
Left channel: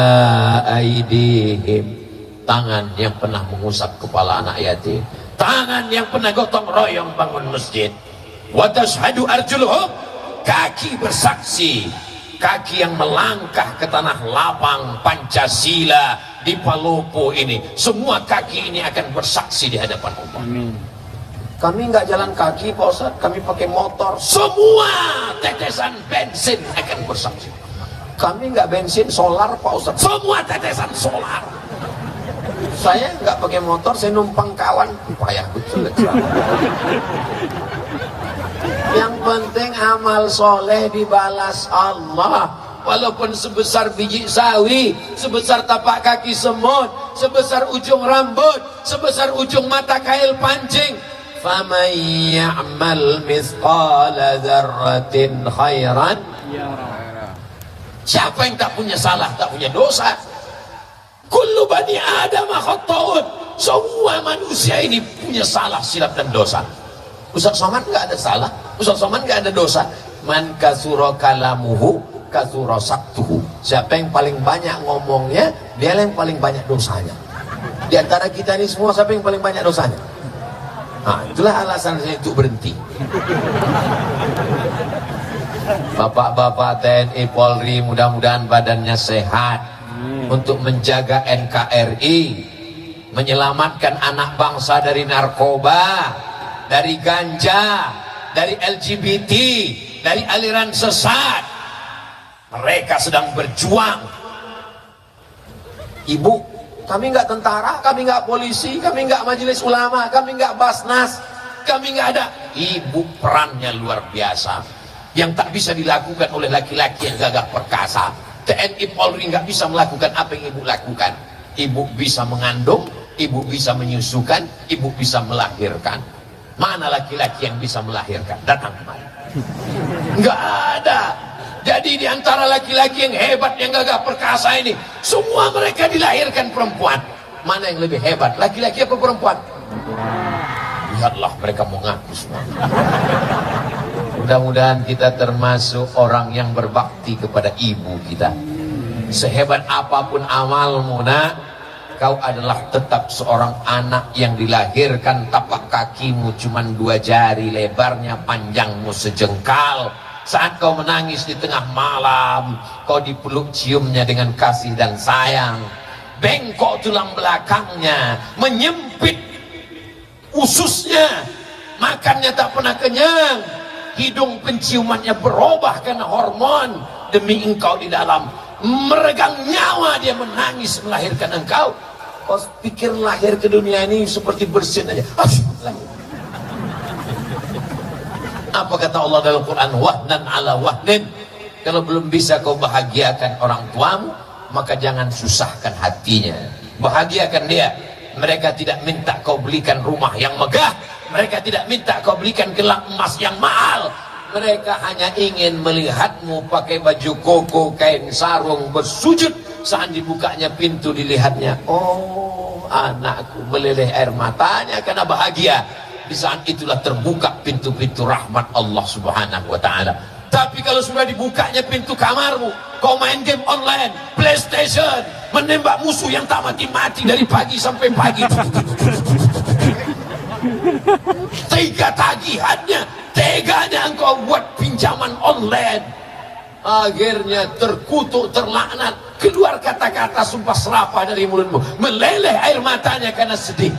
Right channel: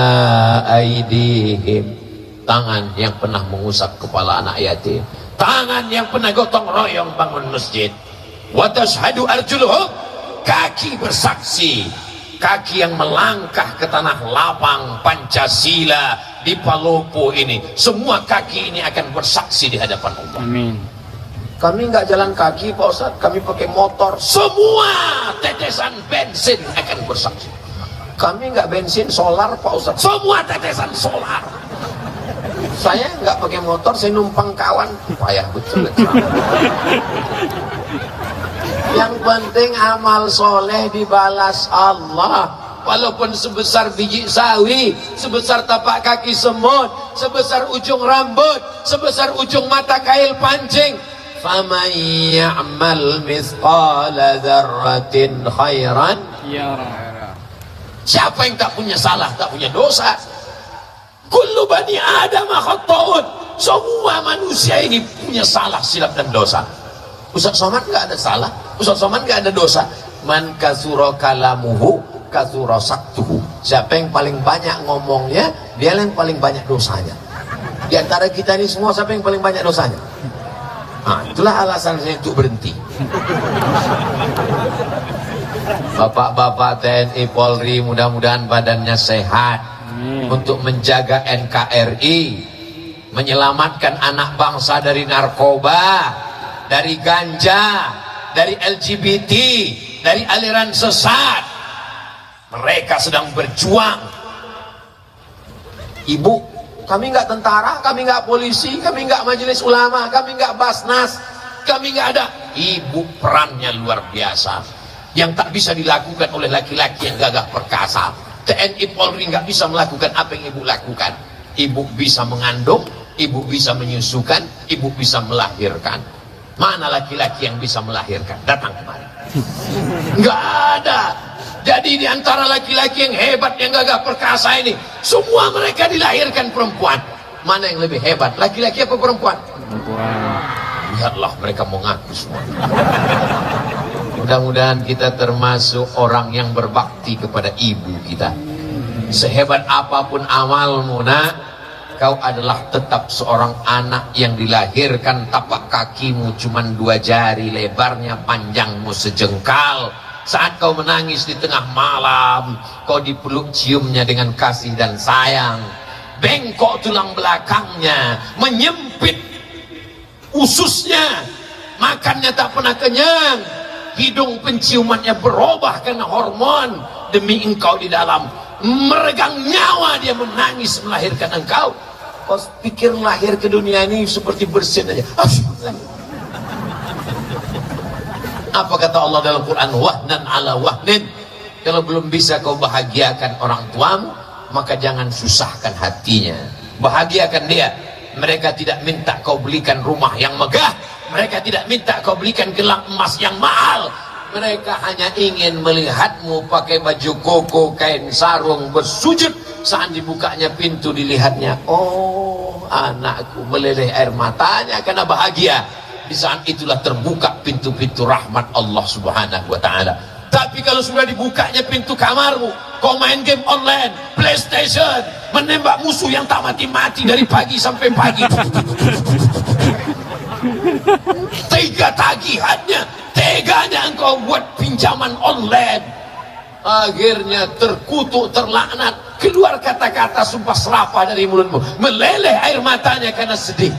aydihim, tangan yang pernah mengusap kepala anak yatim, tangan yang pernah gotong royong bangun masjid. Wa tashhadu arjuluhum, kaki bersaksi, kaki yang melangkah ke tanah lapang Pancasila di Palopo ini, semua kaki ini akan bersaksi di hadapan Allah. Amin. Kami nggak jalan kaki Pak Ustaz, kami pakai motor. Semua tetesan bensin akan bersaksi. Kami nggak bensin solar Pak Ustaz, semua tetesan solar. Saya nggak pakai motor, saya numpang kawan. Payah betul. Yang penting amal soleh dibalas Allah. Walaupun sebesar biji sawi, sebesar tapak kaki semut, sebesar ujung rambut, sebesar ujung mata kail pancing. Faman ya'mal mithqala dzarratin khairan yarah. Siapa yang tak punya salah, tak punya dosa? Kullu bani Adam khata'un. Semua manusia ini punya salah, silap dan dosa. Ustaz Somad nggak ada salah, Ustaz Somad nggak ada dosa. Man kasuro kalamuhu kasuro saktuhu. Siapa yang paling banyak ngomongnya, dia yang paling banyak dosanya. Di antara kita ini semua, siapa yang paling banyak dosanya? Nah, itulah alasan saya untuk berhenti. Bapak-bapak TNI Polri, mudah-mudahan badannya sehat untuk menjaga NKRI, menyelamatkan anak bangsa dari narkoba, dari ganja, dari LGBT, dari aliran sesat. Mereka sedang berjuang. Ibu, kami nggak tentara, kami nggak polisi, kami nggak majelis ulama, kami nggak basnas, kami nggak ada. Ibu perannya luar biasa, yang tak bisa dilakukan oleh laki-laki yang gagah perkasa. TNI Polri nggak bisa melakukan apa yang ibu lakukan. Ibu bisa mengandung, ibu bisa menyusukan, ibu bisa melahirkan. Mana laki-laki yang bisa melahirkan? Datang kemari. Nggak ada. Jadi di antara laki-laki yang hebat, yang gagah perkasa ini, semua mereka dilahirkan perempuan. Mana yang lebih hebat, laki-laki apa perempuan? Perempuan. Lihatlah mereka mengaku semua. Mudah-mudahan kita termasuk orang yang berbakti kepada ibu kita. Sehebat apapun amalmu, nak, kau adalah tetap seorang anak yang dilahirkan tapak kakimu cuma 2 jari, lebarnya panjangmu sejengkal. Saat kau menangis di tengah malam, kau dipeluk ciumnya dengan kasih dan sayang. Bengkok tulang belakangnya, menyempit ususnya, makannya tak pernah kenyang. Hidung penciumannya berubah karena hormon demi engkau di dalam. Meregang nyawa dia menangis melahirkan engkau. Kau pikir lahir ke dunia ini seperti bersin aja. Apa kata Allah dalam Quran? Wahnan ala wahnin. Kalau belum bisa kau bahagiakan orang tuamu, maka jangan susahkan hatinya. Bahagiakan dia. Mereka tidak minta kau belikan rumah yang megah. Mereka tidak minta kau belikan gelang emas yang mahal. Mereka hanya ingin melihatmu pakai baju koko, kain sarung, bersujud. Saat dibukanya pintu dilihatnya, oh anakku, meleleh air matanya karena bahagia. Di saat itulah terbuka pintu-pintu rahmat Allah Subhanahu wa ta'ala. Tapi kalau sudah dibukanya pintu kamarmu, kau main game online, PlayStation, menembak musuh yang tak mati-mati dari pagi sampai pagi. Tega tagihannya, teganya engkau buat pinjaman online. Akhirnya terkutuk, terlaknat, keluar kata-kata sumpah serapah dari mulutmu, meleleh air matanya karena sedih.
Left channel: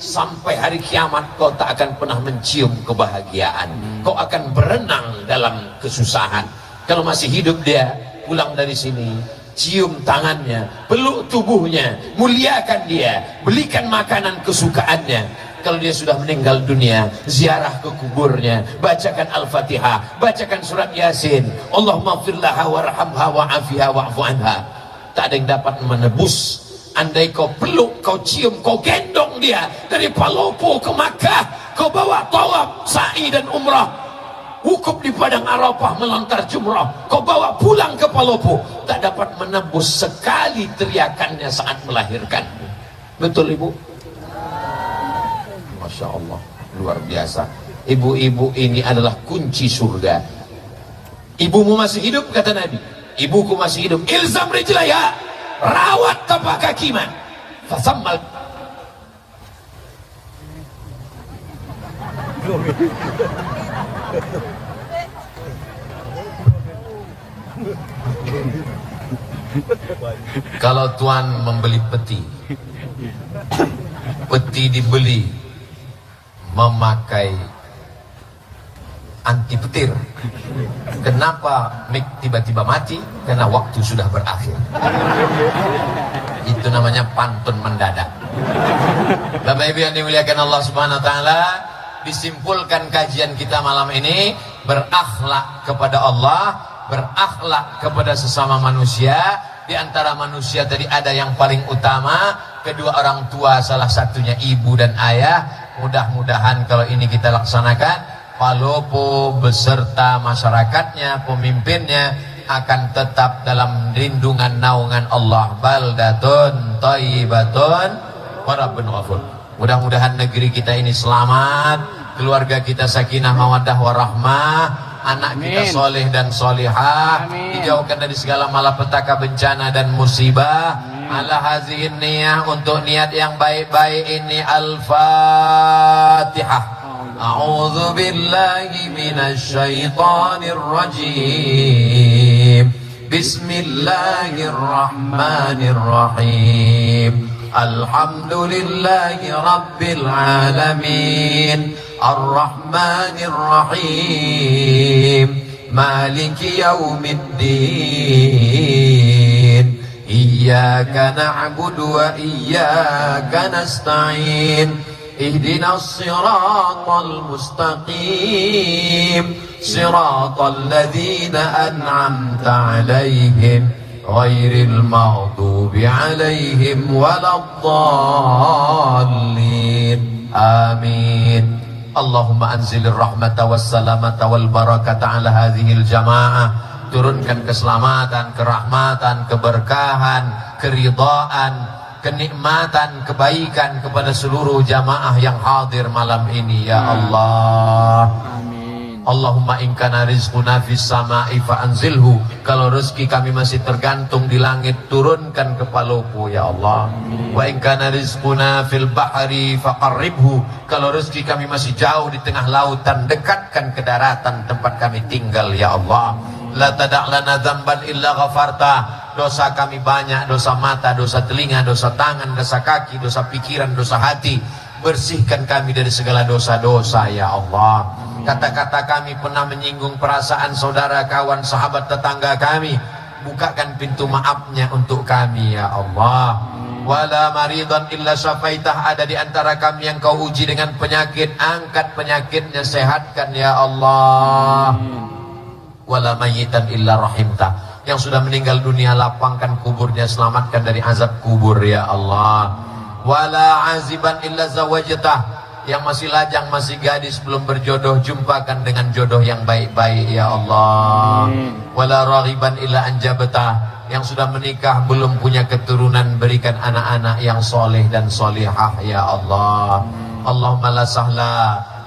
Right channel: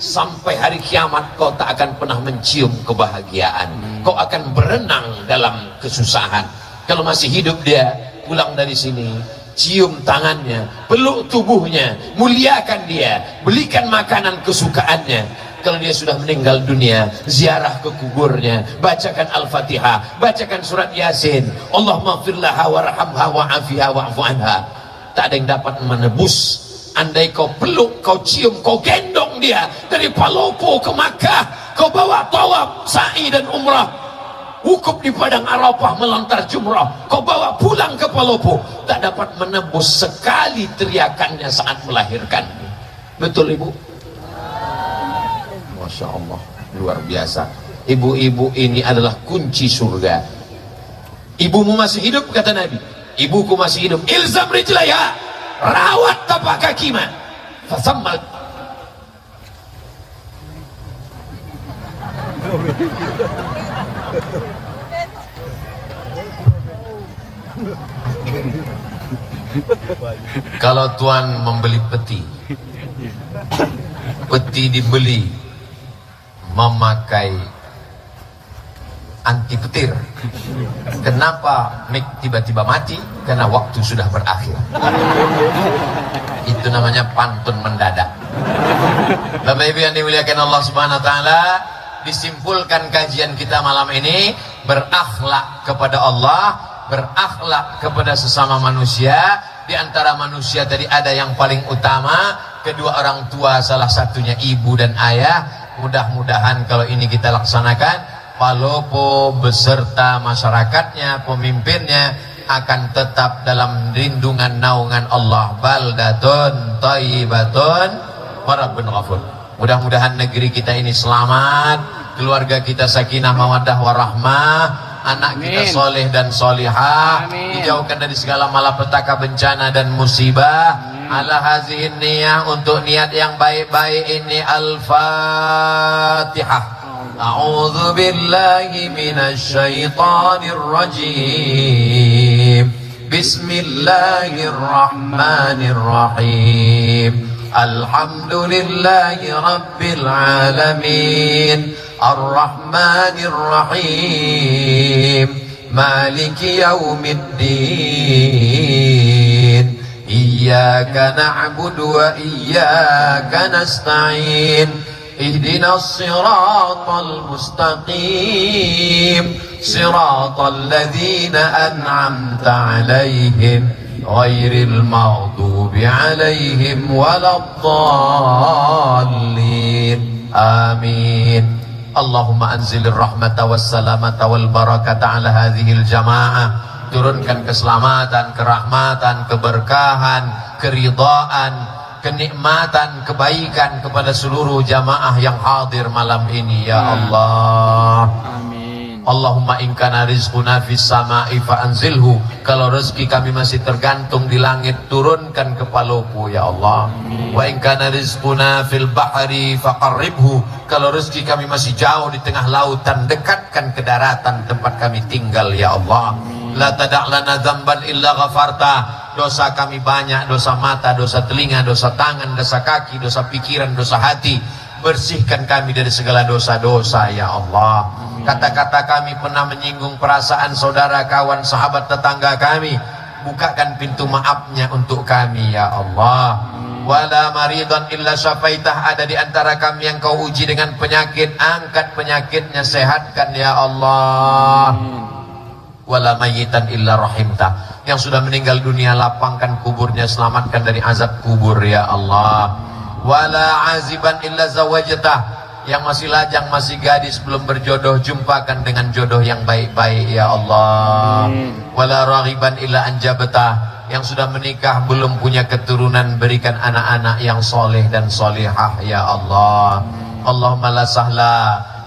Sampai hari kiamat kau tak akan pernah mencium kebahagiaan. Kau akan berenang dalam kesusahan. Kalau masih hidup dia, pulang dari sini, cium tangannya, peluk tubuhnya, muliakan dia, belikan makanan kesukaannya. Kalau dia sudah meninggal dunia, ziarah ke kuburnya, bacakan Al-Fatihah, bacakan surat Yasin. Allahumma firlaha warhamha wa'afiha wa'fu anha. Tak ada yang dapat menebus. Andai kau peluk, kau cium, kau gendong dia dari Palopo ke Makkah, kau bawa tawaf, sa'i dan umrah, wukuf di padang Arafah, melontar jumrah, kau bawa pulang ke Palopo, tak dapat menebus sekali teriakannya saat melahirkan. Betul ibu? Masya Allah, luar biasa. Ibu-ibu ini adalah kunci surga. Ibumu masih hidup, kata Nabi. Ibuku masih hidup. Ilzam rijlaiha, rawat tapak kaki ma. Fasammal. Kalau tuan membeli peti, peti dibeli memakai anti petir. Kenapa mic tiba-tiba mati? Karena waktu sudah berakhir. Itu namanya pantun mendadak. Bapak Ibu yang dimuliakan Allah Subhanahu wa taala, disimpulkan kajian kita malam ini, berakhlak kepada Allah, berakhlak kepada sesama manusia. Di antara manusia tadi ada yang paling utama, kedua orang tua, salah satunya ibu dan ayah. Mudah-mudahan kalau ini kita laksanakan, Palopo beserta masyarakatnya, pemimpinnya akan tetap dalam lindungan naungan Allah. Baldatun thayyibatun wa rabbun ghafur. Mudah-mudahan negeri kita ini selamat, keluarga kita sakinah mawaddah warahmah, anak kita soleh dan solihah, dijauhkan dari segala malapetaka, bencana dan musibah. Ala hazihin niyah, untuk niat yang baik-baik ini. Al-Fatihah. A'udzu billahi minasy syaithanir rajim. Bismillahirrahmanirrahim. Alhamdulillahi rabbil alamin. Ar-Rahmanir Rahim. Maliki yaumiddin. Iyyaka na'budu wa iyyaka nasta'in. Ihdinas siratal mustaqim. Siratal ladzina an'amta 'alaihim ghairil maghdubi 'alaihim waladdallin. Amin. Allahumma anzilir rahmata wassalamata wal barakata 'ala hadhil jamaah. Turunkan keselamatan, kerahmatan, keberkahan, keridhaan kenikmatan, kebaikan kepada seluruh jamaah yang hadir malam ini ya Allah. Amin. Allahumma in kana rizquna fis sama'i fa anzilhu. Kalau rezeki kami masih tergantung di langit, turunkan ke Palopo ya Allah. Wa in kana rizquna fil bahri faqarribhu. Kalau rezeki kami masih jauh di tengah lautan, dekatkan ke daratan tempat kami tinggal ya Allah. La tada' lana dzamban illa ghafarta. Dosa kami banyak, dosa mata, dosa telinga, dosa tangan, dosa kaki, dosa pikiran, dosa hati. Bersihkan kami dari segala dosa-dosa ya Allah. Kata-kata kami pernah menyinggung perasaan saudara, kawan, sahabat, tetangga kami, bukakan pintu maafnya untuk kami ya Allah. Wala maridhan illa syafaitah. Ada di antara kami yang kau uji dengan penyakit, angkat penyakitnya, sehatkan ya Allah. Wala mayyitan illa rahimtah. Yang sudah meninggal dunia, lapangkan kuburnya, selamatkan dari azab kubur ya Allah. Wala aziban illa zawajtah. Yang masih lajang, masih gadis, belum berjodoh, jumpakan dengan jodoh yang baik-baik ya Allah. Wala raghiban illa anjabtah. Yang sudah menikah belum punya keturunan, berikan anak-anak yang soleh dan solihah ya Allah. Allahumma la sahla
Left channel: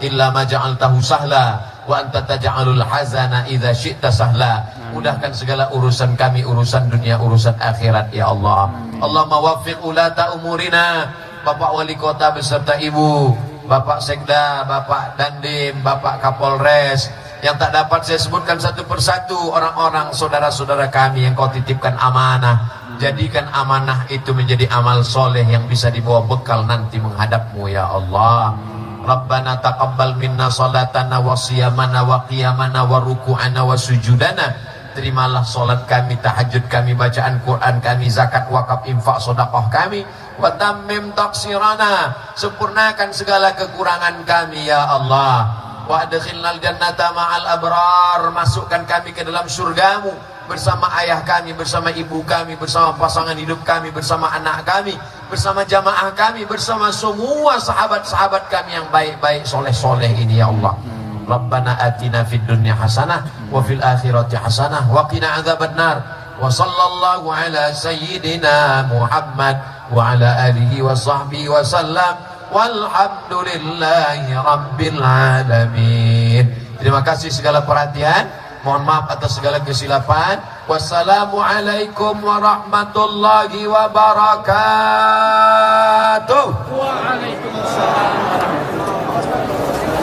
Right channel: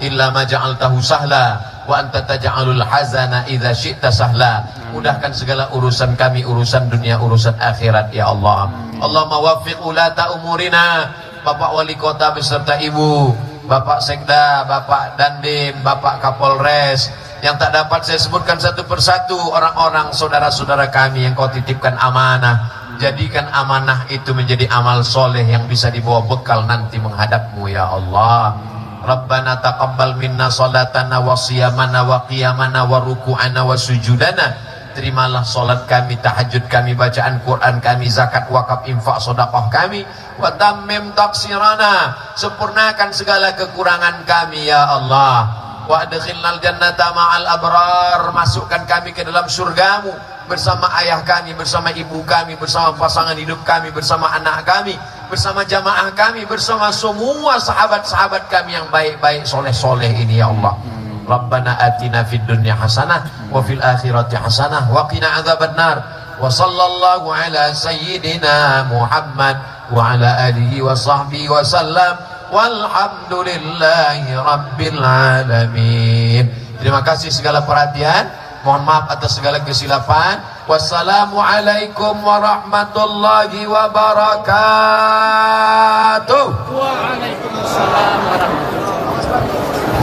illa ma ja'altahu sahla wa anta taj'alul hazana idza syi'ta sahla. Mudahkan segala urusan kami, urusan dunia, urusan akhirat ya Allah. Allahumma waffiq ulata umurina. Bapak wali kota beserta ibu, Bapak Sekda, Bapak Dandim, Bapak Kapolres, yang tak dapat saya sebutkan satu persatu, orang-orang saudara-saudara kami yang kau titipkan amanah. Jadikan amanah itu menjadi amal soleh yang bisa dibawa bekal nanti menghadapmu ya Allah. Rabbana taqabbal minna salatana wa siyamana wa qiyamana wa ruku'ana wa sujudana. Terimalah solat kami, tahajud kami, bacaan Quran kami, zakat, wakaf, infak, sedekah kami. Wa tammim taqsirana. Sempurnakan segala kekurangan kami ya Allah. Wa adkhilnal jannata ma'al abrar. Masukkan kami ke dalam surgamu bersama ayah kami, bersama ibu kami, bersama pasangan hidup kami, bersama anak kami, bersama jamaah kami, bersama semua sahabat-sahabat kami yang baik-baik, soleh-soleh ini ya Allah. Rabbana atina fid dunya hasanah wa fil akhirati hasanah wa qina adzabannar. Wa sallallahu ala sayyidina Muhammad wa ala alihi wa sahbihi wa sallam. Walhamdulillahi rabbil alamin. Terima kasih segala perhatian. Mohon maaf atas segala kesilapan. Wassalamualaikum warahmatullahi wabarakatuh. Waalaikumsalam warahmatullahi wabarakatuh.